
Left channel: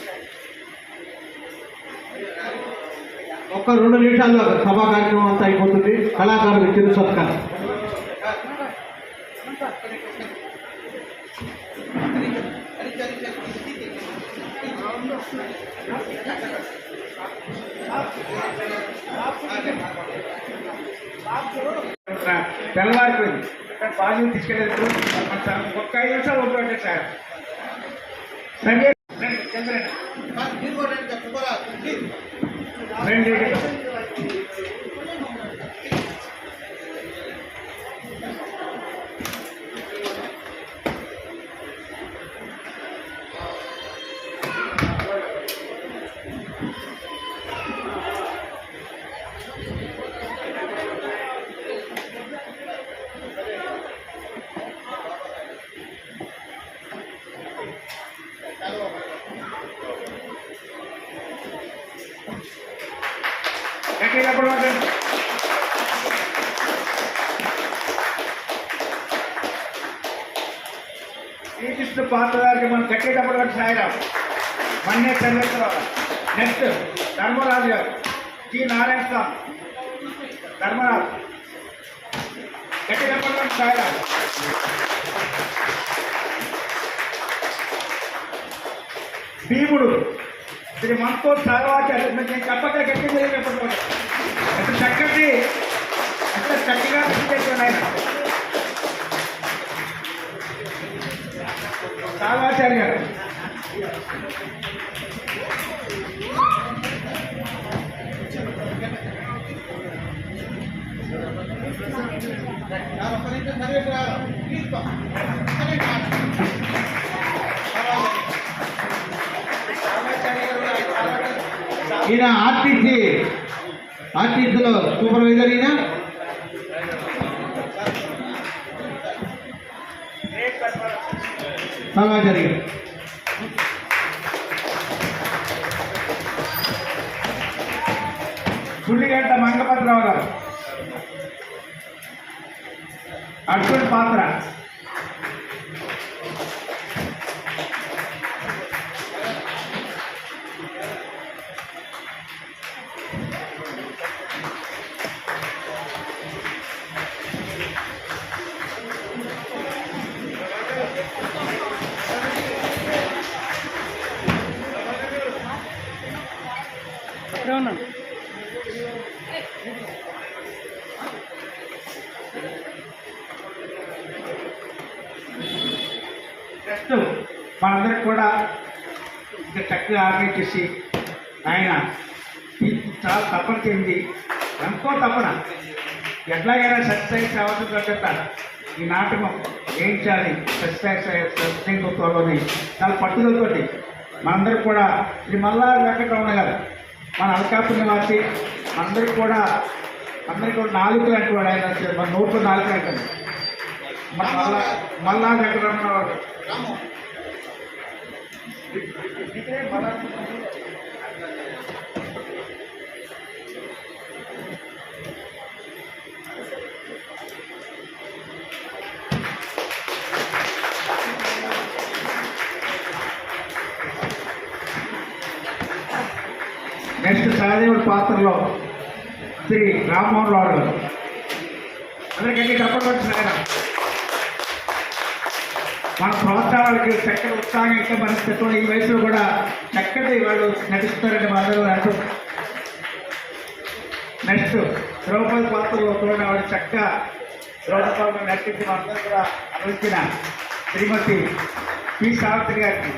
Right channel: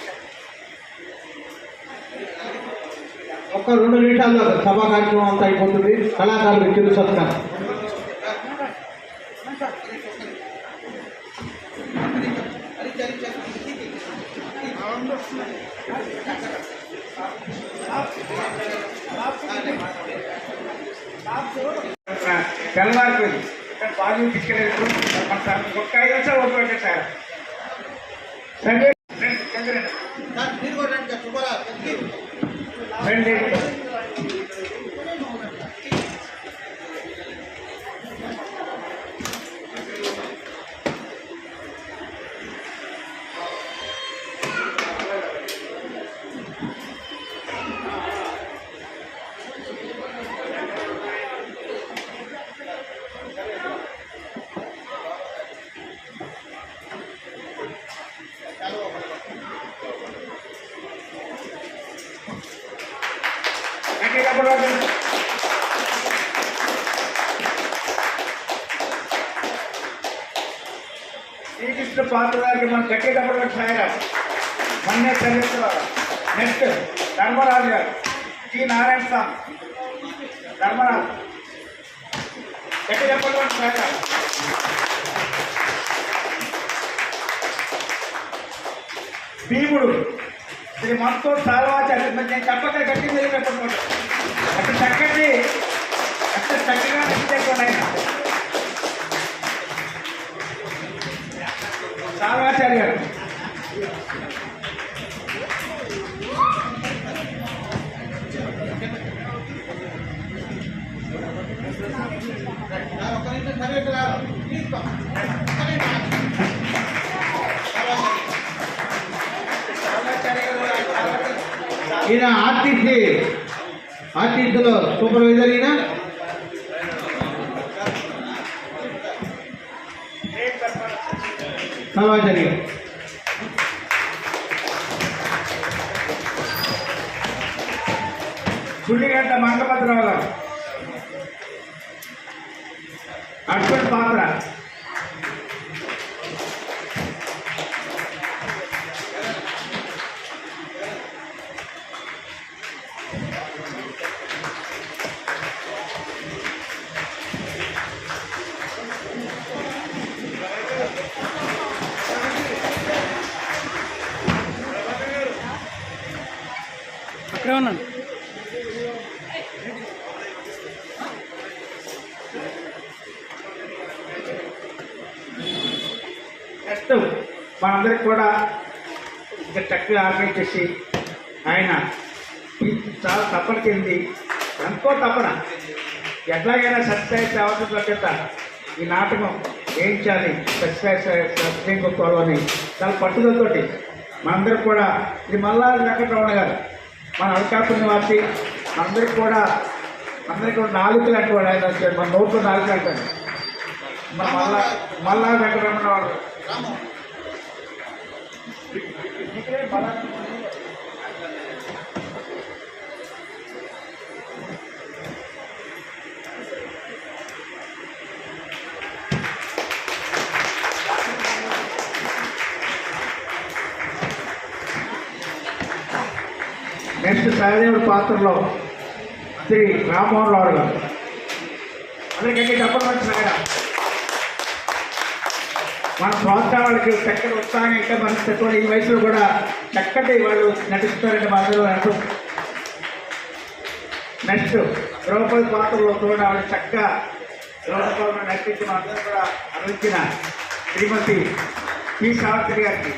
ఒక్క 2 నిమిషాల్లో సభా కార్యక్రమం అంతా అయిపోతుంది. కళాకారులు చిరు సత్కారం. తెల్లవారిపోయింది బాగా తీసుకెళ్ళి ఒక్క 5 నిమిషాలు ఓడిపోయాడు సార్. శ్రీకృష్ణ పాత్రదారికి మనం కట్టేటప్పుడు కూడా సాయరా మన్నే చంద్ర నెక్స్ట్ ధర్మరాజు గారు, జి నారాయణ స్వామి ధర్మరాజు కట్టేటప్పుడు కూడా సాయరా. భీముడు ఇది మనతో చాలా నేను తప్పక గట్టి జరిగినప్పుడు అటు చక్కటి అక్కడ చక్కగా ఉన్నాయి. సాల్వాచార్య గారు ఈయన ఆర్టీసీలో సూపర్వైజర్. ఈయన సమాచారి సుళ్ళిగంట మంగపత్రావు గారు అర్జున్ పాత్ర నెక్స్ట్ మనందరికి కూడా ఇంకా చక్కగా ఆర్గనైజ్ చేసి ఆయన చాలా తపన చెంది ఎంతో తపన ఎట్లాగైనా సత్యసాయి అవసరం ఈ నాటకం వేయించాలి సత్యసాయి గొప్పని చాలా పట్టుదలతోటి మనందరికి కూడా ఇది మల్లారి వెంకటరమణ గారు మన అడకాపు నివాసి అందరికి కూడా నాలుకలు అంటే వాడు ఆయన మన నోట్లో నాలుకలు అంటారు. మన మల్లారి వెంకటరమణ వాడు నెక్స్ట్ సహదేవుడి పాత్రలో శ్రీ రామ్మోహన్ రావు గారు అందరికీ తప్పకుండా మన ప్రోత్సాహాలకి చక్కటి ఉత్సాహం ఇంకా మనకు ఈ వయసులో కూడా చక్కటి వాళ్ళు నటిస్తారంటే మాధవ్ అంటూ నెక్స్ట్ ద్రౌపది పాత్రలో కూడా ఆవిడ చక్కగా ద్రౌపది నటించి మనందరూ కూడా అందించిన శ్రీమతి పి సావిత్రి గారికి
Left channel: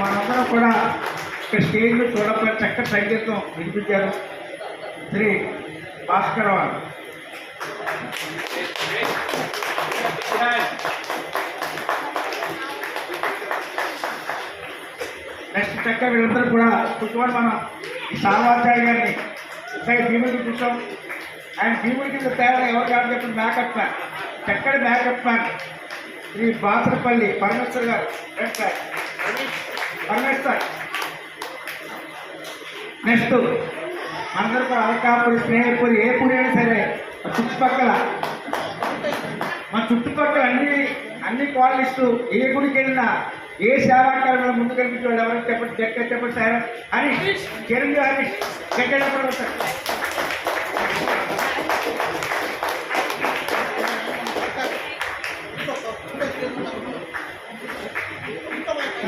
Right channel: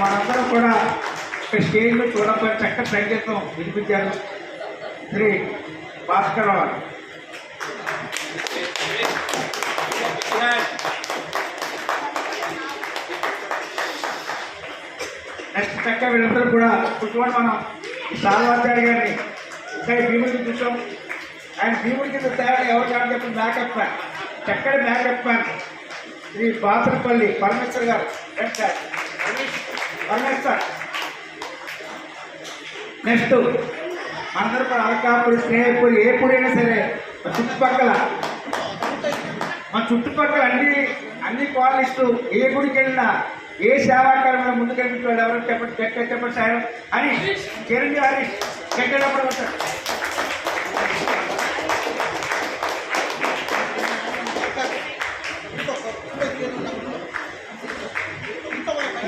మనందరం కూడా ఒక స్టేజ్లో చూడకపోతే చక్కటి సంగీతం వినిపించారు శ్రీ భాస్కర్ వారు. నెక్స్ట్ చక్కగా వీళ్ళందరూ కూడా కూర్చోండి. మనం ఈ సార్వాచార్య గారిని ఇంకా భీముడికి చూసాం. ఆయన భీముడికి తయారు ఎవరు కాదు చెప్పి మేకప్ మ్యాన్, చక్కటి మేకప్ మ్యాన్ శ్రీ బాసరపల్లి పరమేశ్వర్ గారు. పరమేశ్వర్ నెక్స్ట్ అందరూ కూడా అలకాపురి, స్నేహపూరి, ఏ పూరి అయినా సరే మా చుట్టుపక్కల అన్ని క్వాలిటీస్ ఏ గుడికి వెళ్ళినా ఏ సేవాకారం ముందుకు వెళ్ళిపోయాడు ఎవరు చెప్పండి సార్ హరీష్ చిరంజీవి హరీష్ ఎక్కడ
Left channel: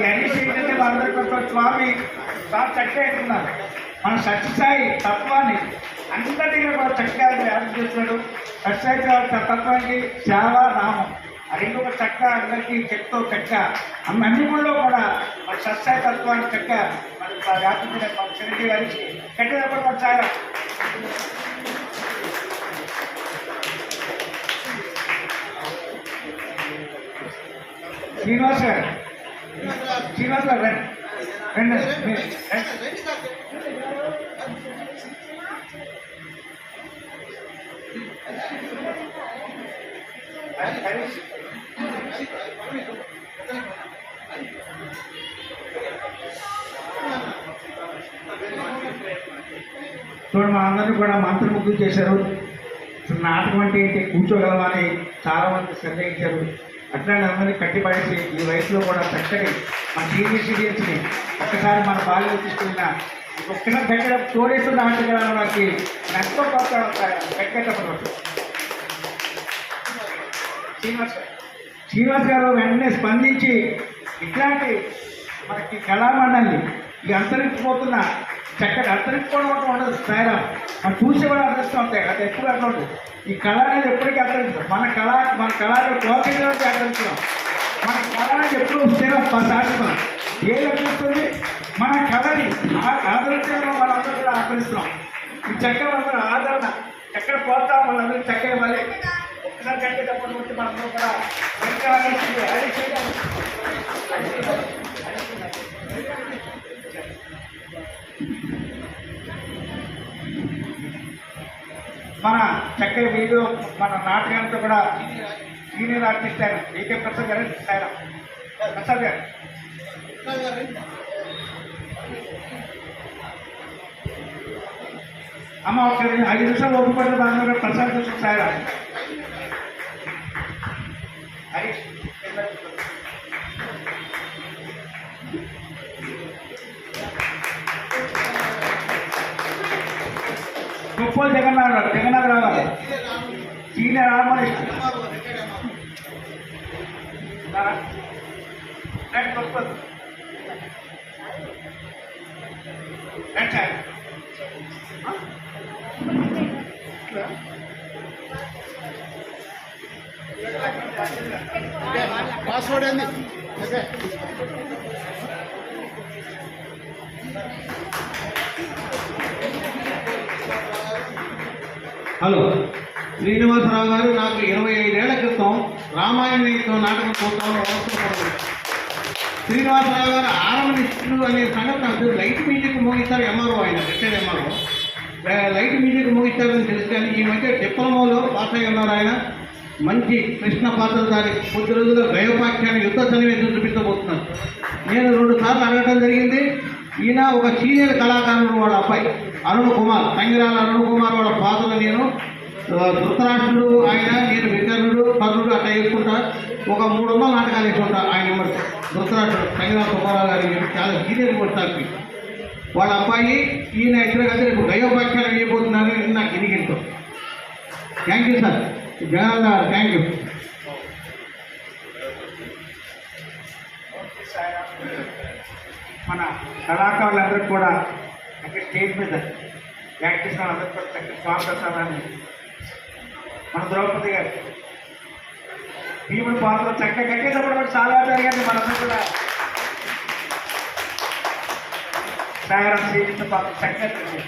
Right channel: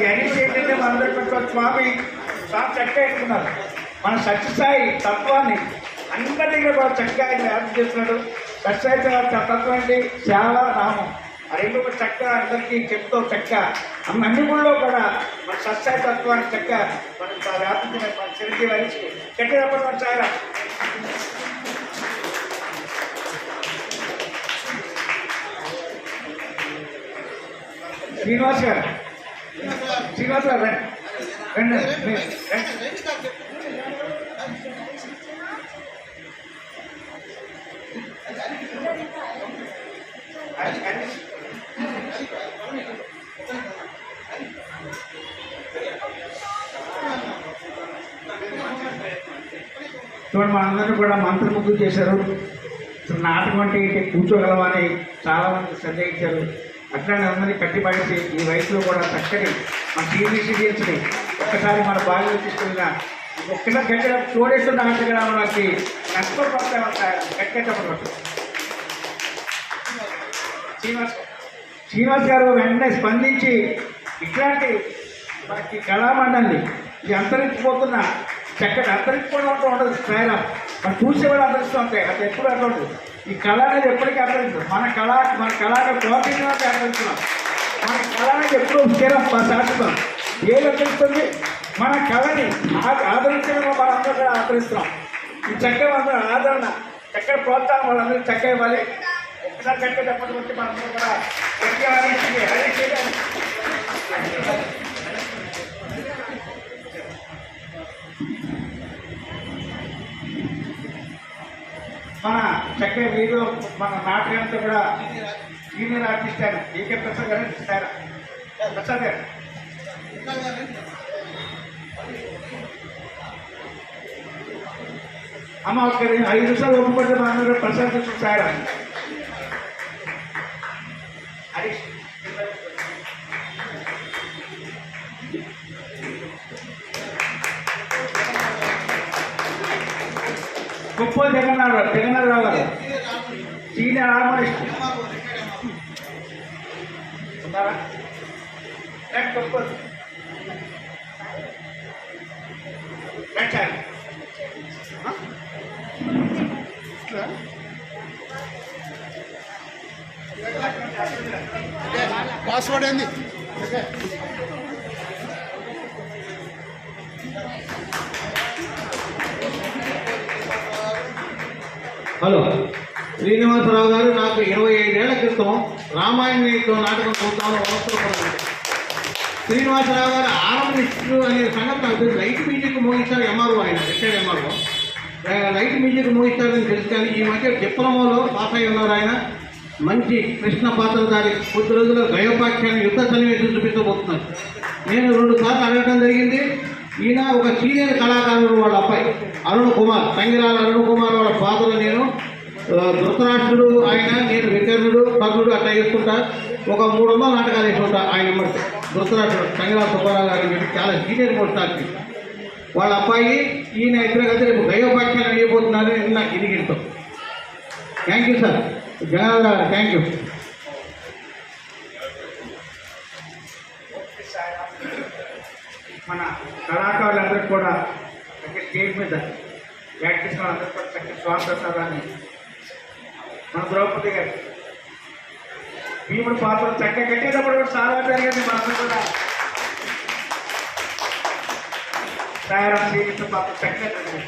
ఈ హరీష్ ఏంటంటే మనందరూ స్వామి చక్కగా ఇస్తున్నారు. మన సత్యసాయి తత్వాన్ని అందరినీ కూడా చక్కగా ఆయన వ్యాప్తి చేస్తున్నాడు. సత్యసాయి తత్వం ఏంటి? సేవ, నామం ఆ రెండు కూడా చక్కగా అందరికీ చెప్తూ చక్కగా అన్ని గుళ్ళో కూడా మన సత్యసాయి తత్వాన్ని చక్కగా మన వ్యాప్తి మన చిరంజీవి హరీష్ చక్కగా మన చాలా శ్రీనివాస్ గారు రండి చూడండి మనందరినీ కూడా మంత్రముగ్ధులు చేశారు. నాటకం అంటే కూర్చోగలవా అని చాలా మంది సందేహించారు. అట్లానే అందరినీ కట్టిపడేసి ఈ వయసులో కూడా చక్కటి మన సీనియర్ సిటిజన్స్ని ఒక్కసారి మన బాగా తీసుకెళ్ళిన ఒక్కసారి గట్టిగా చూడేస్తున్న ఆటగాళ్ళకి నష్టపడతారు. గట్టిగా శ్రీనివాస్ గారు వెంటనే స్పందించి ఇట్లాంటి మనకి కళామండలి ఇక అంతరించిపోతున్న చక్కటి అంతరించిపోవడం ఉండదు. స్థాయిలో మనం చూసి కూడా అంతరిస్తూ ఉంటాయి. అది ఎప్పుడు అట్లా ఉంటుంది. ఈ కళ అనేది ఎప్పటికీ అంతరిస్తాం. మన కళను కోతిలోకి అంతరిస్తున్నాం. మన కళ అనేది ఎప్పుడు స్థిరం శాశ్వతం. ఏది అంతరిస్తుంది? మన కళని ఆదరించడంలో మనందరూ కూడా ఆదరిస్తున్నాం. ఈ చక్కగా అందరూ ఆదరణ చక్కగా ప్రోత్సాహం వాళ్ళందరూ చక్కగా ఇవ్వాలి. ఒకసారి చక్కగా చెప్పకపోతే మనందరూ కూడా మన చక్కగా వీడియో మన నాటకంతో కూడా సీనియర్ ఆర్టిస్ట్ ఆయన ఏకే ప్రసాద్ గారు ఆయన ప్రసాద్ గారు అమ్మ ఒక 5 నిమిషాలు ఒప్పుకుంటే మనం కూడా ప్రసాద్ చూసి ఆయన హరీష్ గొప్ప జగన్నాథరావు గారు సీనియర్ ఆర్టిస్ట్ పాస్వర్డ్ ఏంది? హలో, శ్రీనివాసరావు గారు నాకు 25 ఏళ్ల క్రితం రామాయణ నాటకం చూస్తాను. శ్రీనివాసరావు గారు ఆరంభిస్తూ అనే సంగతి నాకు లైట్ మ్యూజిక్ మోగిస్తారు. ఎంఆర్ఓ ఆయన రిటైర్డ్ ఎంఆర్ఓ లైట్ మ్యూజిక్ మోగిస్తారని తెలుసు. కానీ ఈ మధ్య డిప్లొమాలో పాస్ అయి ఉన్నారు. ఆయన మంచి కృష్ణ పాత్రధారి. కొద్ది రోజుల్లో దైవపాఖ్యాన్ని యుద్ధ సన్నివేశం చూపించబోతున్నారు. నేను 2 సార్లు అడగడం జరిగింది. ఈయన ఒక సీనియర్ కళాకారుడు, వాళ్ళ అబ్బాయి అరుణ్ కుమార్, సంగిరాల అరుణ్ కుమార్ వాళ్ళ ఫాదర్. నేను ధృతరాష్ట్రుడు ఆయన, నేను వికర్ణుడు, కర్ణుడు అట్లా చేసుకుంటా ఒక 300 నాటకాలు వేసి ఉంటారు ఆయన దుర్తరాష్ట్రుడు సంగీత సుబ్బారావు గారు అని చెప్పి చాలా సీనియర్ పోస్టార్కి వాళ్ళ అబ్బాయి ఈయన ఇద్దరు కలిసి రేపు గయోపాఖ్యానం చేయబోతున్నారని నిన్న ఇరిగింటాం. Thank you sir. Janardhan thank you. మన కళాకారులందరికీ కూడా స్టేజ్ మీద యాక్ట్ చేసిన వాళ్ళందరికీ కూడా చక్కటి స్వాగతాన్ని మన ద్రౌపది గారు భీముడు పాత్ర చక్కగా కట్టేటప్పుడు చాలా జరిగింది. మనకు కూడా తయారు చేసిన పాత్ర చక్కగా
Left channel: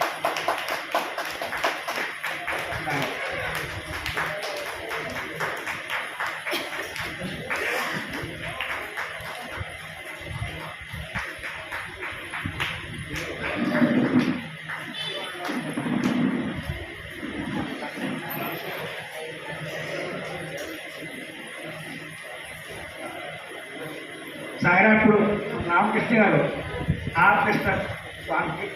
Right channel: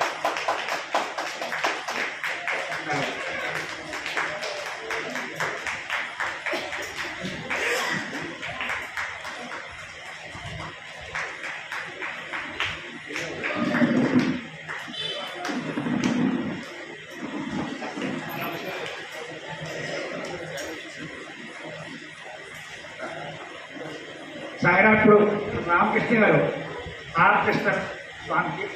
సాయిరాప్పుడు రామకృష్ణ గారు ఆర్కెస్ట్రా స్వామికి